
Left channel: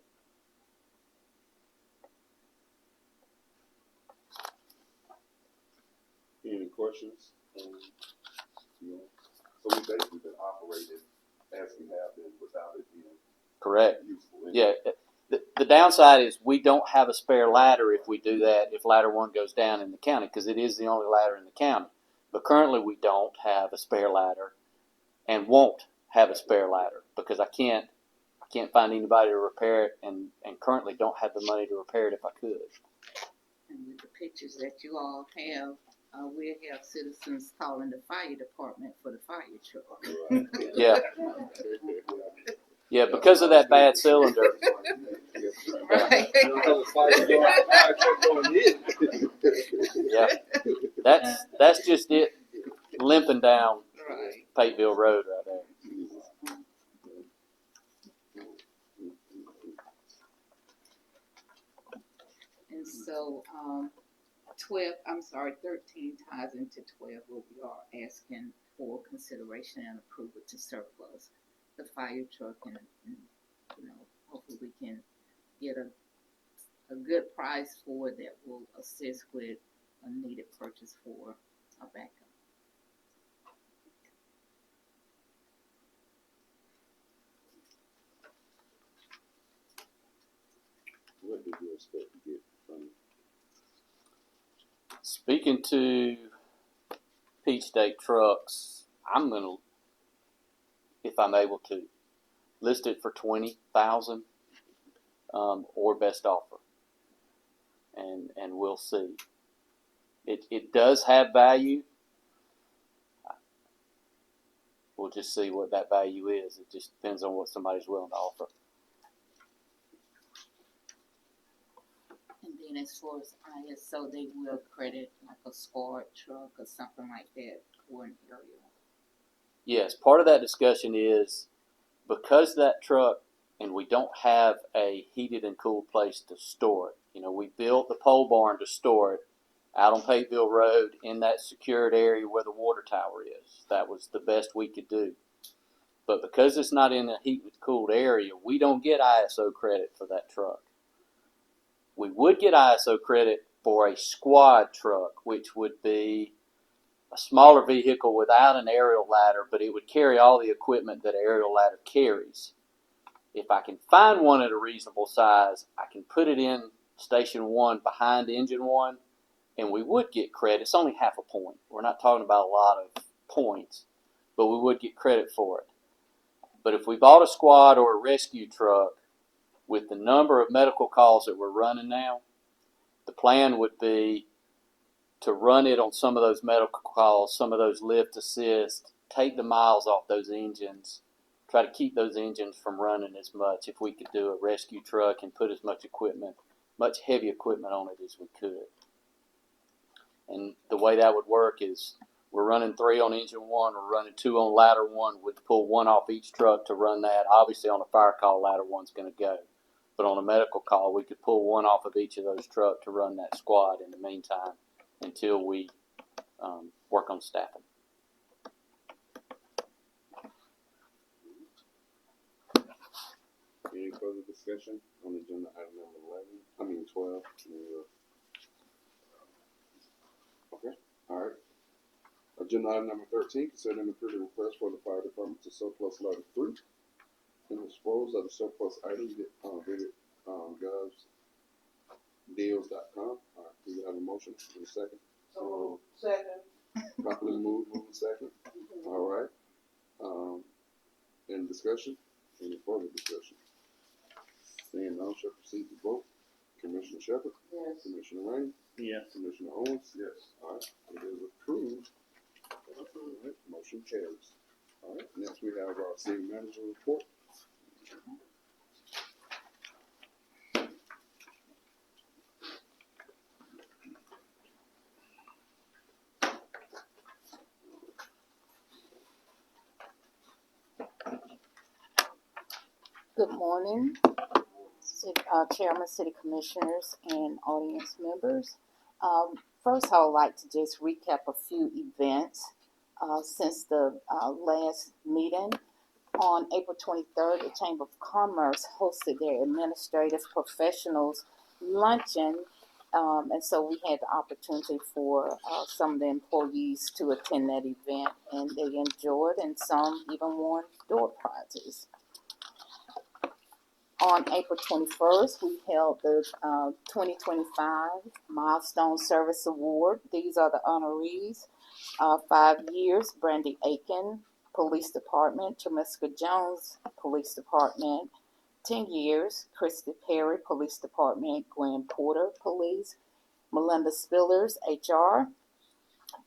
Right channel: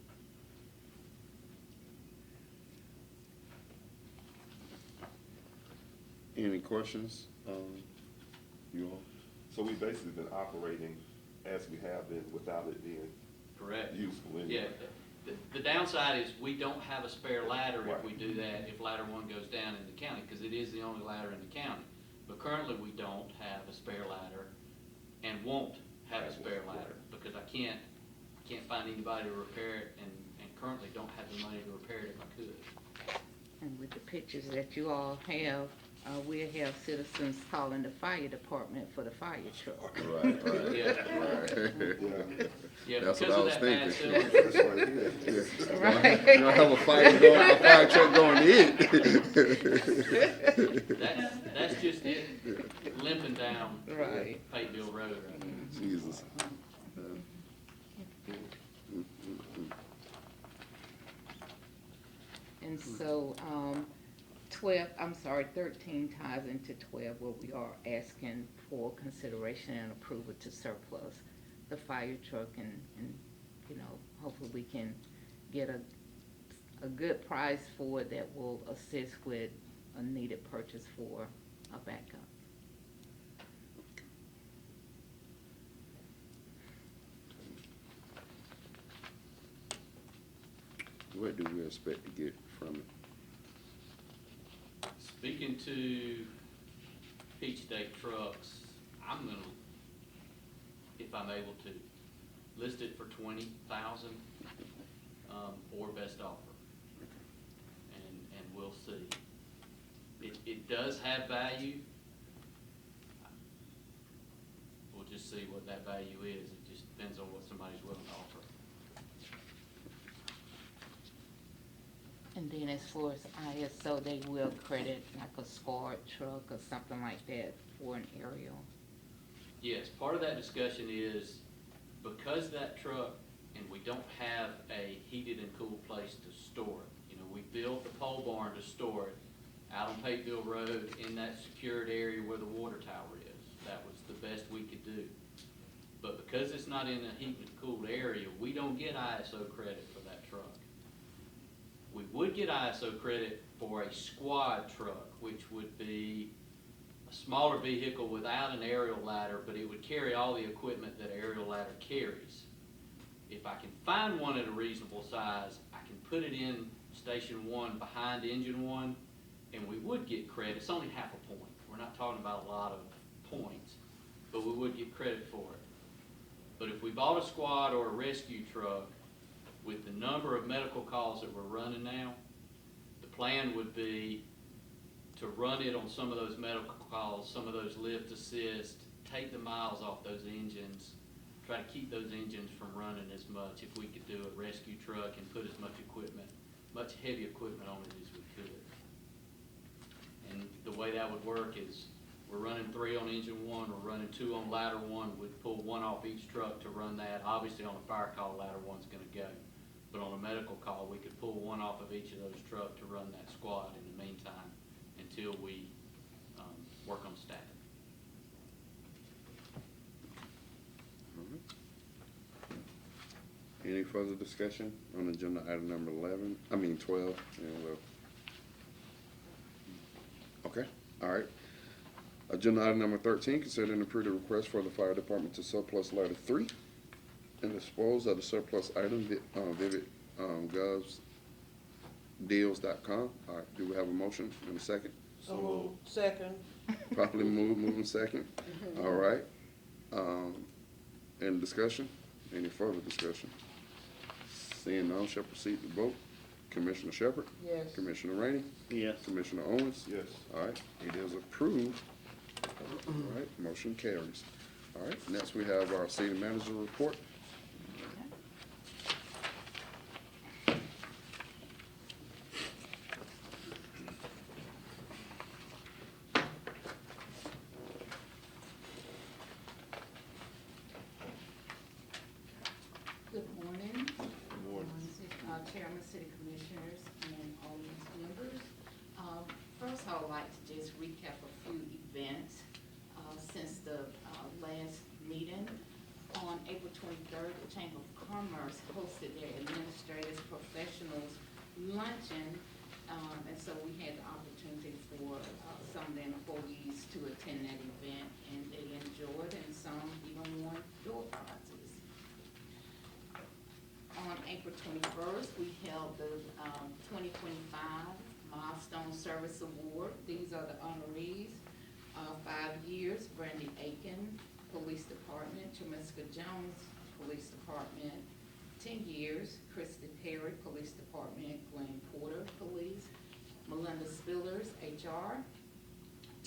Any questions? You all? So we've basically been operating as we have been without it being Correct. useful. Yeah, The downside is we don't have a spare ladder if we do that, if ladder one goes down in the county, because it is the only ladder in the county. But currently we don't have a spare ladder and won't have a spare ladder because I can't find anybody to repair it and currently don't have the money to repair it if I could. And with the pictures that you all have, we'll have citizens calling the fire department for the fire truck. Right. Yeah. Right. Yeah, That's because what of I was that bad thinking. cylinder. Right. I have a fire truck going to hit. Yeah. That's just it limping down Right. Pateville Road right there. Jesus. And so, 13 ties into 12 where we are asking for consideration and approval to surplus the fire truck and hopefully we can get a good price for it that will assist with a needed purchase for a backup. What do we expect to get from it? Speaking to Peach State Trucks, I'm gonna, if I'm able to, list it for 20,000, or best offer, and we'll see. It does have value. We'll just see what that value is. It just depends on what somebody's willing to offer. And then as far as ISO, they will credit like a squad truck or something like that for an aerial. Yes, part of that discussion is because that truck and we don't have a heated and cooled place to store it. We built the pole barn to store it out on Pateville Road in that secured area where the water tower is. That was the best we could do. But because it's not in a heated and cooled area, we don't get ISO credit for that truck. We would get ISO credit for a squad truck, which would be a smaller vehicle without an aerial ladder, but it would carry all the equipment that an aerial ladder carries. If I can find one at a reasonable size, I can put it in station one behind engine one, and we would get credit. It's only half a point. We're not talking about a lot of points, but we would get credit for it. But if we bought a squad or a rescue truck, with the number of medical calls that we're running now, the plan would be to run it on some of those medical calls, some of those lift assist, take the miles off those engines, try to keep those engines from running as much if we could do a rescue truck and put as much equipment, much heavy equipment on it as we could. And the way that would work is we're running 3 on engine one, we're running 2 on ladder one, with pull 1 off each truck to run that. Obviously on a fire call, ladder one's going to go. But on a medical call, we could pull 1 off of each of those trucks to run that squad in the meantime until we work on staffing. Any further discussion on agenda item number 12 and 11? Okay, all right. Agenda item number 13, consider and approve the request for the fire department to surplus ladder 3 and dispose of the surplus item, vividgovsdeals.com. Do we have a motion and a second? So, second. Properly moving second. All right. Any discussion? Any further discussion? Seeing none, shall proceed to vote. Commissioner Shepard? Yes. Commissioner Rainey? Yes. Commissioner Owens? Yes. All right, it is approved. All right, motion carries. All right, next we have our city manager report. Good morning, Chairman, City Commissioners, and audience members. First, I would like to just recap a few events since the last meeting. On April 23rd, the Chamber of Commerce hosted their administrative professionals luncheon, and so we had the opportunity for some of the employees to attend that event, and they enjoyed, and some even won door prizes. On April 21st, we held the 2025 Milestone Service Award. These are the honorees. 5 years, Brandy Aiken, Police Department, Jamiska Jones, Police Department. 10 years, Christy Perry, Police Department, Gwen Porter, Police. Melinda Spillers, HR.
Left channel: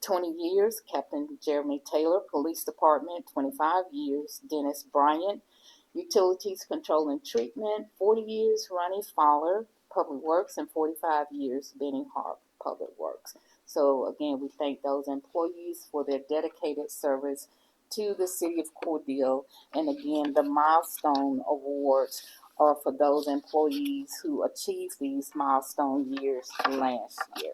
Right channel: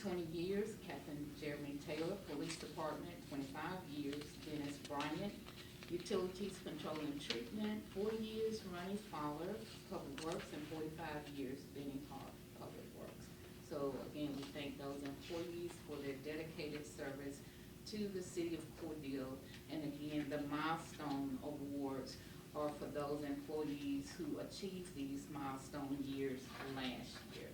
20 years, Captain Jeremy Taylor, Police Department. 25 years, Dennis Bryant, Utilities Control and Treatment. 40 years, Ronnie Fowler, Public Works, and 45 years, Benny Hart, Public Works. So again, we thank those employees for their dedicated service to the city of Cordele. And again, the milestone awards are for those employees who achieved these milestone years last year.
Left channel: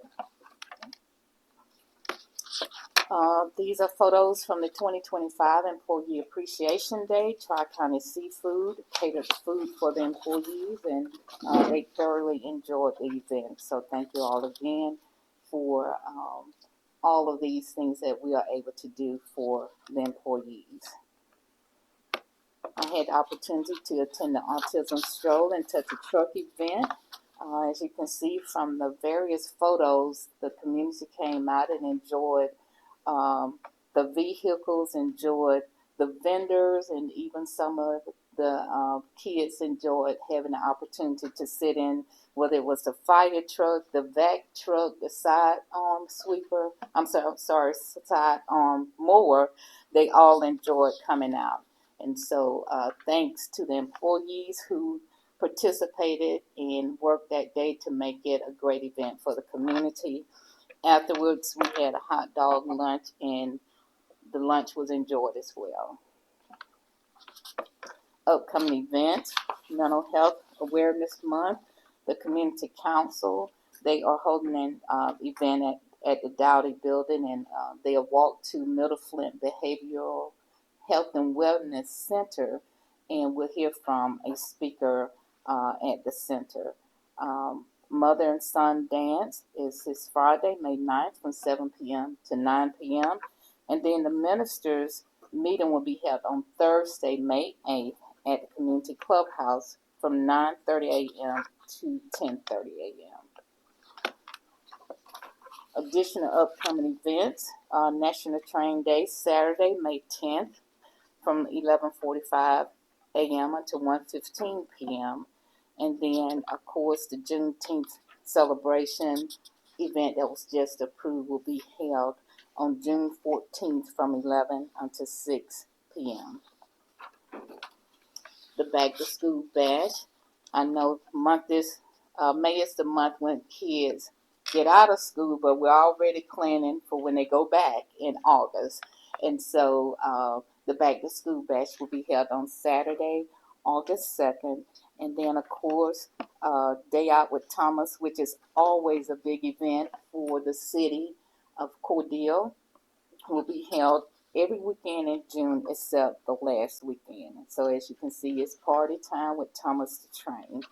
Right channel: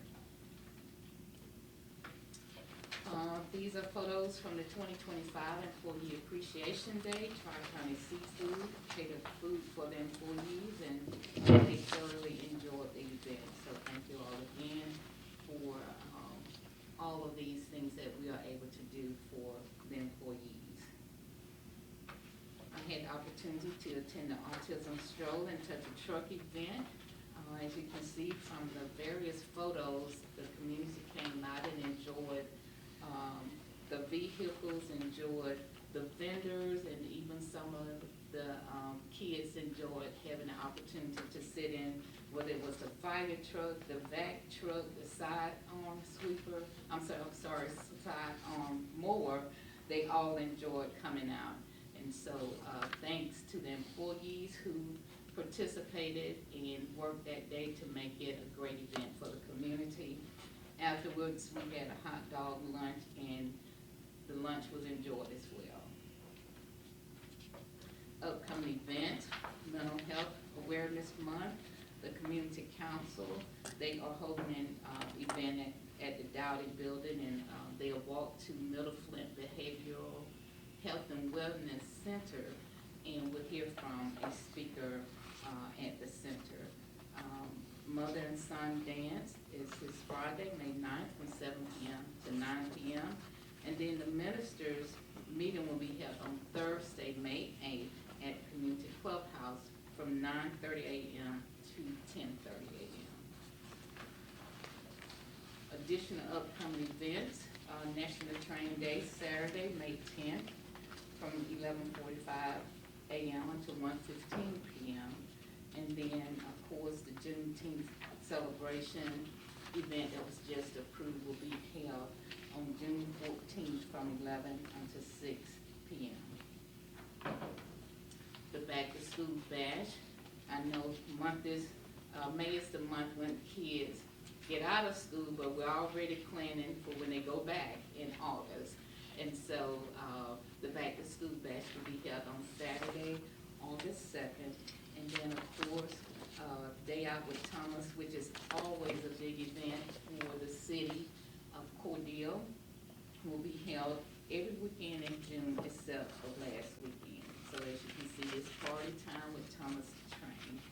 These are photos from the 2025 Employee Appreciation Day. Tri-County Seafood catered food for the employees, and they thoroughly enjoyed the event. So thank you all again for all of these things that we are able to do for the employees. I had the opportunity to attend the Autism Stroll and Touch a Truck event. As you can see from the various photos, the community came out and enjoyed the vehicles, enjoyed the vendors, and even some of the kids enjoyed having the opportunity to sit in, whether it was the fire truck, the vac truck, the side sweeper, side mower. They all enjoyed coming out. And so thanks to the employees who participated and worked that day to make it a great event for the community. Afterwards, we had a hot dog lunch, and the lunch was enjoyed as well. Upcoming events, Mental Health Awareness Month, the Community Council, they are holding an event at the Dowdy Building, and they'll walk to Middle Flint Behavioral Health and Wellness Center, and we'll hear from a speaker at the center. Mother and Son Dance is this Friday, May 9th, from 7 p.m. to 9 p.m. And then the ministers' meeting will be held on Thursday, May 8th at the Community Clubhouse from 9:30 a.m. to 10:30 a.m. Additional upcoming events, National Train Day, Saturday, May 10th, from 11:45 a.m. until 1:15 p.m. And then, of course, the Juneteenth celebration event that was just approved will be held on June 14th from 11 until 6 p.m. The Back to School Bash. I know May is the month when kids get out of school, but we're already planning for when they go back in August. And so the Back to School Bash will be held on Saturday, August 2nd. And then, of course, Day Out with Thomas, which is always a big event for the city of Cordele, will be held every weekend in June except the last weekend. So as you can see, it's party time with Thomas the Train.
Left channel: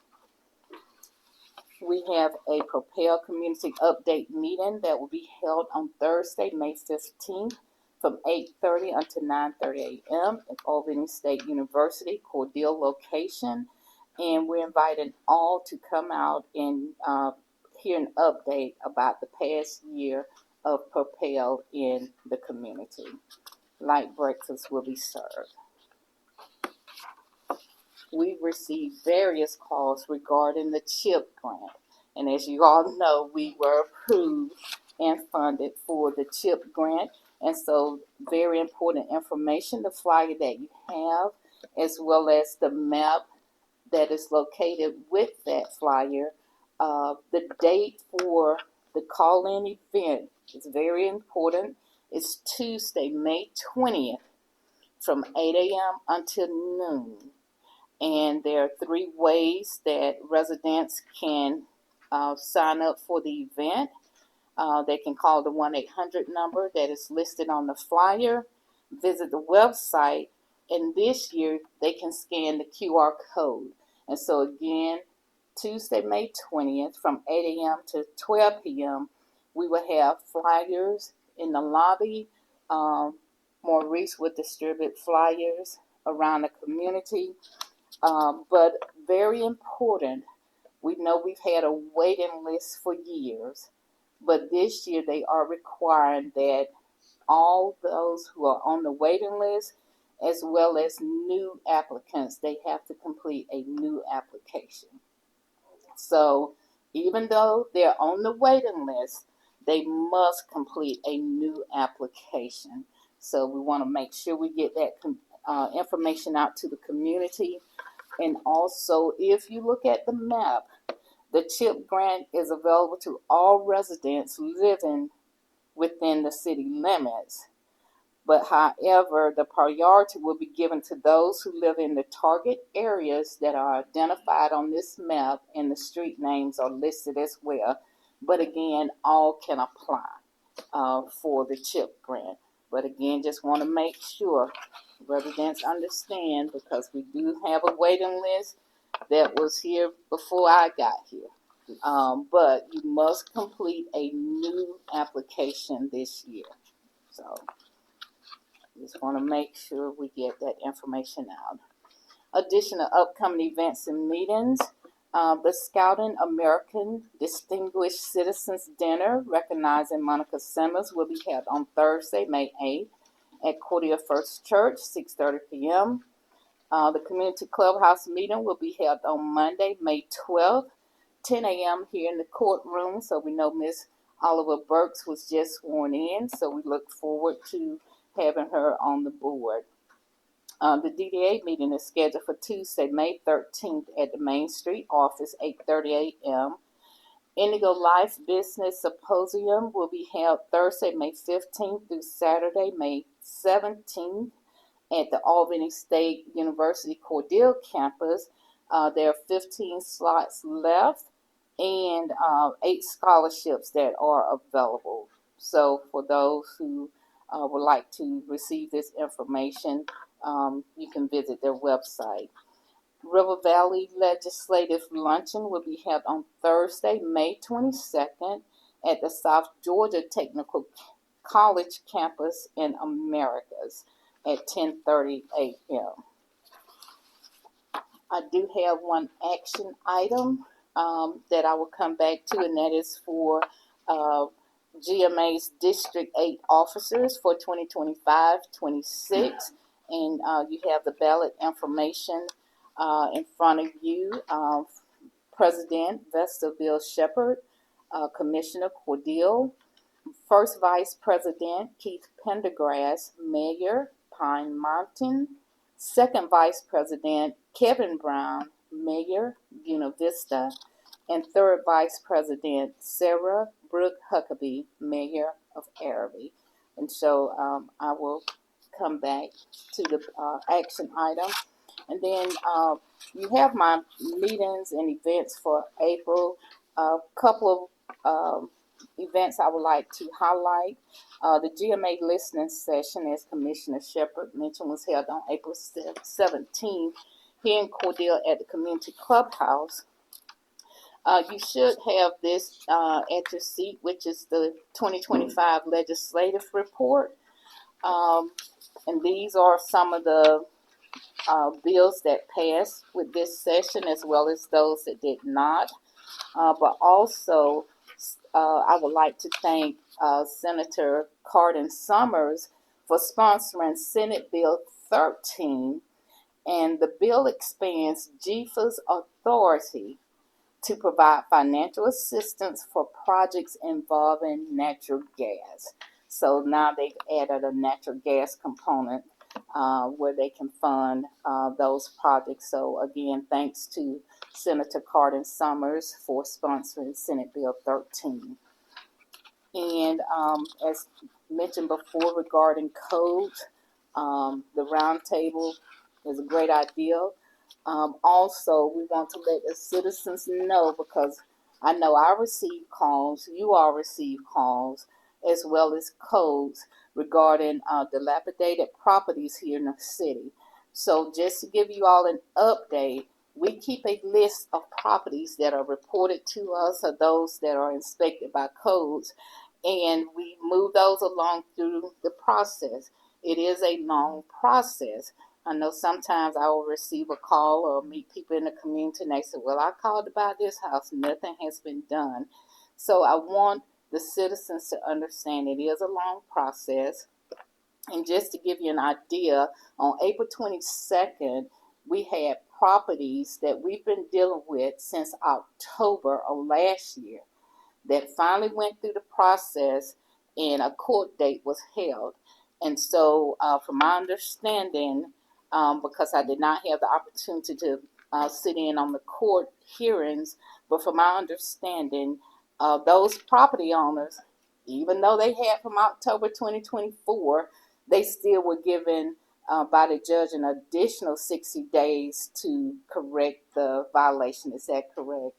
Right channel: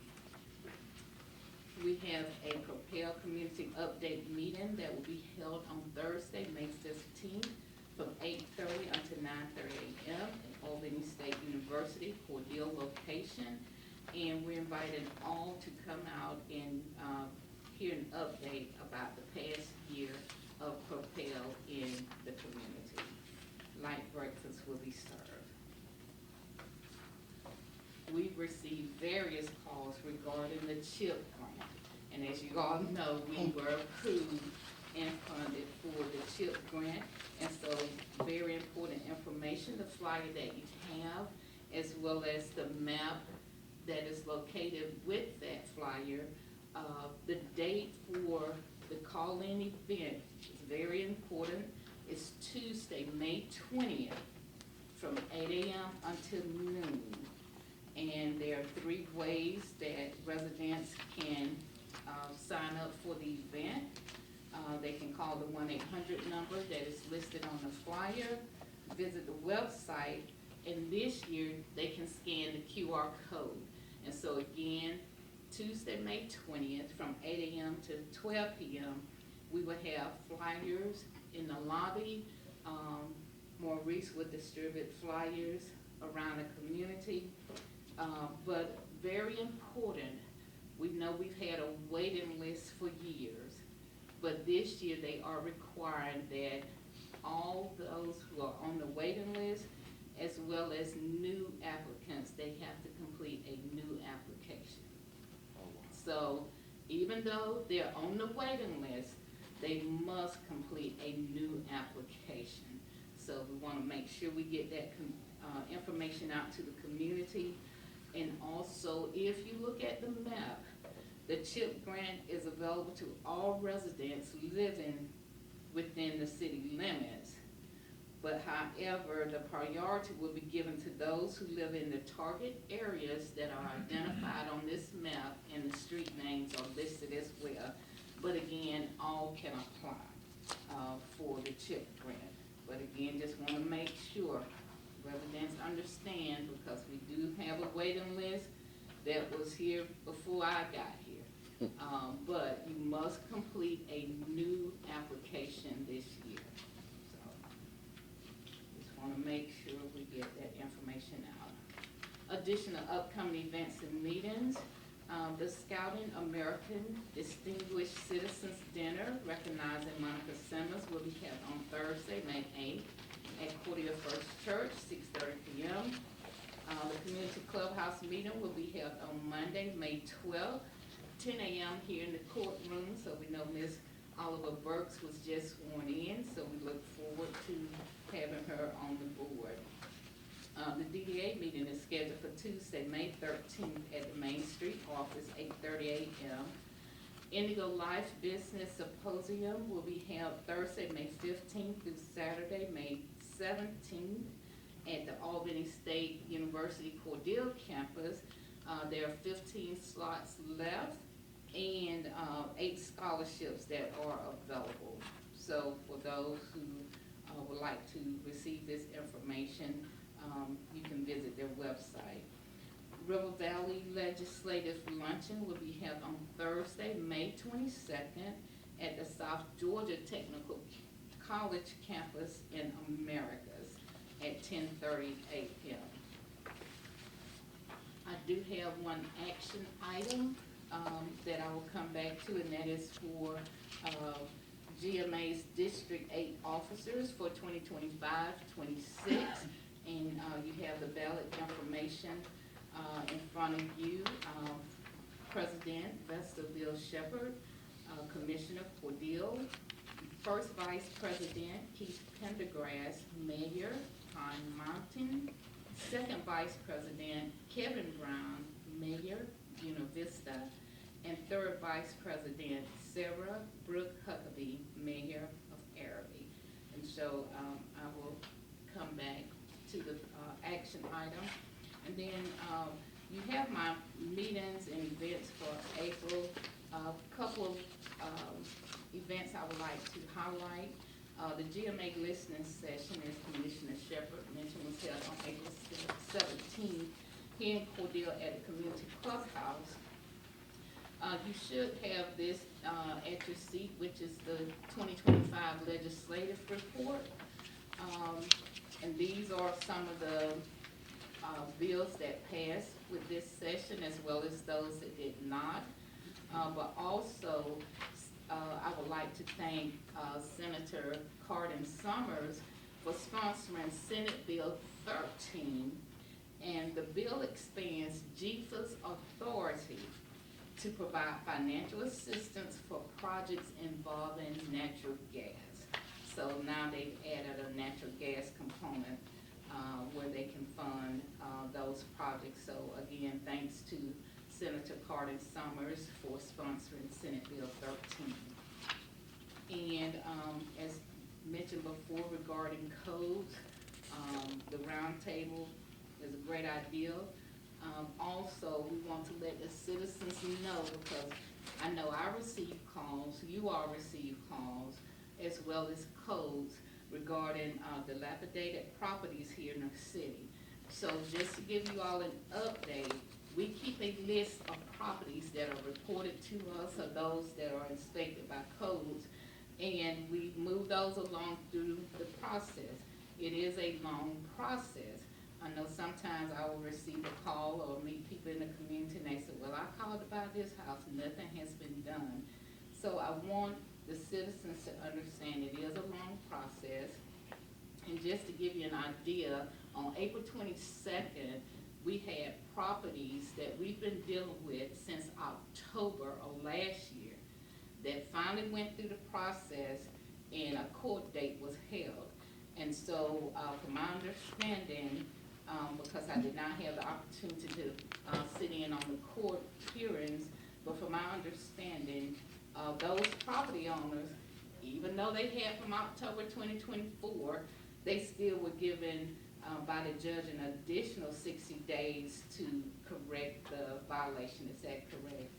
We have a Propel Community Update meeting that will be held on Thursday, May 15th from 8:30 until 9:30 a.m. at Albany State University, Cordele location. And we're inviting all to come out and hear an update about the past year of Propel in the community. Light breakfast will be served. We've received various calls regarding the CHIP grant. And as you all know, we were approved and funded for the CHIP grant. And so very important information, the flyer that you have, as well as the map that is located with that flyer. The date for the call-in event is very important. It's Tuesday, May 20th from 8 a.m. until noon. And there are 3 ways that residents can sign up for the event. They can call the 1-800 number that is listed on the flyer, visit the website, and this year they can scan the QR code. And so again, Tuesday, May 20th from 8 a.m. to 12 p.m., we will have flyers in the lobby. Maurice will distribute flyers around the community. But very important, we know we've had a waiting list for years, but this year they are requiring that all those who are on the waiting list, as well as new applicants, they have to complete a new application. So even though they're on the waiting list, they must complete a new application. So we want to make sure we get that information out to the community. And also, if you look at the map, the CHIP grant is available to all residents living within the city limits. But however, the priority will be given to those who live in the target areas that are identified on this map, and the street names are listed as well. But again, all can apply for the CHIP grant. But again, just want to make sure residents understand, because we do have a waiting list that was here before I got here. But you must complete a new application this year. So just want to make sure we get that information out. Additional upcoming events and meetings. The Scouting American Distinguished Citizens Dinner recognizing Monica Simmons will be held on Thursday, May 8th at Cordele First Church, 6:30 p.m. The Community Clubhouse meeting will be held on Monday, May 12th, 10 a.m. here in the courtroom. So we know Miss Oliver Burks was just sworn in, so we look forward to having her on the board. The DDA meeting is scheduled for Tuesday, May 13th at the Main Street office, 8:30 a.m. Indigo Life Business Symposium will be held Thursday, May 15th through Saturday, May 17th at the Albany State University Cordele campus. There are 15 slots left and 8 scholarships that are available. So for those who would like to receive this information, you can visit their website. River Valley Legislative Luncheon will be held on Thursday, May 22nd at the South Georgia Technical College campus in Americas at 10:30 a.m. I do have one action item that I will come back to, and that is for GMA's District 8 officers for 2025-26. And you have the ballot information in front of you. President Vestaville Shepherd, Commissioner Cordele, First Vice President Keith Pendergrass, Mayor Pine Mountain, Second Vice President Kevin Brown, Mayor Una Vista, and Third Vice President Sarah Brooke Huckabee, Mayor of Araby. And so I will come back to the action item. And then you have my meetings and events for April. A couple of events I would like to highlight. The GMA listening session, as Commissioner Shepherd mentioned, was held on April 17th here in Cordele at the Community Clubhouse. You should have this at your seat, which is the 2025 legislative report. And these are some of the bills that passed with this session, as well as those that did not. But also, I would like to thank Senator Cardin Summers for sponsoring Senate Bill 13, and the bill expands GFA's authority to provide financial assistance for projects involving natural gas. So now they've added a natural gas component where they can fund those projects. So again, thanks to Senator Cardin Summers for sponsoring Senate Bill 13. And as mentioned before regarding codes, the roundtable is a great idea. Also, we want to let the citizens know, because I know I receive calls, you all receive calls, as well as codes regarding dilapidated properties here in the city. So just to give you all an update, we keep a list of properties that are reported to us, or those that are inspected by codes, and we move those along through the process. It is a long process, I know sometimes I will receive a call or meet people in the community and they say, well, I called about this house, nothing has been done. So I want the citizens to understand it is a long process. And just to give you an idea, on April 22nd, we had properties that we've been dealing with since October of last year that finally went through the process and a court date was held. And so, from my understanding, because I did not have the opportunity to sit in on the court hearings, but from my understanding, those property owners, even though they had from October 2024, they still were given by the judge an additional 60 days to correct the violation. Is that correct?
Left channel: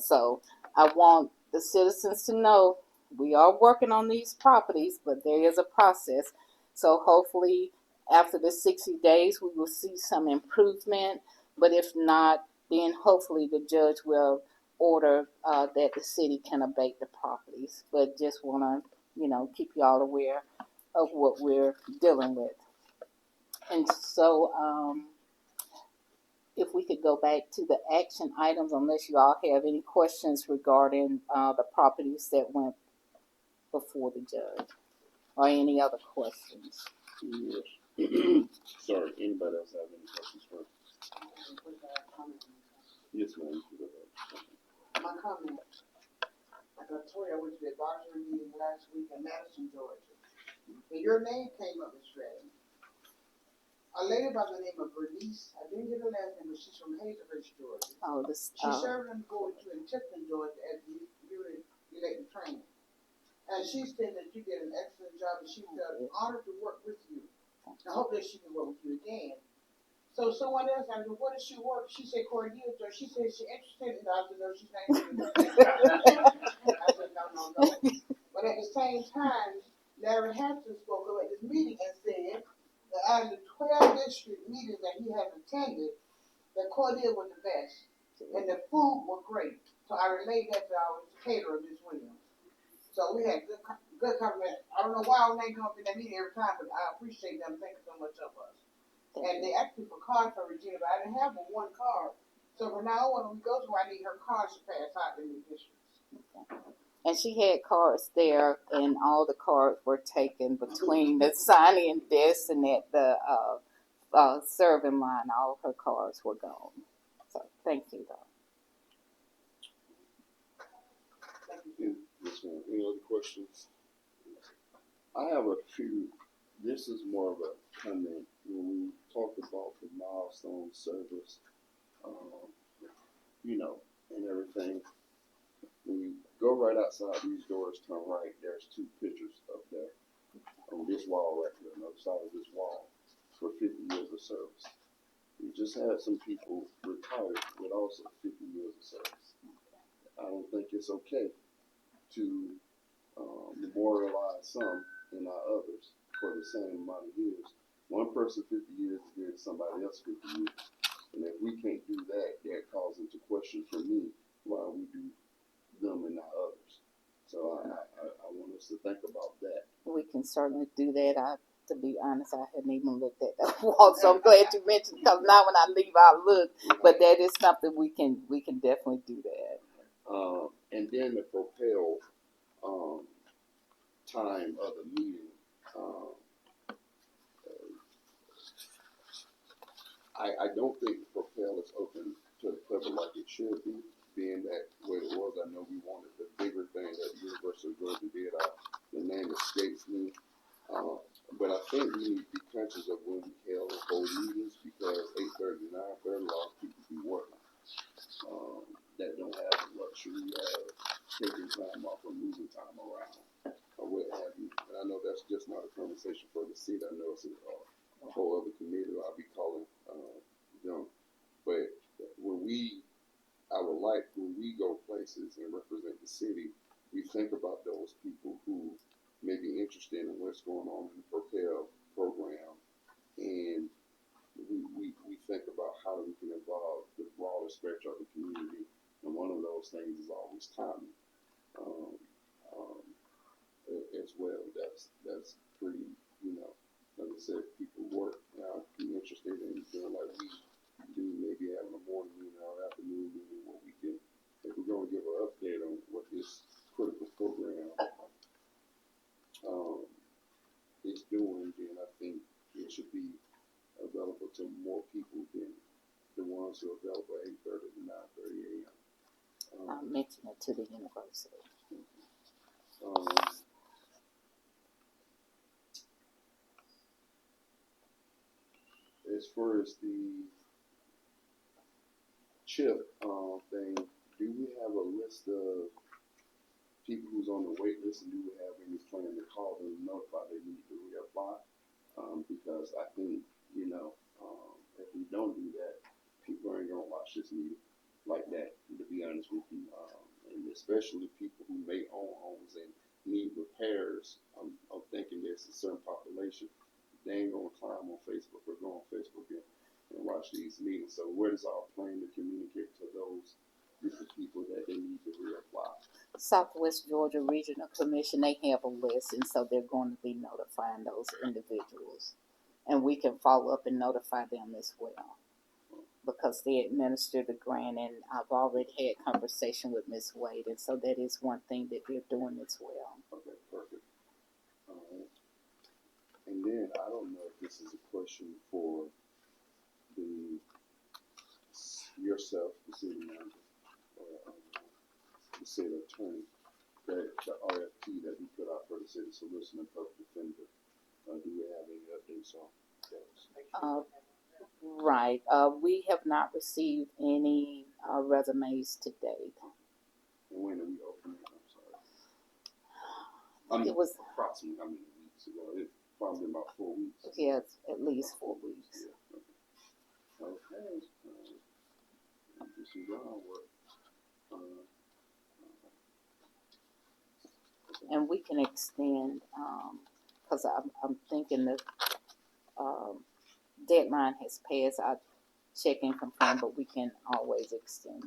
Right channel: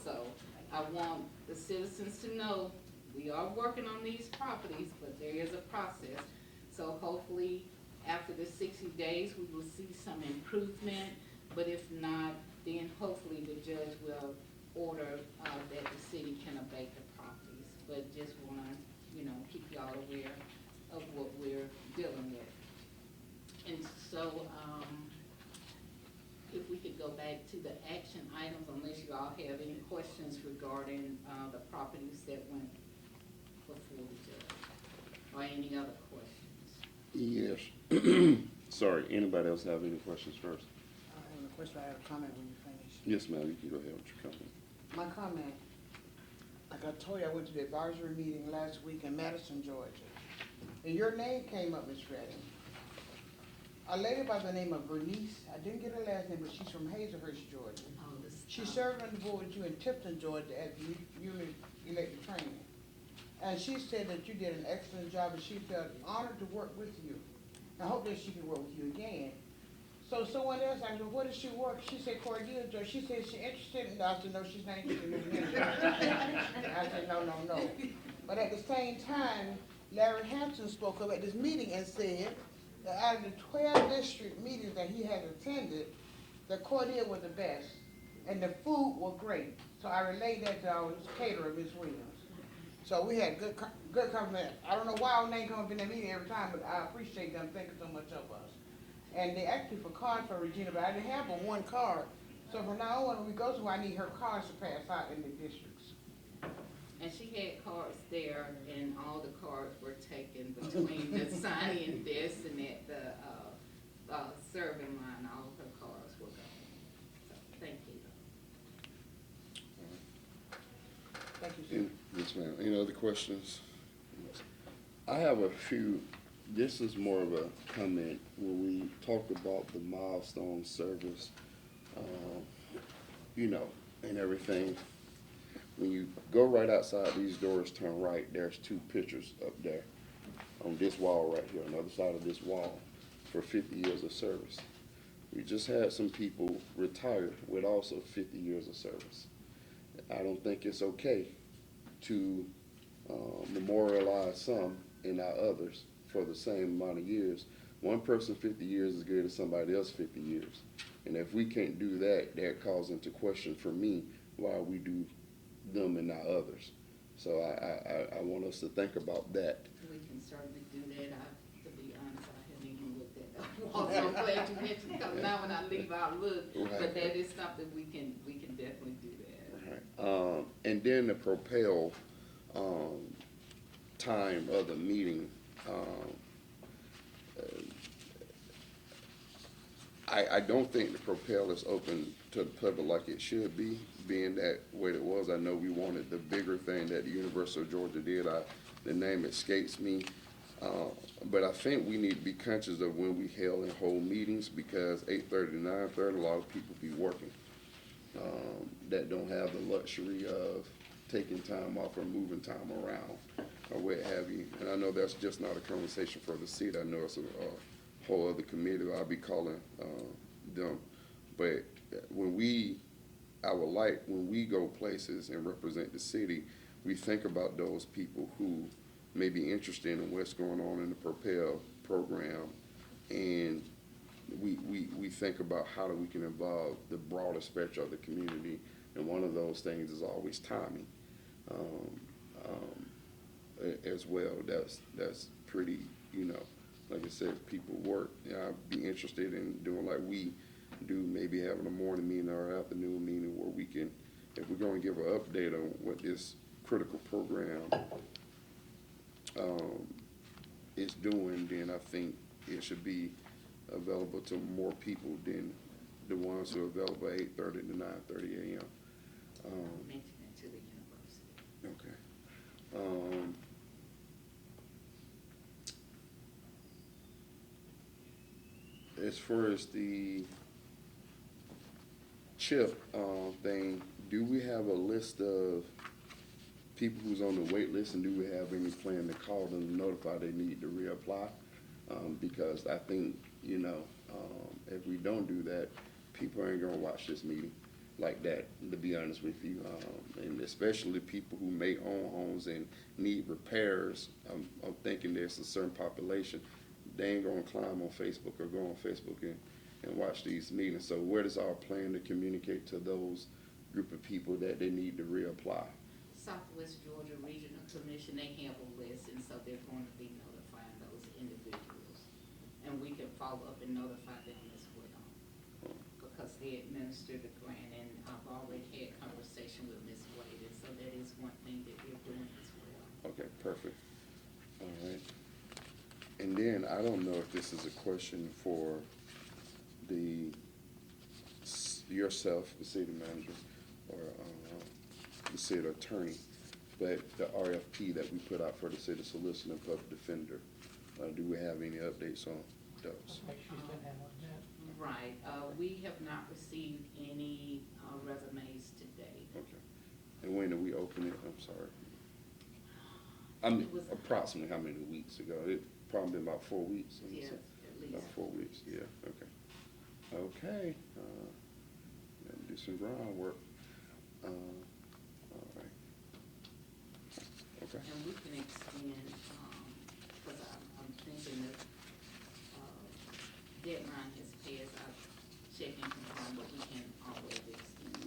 So I want the citizens to know we are working on these properties, but there is a process. So hopefully after the 60 days, we will see some improvement. But if not, then hopefully the judge will order that the city can abate the properties. But just want to, keep you all aware of what we're dealing with. And so, if we could go back to the action items, unless you all have any questions regarding the properties that went before the judge, or any other questions. Yes. Sorry, anybody else have any questions first? First, I have a comment when you finish. Yes, ma'am, you can go ahead with your comment. My comment, like I told you, I went to the advisory meeting last week in Madison, Georgia. And your name came up, Ms. Redding. A lady by the name of Bernice, I didn't get her last name, but she's from Hazelhurst, Georgia. Oh, this. She served on the board with you in Tipton, Georgia at elected training. And she said that you did an excellent job and she felt honored to work with you. I hope that she can work with you again. So someone else asked me, where does she work? She said, Cordele, Georgia. She said she's interested in God. I said, no, she's not interested in me. I said, no. But at the same time, Larry Hampton spoke up at this meeting and said that out of the 12 district meetings that he has attended, the Cordele was the best. And the food was great. So I relayed that to caterer, Ms. Williams. So we had good compliment. I don't know why our name comes up in that meeting every time, but I appreciate them thinking so much of us. And they asked me for cards for Regina, but I didn't have but one card. So from now on, when we go to, I need her cards to pass out in the districts. And she had cards there, and all the cards were taken between the signing desk and at the serving line. All of her cards were gone. So thank you, though. Yes, ma'am. Any other questions? I have a few. This is more of a comment when we talked about the milestone service, and everything. When you go right outside these doors, turn right, there's two pictures up there on this wall right here, on the other side of this wall, for 50 years of service. We just had some people retired with also 50 years of service. I don't think it's okay to memorialize some and not others for the same amount of years. One person 50 years is good as somebody else 50 years. And if we can't do that, that calls into question for me why we do them and not others. So I want us to think about that. We can certainly do that. To be honest, I hadn't even looked at that wall, so I'm glad you mentioned, because now when I leave, I'll look. But that is something we can definitely do that. And then the propel time of the meeting. I don't think the propel is open to the public like it should be, being that way it was. I know we wanted the bigger thing that the University of Georgia did. The name escapes me. But I think we need to be conscious of when we hold meetings, because 8:30 to 9:30, a lot of people be working that don't have the luxury of taking time off or moving time around or what have you. And I know that's just not a conversation for the seat. I know it's a whole other committee that I'll be calling them. But when we go places and represent the city, we think about those people who may be interested in what's going on in the Propel program, and we think about how we can involve the broader spectrum of the community, and one of those things is always timing as well. That's pretty, like I said, people work. I'd be interested time, then I think it should be available to more people than the ones who are available at 8:30 to 9:30 a.m. Mention it to the university. Okay. As far as the chip thing, do we have a list of people who's on the wait list, and do we have any plan to call them and notify they need to reapply? Because I think, if we don't do that, people ain't gonna watch this meeting like that, to be honest with you. And especially people who make own homes and need repairs. I'm thinking there's a certain population, they ain't gonna climb on Facebook or go on Facebook and watch these meetings. So where does our plan to communicate to those group of people that they need to reapply? Southwest Georgia Regional Commission, they have a list, and so they're going to be notifying those individuals. And we can follow up and notify them as well, because they administer the grant, and I've already had conversation with Ms. Wade, and so that is one thing that we're doing as well. Okay, perfect. All right. And then, I don't know if this is a question for yourself, the city manager, or the city attorney, but the RFP that we put out for the city solicitor and public defender, do we have any updates on those? Right. We have not received any resumes to date. Okay. And when did we open it? I'm sorry. I think it was approximately how many weeks ago? Probably about 4 weeks. Yes, at least 4 weeks. Yeah, okay. Okay. Let me do some groundwork. All right. Okay. And we can extend, because I'm thinking the deadline has passed. I check and confirm, but we can always extend it.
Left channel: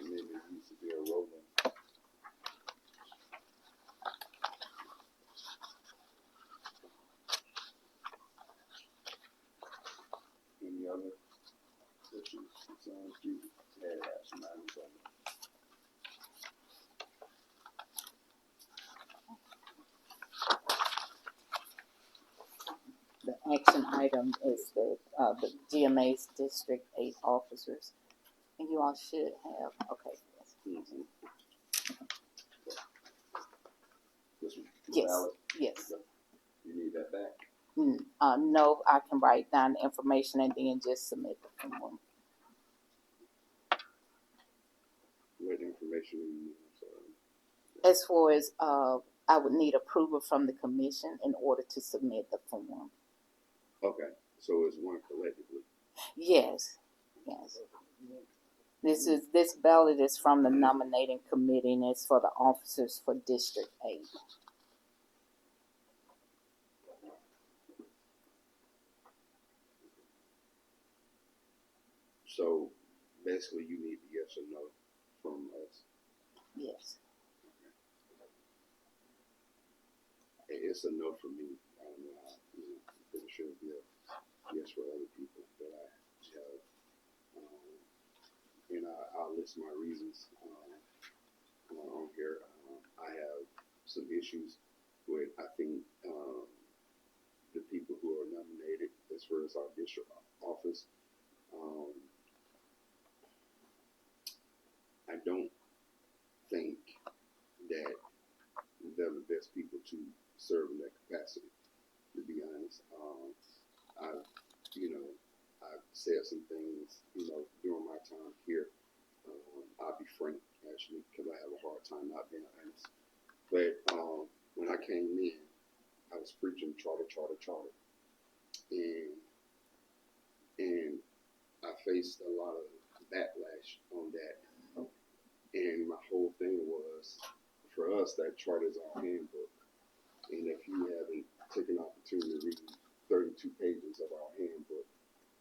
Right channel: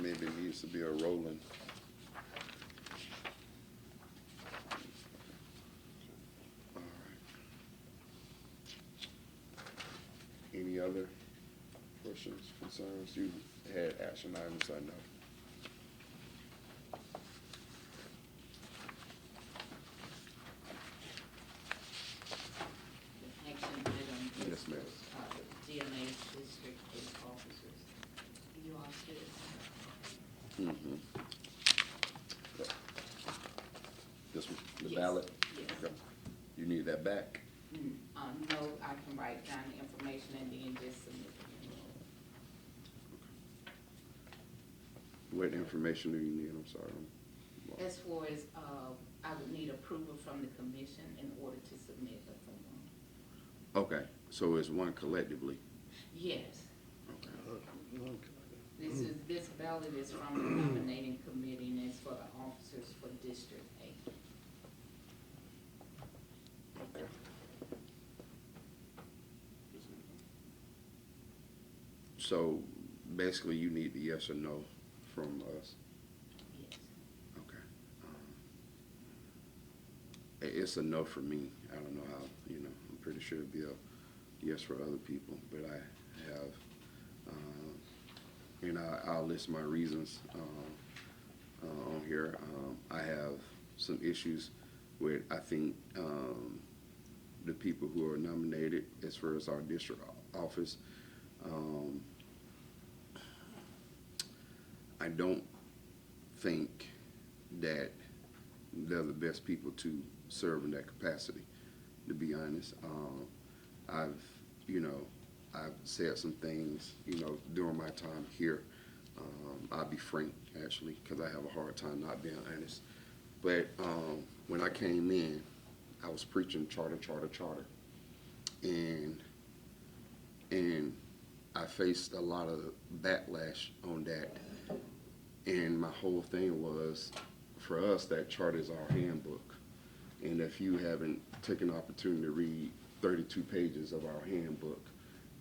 Maybe it needs to be a rolling. Any other questions, concerns? You had action items, I know. The action item is the GMA's District 8 officers. And you all should have, okay. Mm-hmm. This one, the Yes, ballot? yes. Okay. You need that back? No, I can write down the information and then just submit it. What information do you need? I'm sorry. As far as, I would need approval from the commission in order to submit the form. Okay, so it's one collectively? Yes. Yes. This ballot is from the nominating committee, and it's for the officers for District 8. Okay. So basically you need a yes or no from us? Yes. Okay. It's a no for me. I don't know how, I'm pretty sure it'll be a yes for other people, but I have, I'll list my reasons on here. I have some issues with, I think, the people who are nominated as far as our district office. I don't think that they're the best people to serve in that capacity, to be honest. I've said some things, during my time here. I'll be frank, actually, because I have a hard time not being honest. But when I came in, I was preaching charter. And I faced a lot of backlash on that. And my whole thing was, for us, that charter is our handbook. And if you haven't taken the opportunity to read 32 pages of our handbook,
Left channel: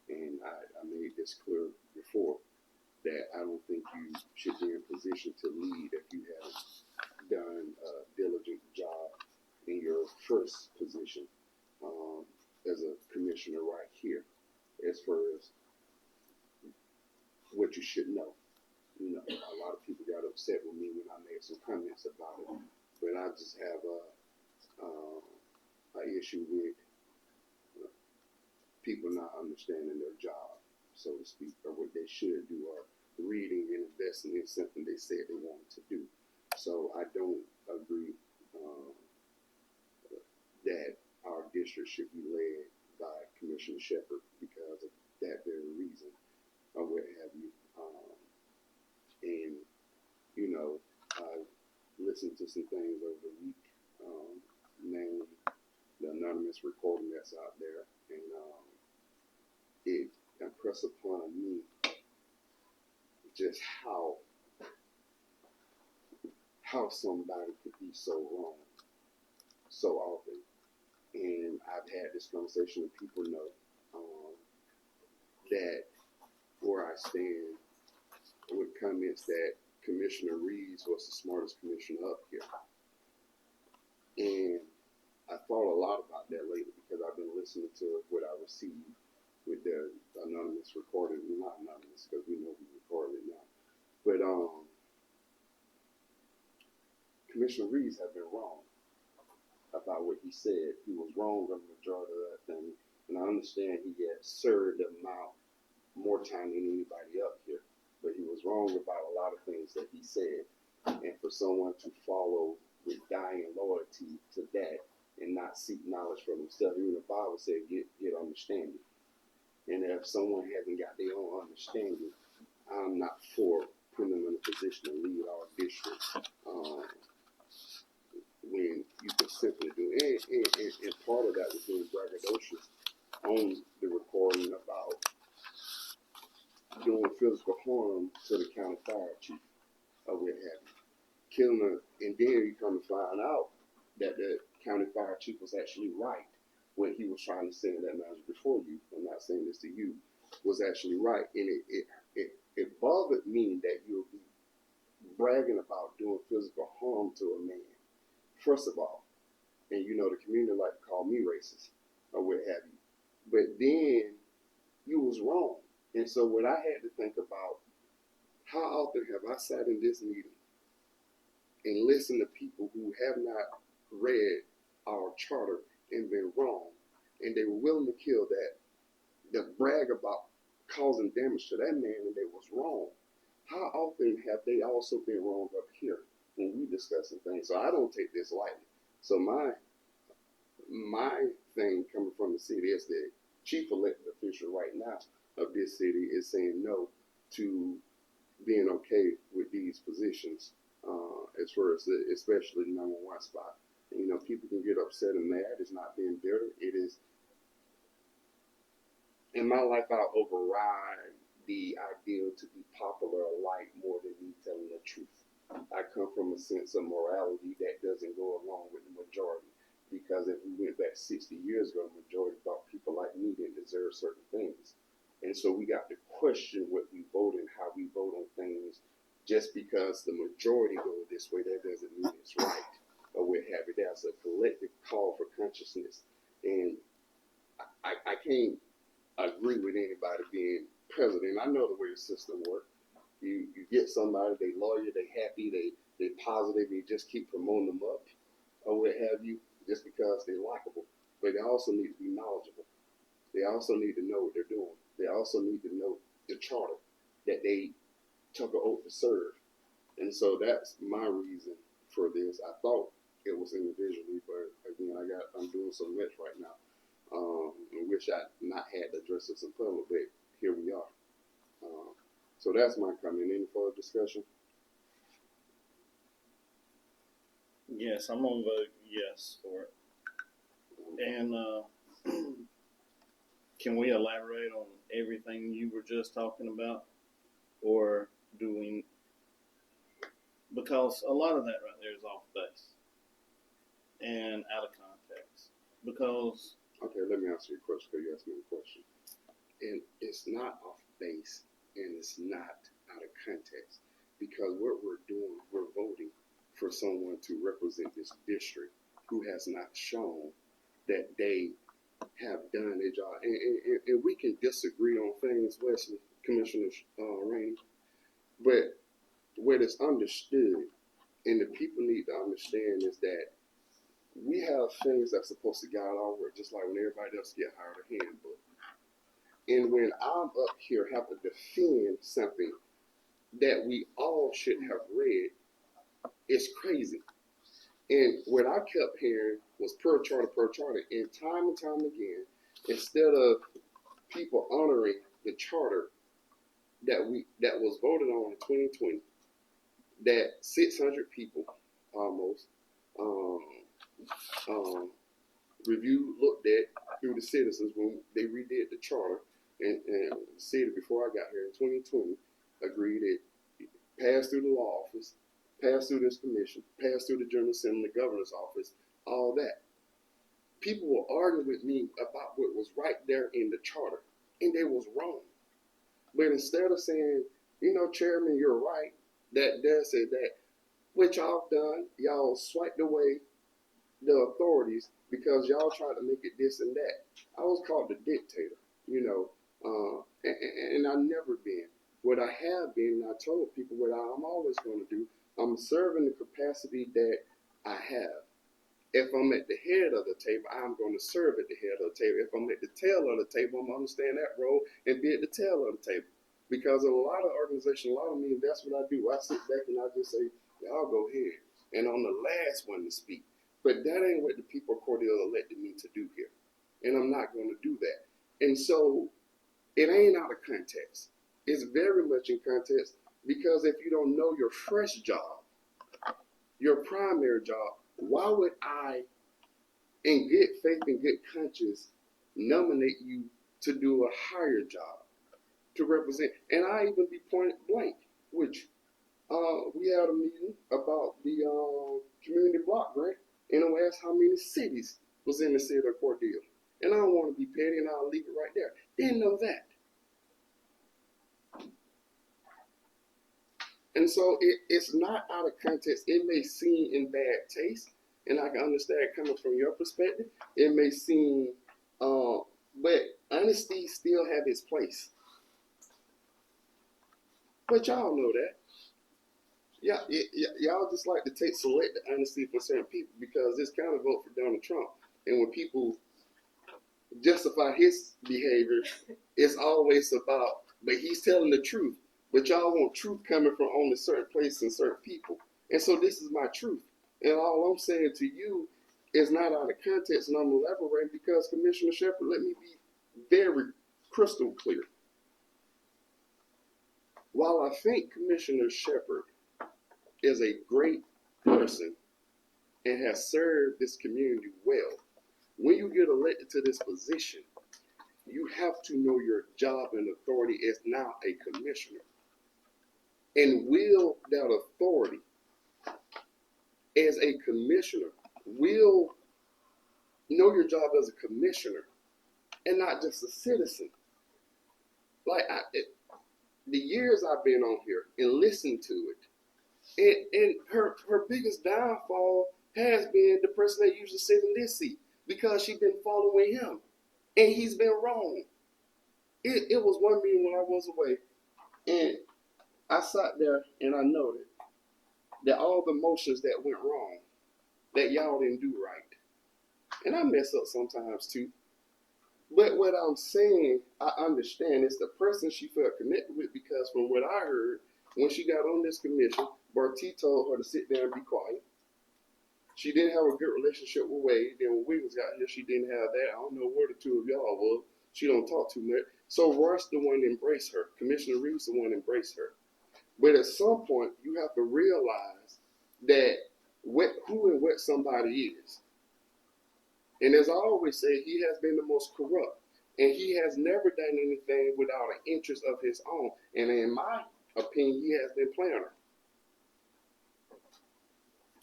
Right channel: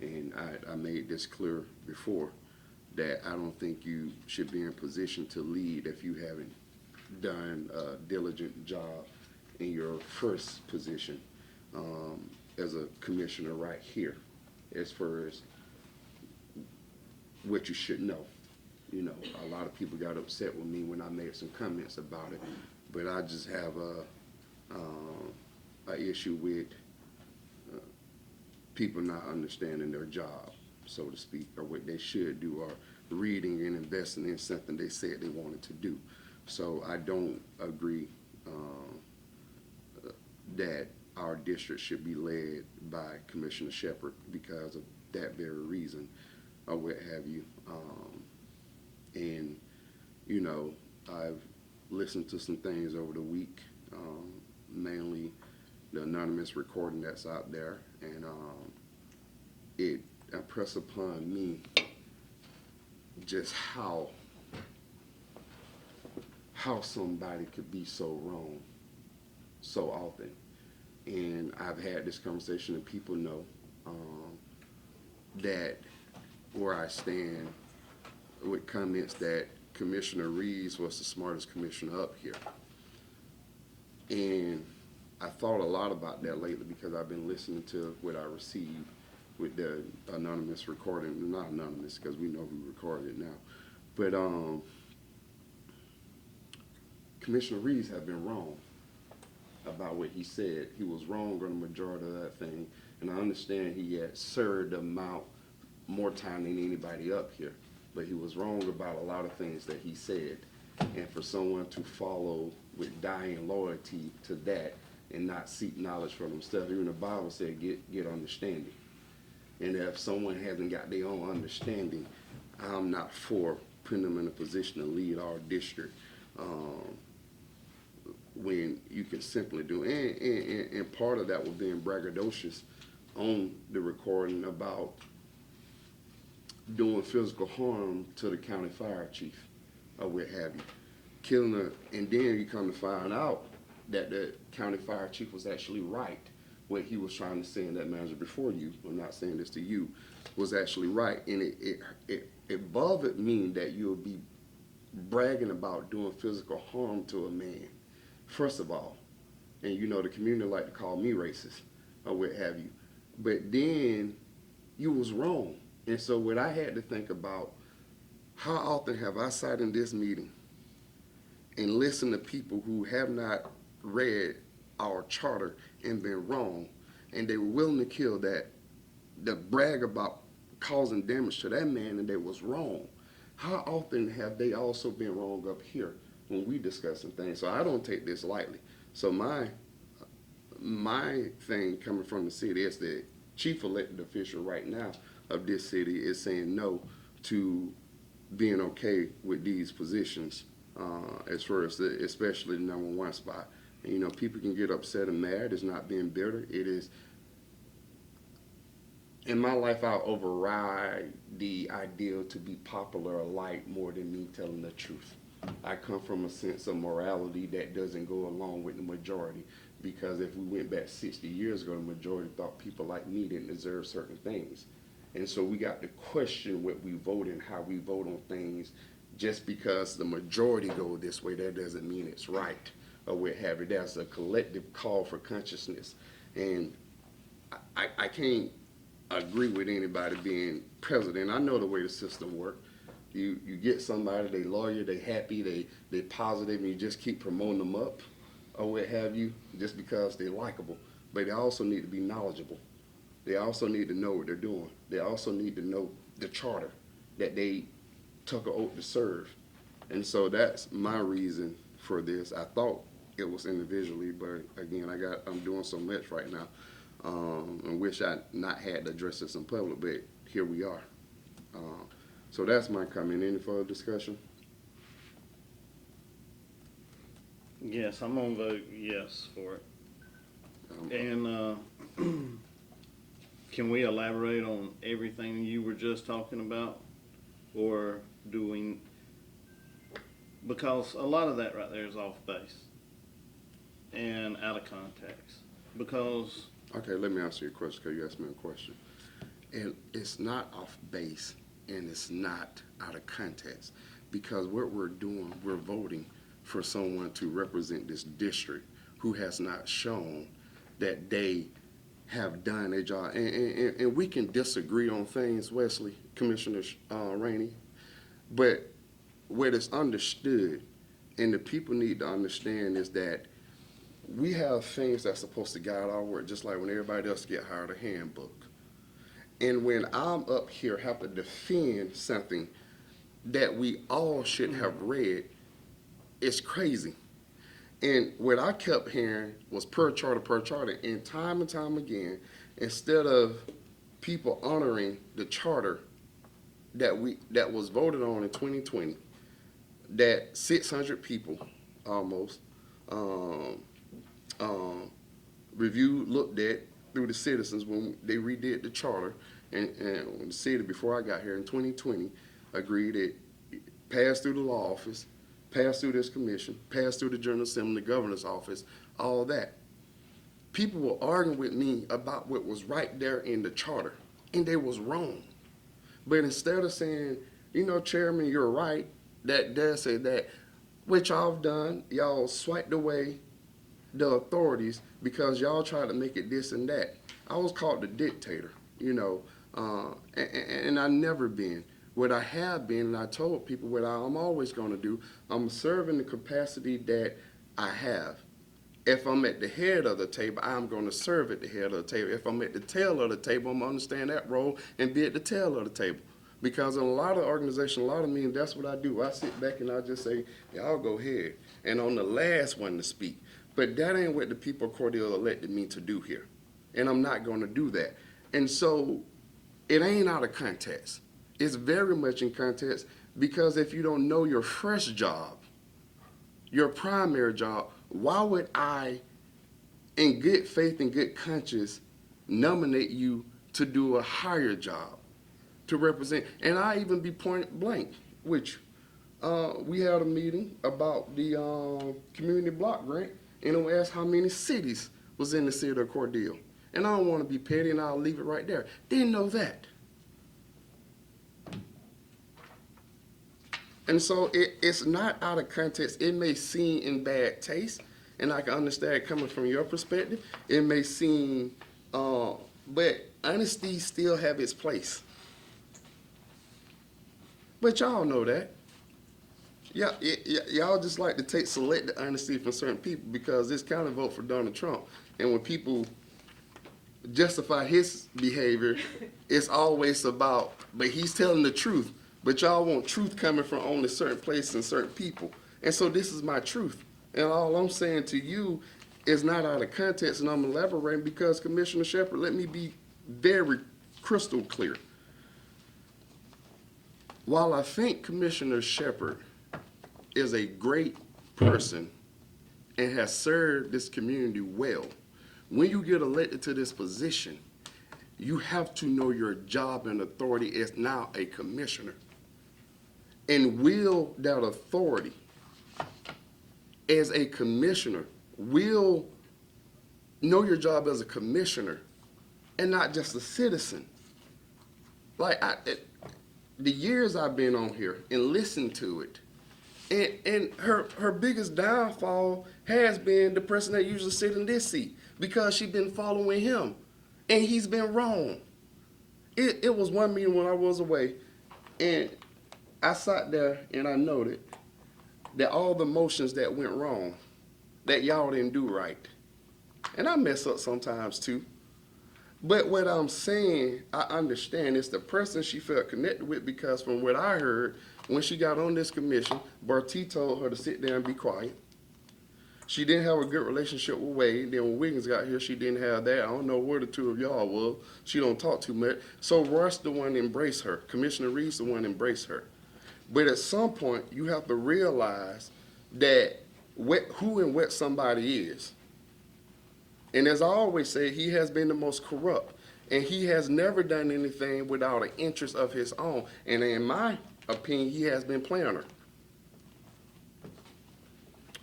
and I made this clear before, that I don't think you should be in a position to lead if you haven't done a diligent job in your first position as a commissioner right here, as far as what you should know. A lot of people got upset with me when I made some comments about it, but I just have issue with people not understanding their job, so to speak, or what they should do, or reading and investing in something they said they wanted to do. So I don't agree that our district should be led by Commissioner Shepard because of that very reason, or what have you. And you know, I've listened to some things over the week, mainly the anonymous recording that's out there, and it impressed upon me just how somebody could be so wrong so often. And I've had this conversation, and people know that where I stand with comments that Commissioner Reeves was the smartest commissioner up here. And I thought a lot about that lately because I've been listening to what I received with the anonymous recording, not anonymous because we know who recorded it now. But Commissioner Reeves had been wrong about what he said. He was wrong on the majority of that thing. And I understand he had served them out more time than anybody up here. But he was wrong about a lot of things that he said. And for someone to follow with dying loyalty to that and not seek knowledge from himself, even the Bible said, get understanding. And if someone hasn't got their own understanding, I'm not for putting them in a position to lead our district when you can simply do. And part of that was being braggadocious on the recording about doing physical harm to the county fire chief or what have you. Killing her, and then you come to find out that the county fire chief was actually right when he was trying to send that manager before you. I'm not saying this to you, was actually right, and it bothered me that you would be bragging about doing physical harm to a man, first of all, and you know the community like to call me racist or what have you, but then you was wrong, and so what I had to think about, how often have I sat in this meeting and listen to people who have not read our charter and been wrong, and they're willing to kill that brag about causing damage to that man and they was wrong. How often have they also been wrong up here when we discussing things? So I don't take this lightly. So my thing coming from the city is the chief elected official right now of this city is saying no to being okay with these positions, as far as especially the number one spot. And, you know, people can get upset and mad. It's not being bitter. It is, in my life, I override the ideal to be popular or liked more than me telling the truth. I come from a sense of morality that doesn't go along with the majority, because if we went back 60 years ago, the majority thought people like me didn't deserve certain things. And so we got to question what we vote and how we vote on things. Just because the majority go this way, that doesn't mean it's right or what have you. That's a collective call for consciousness. And I can't agree with anybody being president. I know the way the system works. You get somebody, they loyal, they happy, they positive, and you just keep promoting them up or what have you, just because they're likable. But they also need to be knowledgeable. They also need to know what they're doing. They also need to know the charter that they took an oath to serve. And so that's my reason for this. I thought it was individually, but again, I'm doing so much right now. I wish I not had to address this in public, but here we are. So that's my comment. Any further discussion? Yes, I'm gonna vote yes for it. And can we elaborate on everything you were just talking about, or do we? Because a lot of that right there is off base and out of context. Because Okay, let me ask you a question, because you asked me a question. And it's not off base, and it's not out of context, because what we're doing, we're voting for someone to represent this district who has not shown that they have done their job. And we can disagree on things, Wesley, Commissioner Rainey, but what is understood and the people need to understand is that we have things that's supposed to guide our work, just like when everybody else get hired a handbook. And when I'm up here have to defend something that we all should have read, it's crazy. And what I kept hearing was per charter, and time again, instead of people honoring the charter that was voted on in 2020, that 600 people almost um, um, reviewed, looked at through the citizens when they redid the charter, and the city before I got here in 2020 agreed it passed through the law office, passed through this commission, passed through the General Assembly, governor's office, all that. People will argue with me about what was right there in the charter, and they was wrong. But instead of saying, Chairman, you're right, that say that, what y'all done, y'all swiped away the authorities because y'all try to make it this and that. I was called the dictator, and I never been. What I have been, and I told people what I'm always going to do, I'm serving the capacity that I have. If I'm at the head of the table, I'm going to serve at the head of the table. If I'm at the tail of the table, I'm going to understand that role and be at the tail of the table. Because in a lot of organizations, a lot of meetings, that's what I do. I sit back and I just say, y'all go ahead. And I'm the last one to speak. But that ain't what the people of Cordele elected me to do here. And I'm not going to do that. And so it ain't out of context. It's very much in context because if you don't know your first job, your primary job, why would I, in good faith and good conscience, nominate you to do a higher job, to represent? And I even be point blank with you. We had a meeting about the community block grant, and it was asked how many cities was in the city of Cordele. And I don't want to be petty, and I'll leave it right there. Didn't know that. And so it's not out of context. It may seem in bad taste, and I can understand coming from your perspective. It may seem, but honesty still have its place. But y'all know that. Y'all just like to take selective honesty from certain people because it's kind of vote for Donald Trump. And when people justify his behavior, it's always about, but he's telling the truth. But y'all want truth coming from only certain places and certain people. And so this is my truth. And all I'm saying to you is not out of context, and I'm elaborating because Commissioner Shepard, let me be very crystal clear. While I think Commissioner Shepard is a great person and has served this community well, when you get elected to this position, you have to know your job and authority as now a commissioner. And will that authority as a commissioner, will know your job as a commissioner and not just a citizen. Like the years I've been on here and listened to it, and her biggest downfall has been the person that usually sit in this seat because she's been following him, and he's been wrong. It was one meeting when I was away, and I sat there and I noted that all the motions that went wrong, that y'all didn't do right. And I mess up sometimes too. But what I'm saying, I understand it's the person she felt connected with because from what I heard, when she got on this commission, Barty told her to sit there and be quiet. She didn't have a good relationship with Wade. Then when Wiggins got here, she didn't have that. I don't know where the two of y'all were. She don't talk too much. So Russ the one embraced her. Commissioner Reeves the one embraced her. But at some point, you have to realize that who and what somebody is. And as I always say, he has been the most corrupt. And he has never done anything without an interest of his own. And in my opinion, he has been playing her.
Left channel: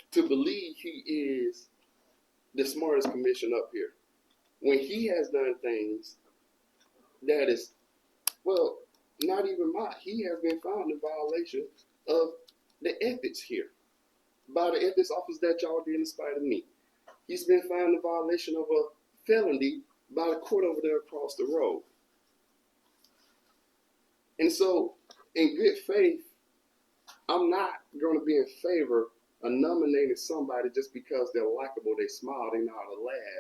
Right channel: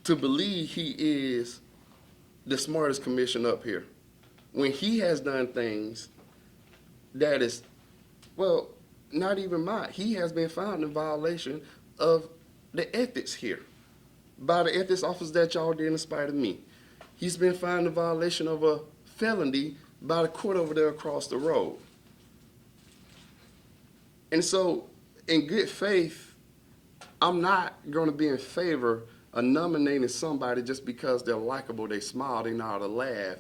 To believe he is the smartest commissioner up here, when he has done things that is, well, not even mine. He has been found in violation of the ethics here by the ethics office that y'all did in spite of me. He's been found in violation of a felony by the court over there across the road. And so, in good faith, I'm not going to be in favor nominating somebody just because they're likable, they smile, they know how to laugh.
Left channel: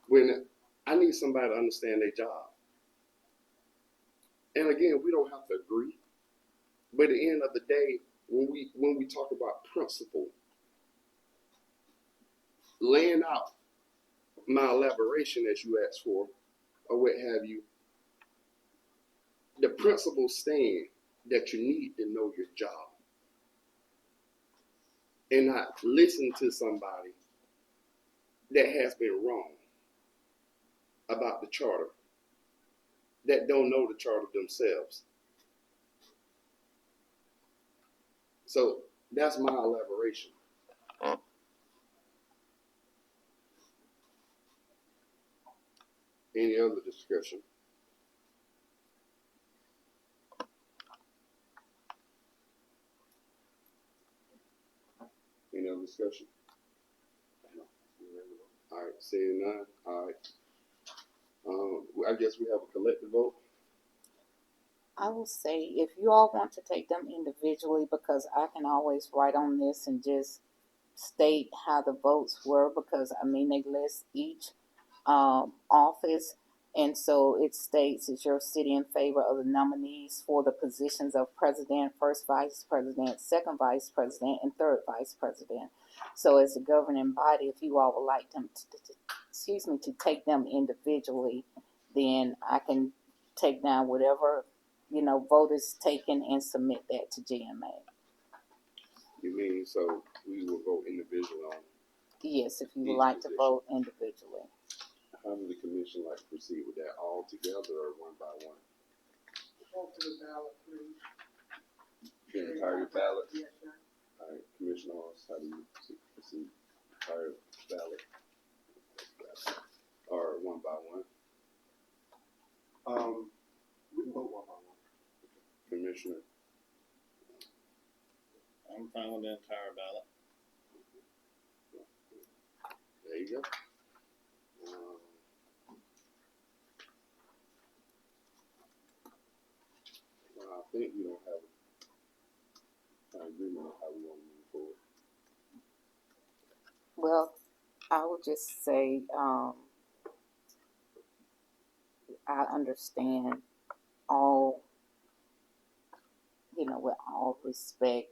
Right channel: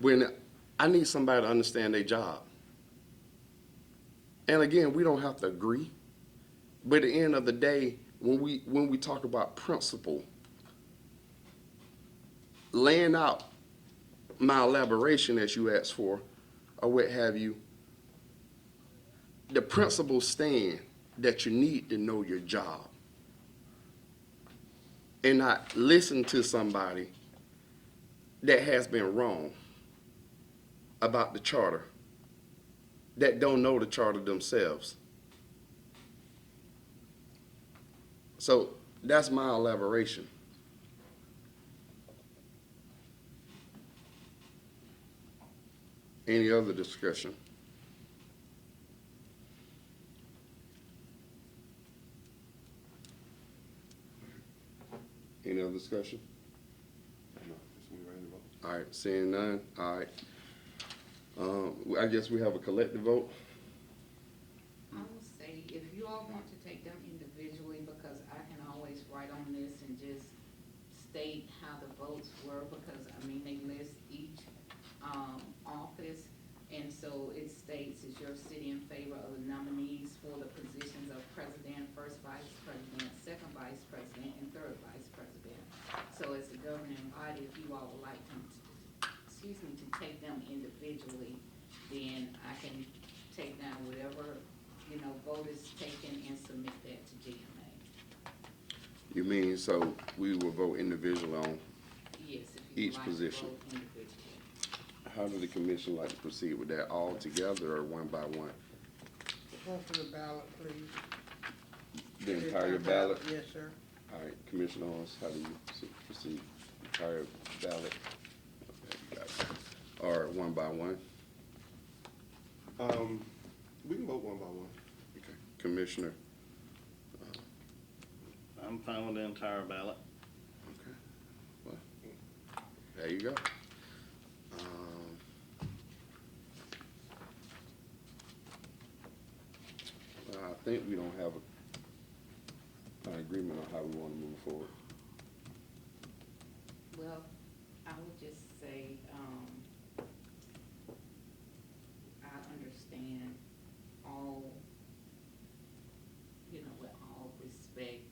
When I need somebody to understand their job. And again, we don't have to agree. But at the end of the day, when we talk about principle, laying out my elaboration as you asked for, or what have you, the principles stand that you need to know your job and not listen to somebody that has been wrong about the charter, that don't know the charter themselves. So that's my elaboration. Any other discussion? Any other discussion? All right, seeing none. All right. I guess we have a collective vote. I will say, if you all want to take them individually, because I can always write on this and just state how the votes were, because I mean, they list each office, and so it states that your city in favor of the nominees for the positions of president, first vice president, second vice president, and third vice president. So as a governing body, if you all would like them to take them individually, then I can take down whatever, vote is taken and submit that to GMA. You mean so we will vote individually on Yes, if you each would like position? to vote individually. How does the commission like to proceed with that? All together or one by one? Hopefully ballot, please. The entire ballot? Yes, sir. All right, Commissioner Hawes, how do you proceed? Entire ballot? Or one by one? We can vote one by one. Okay. Commissioner? I'm fine with the entire ballot. Okay. Well, there you go. I think we don't have an agreement on how we want to move forward. Well, I would just say, I understand all, with all respect,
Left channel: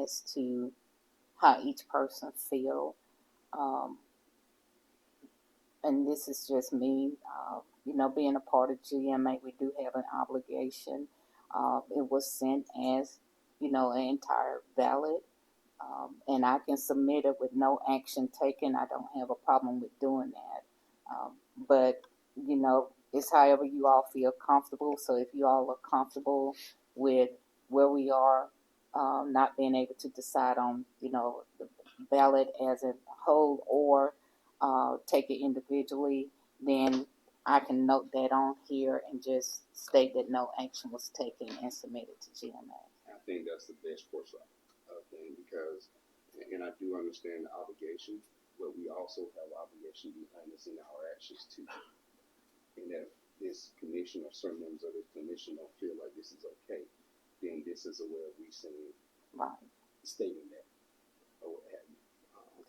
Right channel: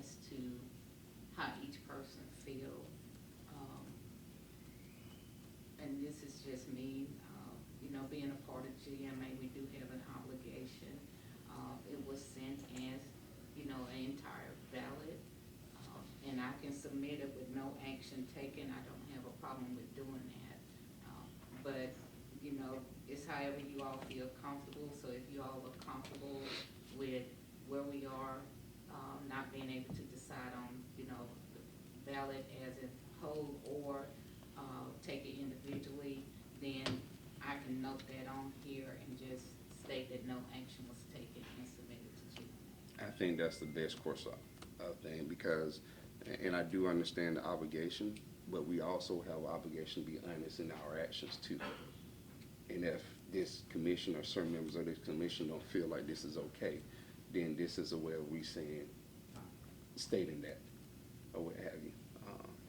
as to how each person feel. And this is just me, being a part of GMA, we do have an obligation. It was sent as, an entire ballot. And I can submit it with no action taken. I don't have a problem with doing that. But, it's however you all feel comfortable. So if you all are comfortable with where we are, not being able to decide on, the ballot as a whole, or take it individually, then I can note that on here and just state that no action was taken and submit it to GMA. I think that's the best course of thing because, and I do understand the obligation, but we also have an obligation to be honest in our actions too. And if this commission or certain members of this commission don't feel like this is okay, then this is a way of we saying, stating that, or what have you.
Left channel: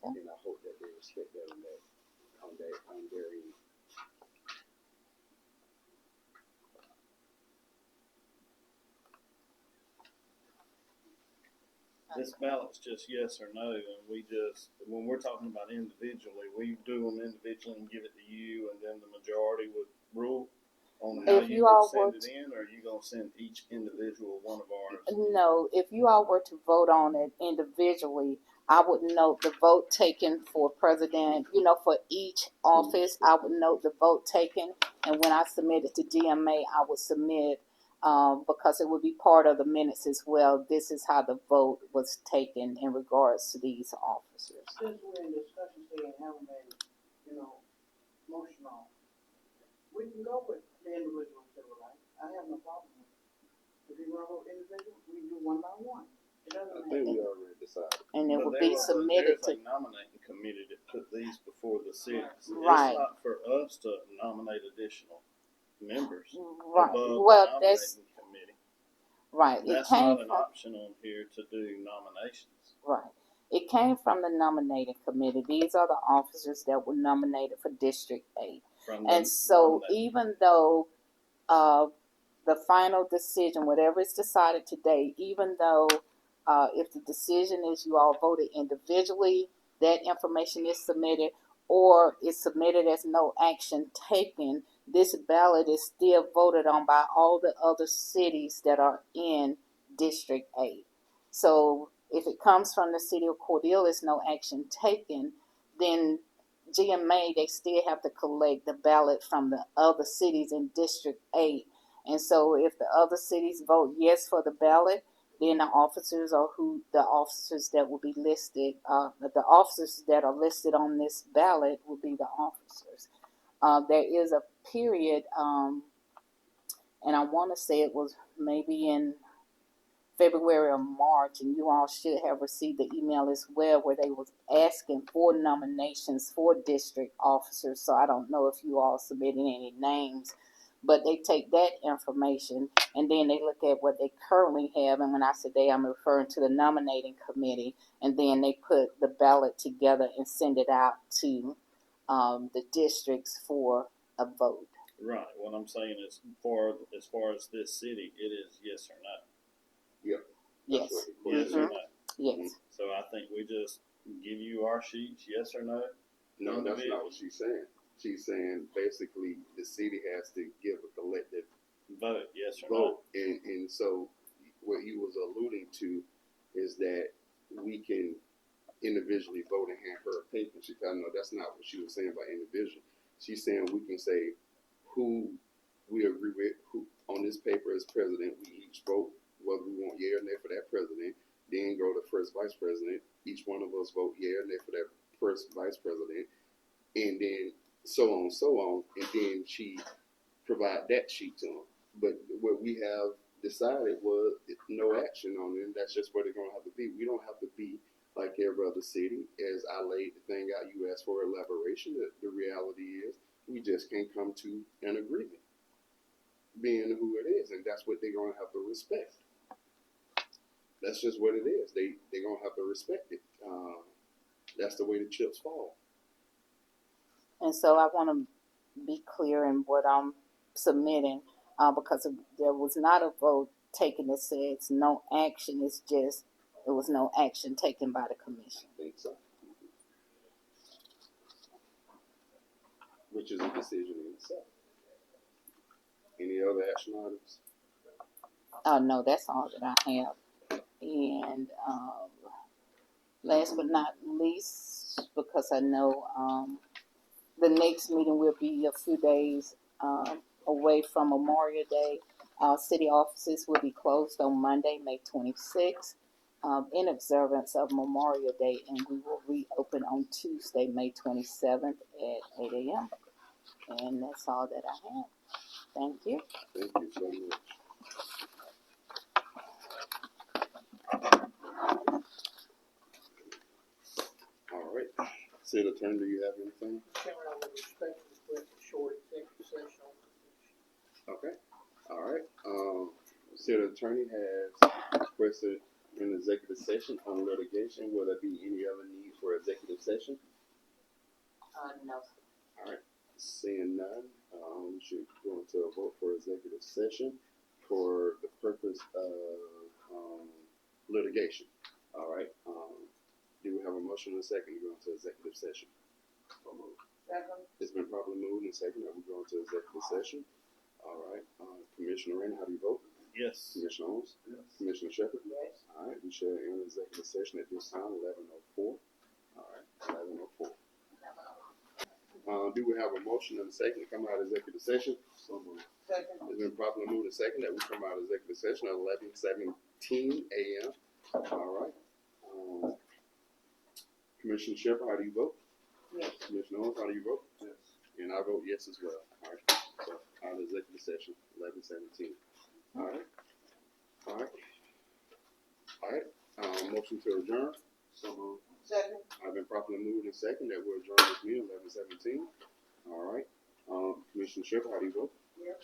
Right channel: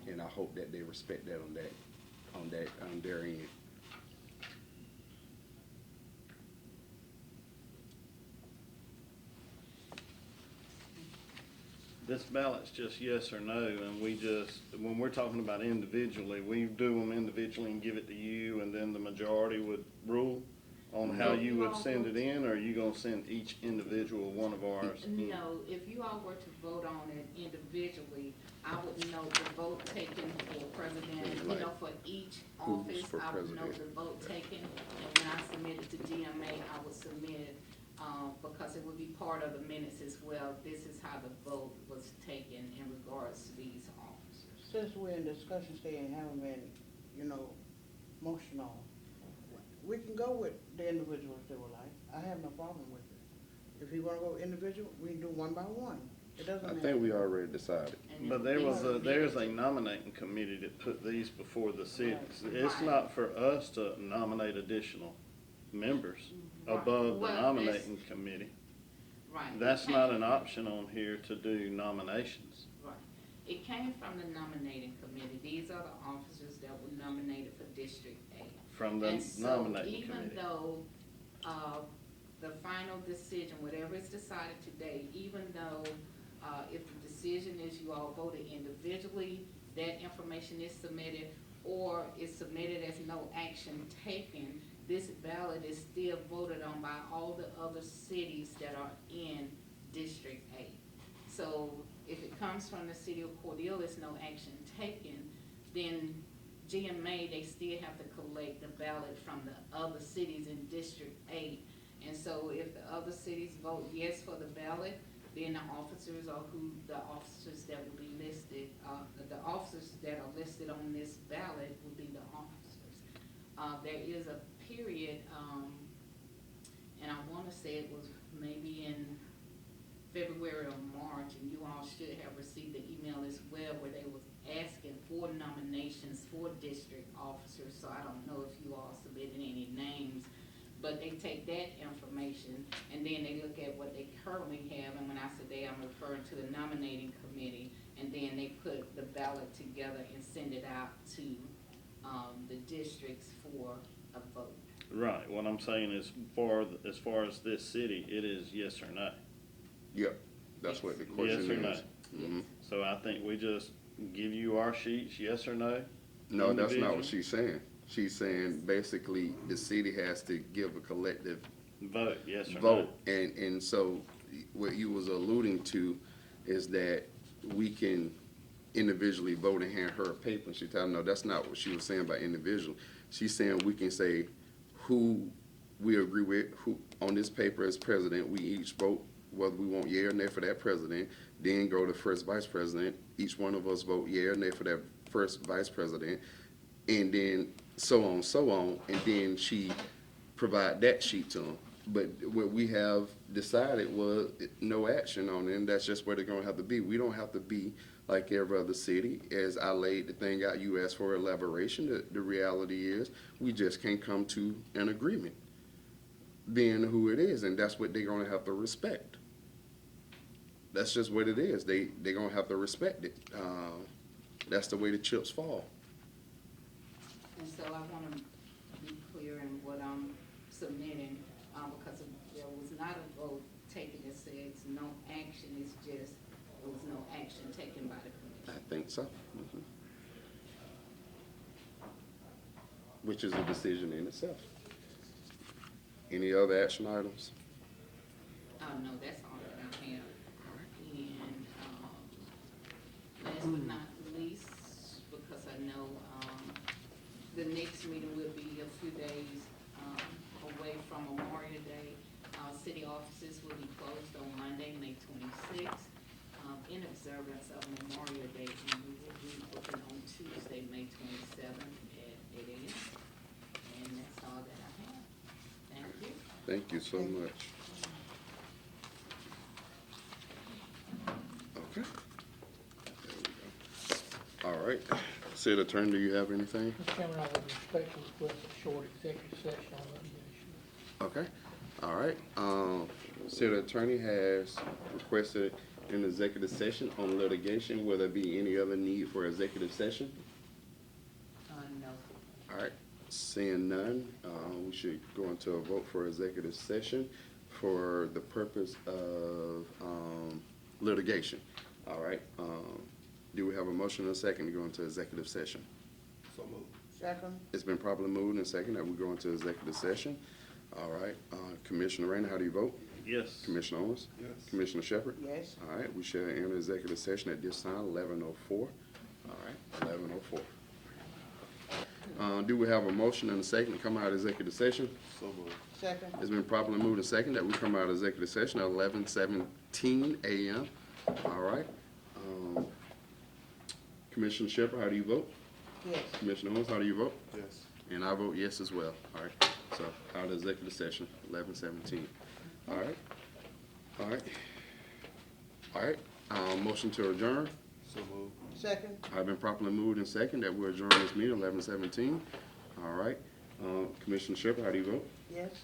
And I hope that they respect that on their end. This ballot's just yes or no, and when we're talking about individually, we do them individually and give it to you, and then the majority would rule on how If you you all would send were it in, or are you gonna send each individual one of ours? No, if you all were to vote on it individually, I would note the vote taken for president, for each office, I would note the vote taken. And when I submit it to GMA, I would submit, because it would be part of the minutes as well, this is how the vote was taken in regards to these officers. Since we're in discussion stage and haven't been, motion on, we can go with the individual if they would like. I have no problem with it. If you wanna go individual, we can do one by one. It doesn't I matter. think we already decided. And it But would be submitted there's a to, nominating committee that put these before the cities. It's Right. not for us to nominate additional members Right. above the Well, that's- nominating committee. right, it That's not came, an option on here to do nominations. right. It came from the nominating committee. These are the officers that were nominated for District 8. From the And so nominating even committee. though the final decision, whatever is decided today, even though if the decision is you all voted individually, that information is submitted, or is submitted as no action taken, this ballot is still voted on by all the other cities that are in District 8. So if it comes from the city of Cordele, it's no action taken, then GMA, they still have to collect the ballot from the other cities in District 8. And so if the other cities vote yes for the ballot, then the officers that will be listed, the officers that are listed on this ballot will be the officers. There is a period, and I want to say it was maybe in February or March, and you all should have received the email as well, where they was asking for nominations for district officers. So I don't know if you all submitted any names, but they take that information and then they look at what they currently have. And when I say they, I'm referring to the nominating committee, and then they put the ballot together and send it out to the districts for a vote. Right. What I'm saying is, as far as this city, it is yes or no. Yeah, that's Yes. what the Yes question or is. no. Yes. So I think we just give you our sheets, yes or no. No, that's not what she's saying. She's saying basically the city has to give a collective Vote, yes or no. vote, and so what you was alluding to is that we can individually vote and hand her a paper. She told no, that's not what she was saying by individual. She's saying we can say who we agree with, who on this paper as president. We each vote whether we want yea or nay for that president. Then go to first vice president. Each one of us vote yea or nay for that first vice president, and then so on, and then she provide that sheet to them. But what we have decided was no action on it, and that's just where they're gonna have to be. We don't have to be like every other city. As I laid the thing out, you asked for elaboration. The reality is we just can't come to an agreement, being who it is, and that's what they're gonna have to respect. That's just what it is. They're gonna have to respect it. That's the way the chips fall. And so I want to be clear in what I'm submitting, because there was not a vote taken that says no action. It's just there was no action taken by the I commission. think so. Which is a decision in itself. Any other action items? No, that's all that I have. And last but not least, because I know the next meeting will be a few days away from Memorial Day. City offices will be closed on Monday, May 26th, in observance of Memorial Day, and we will reopen on Tuesday, May 27th at 8 a.m. And that's all that I have. Thank you. Thank you so much. All right. City Attorney, do you have anything? Okay. All right. City Attorney has requested an executive session on litigation. Will there be any other need for executive session? No. All right. Seeing none, we should go into a vote for executive session for the purpose of litigation. All right. Do we have a motion and a second to go into executive session? Second. It's been properly moved and second that we go into executive session. All right. Commissioner Rainer, how do you vote? Yes. Commissioner Owens? Yes. Commissioner Shepard? Yes. All right. We shall enter executive session at this time, 11:04. All right. 11:04. Do we have a motion and a second to come out of executive session? Second. It's been properly moved and second that we come out of executive session at 11:17 a.m. All right. Commissioner Shepard, how do you vote? Yes. Commissioner Owens, how do you vote? Yes. And I vote yes as well. All right. So out of executive session, 11:17. All right. All right. All right. Motion to adjourn. Second. I've been properly moved and second that we adjourn this meeting 11:17. All right. Commissioner Shepard, how do you vote? Yes.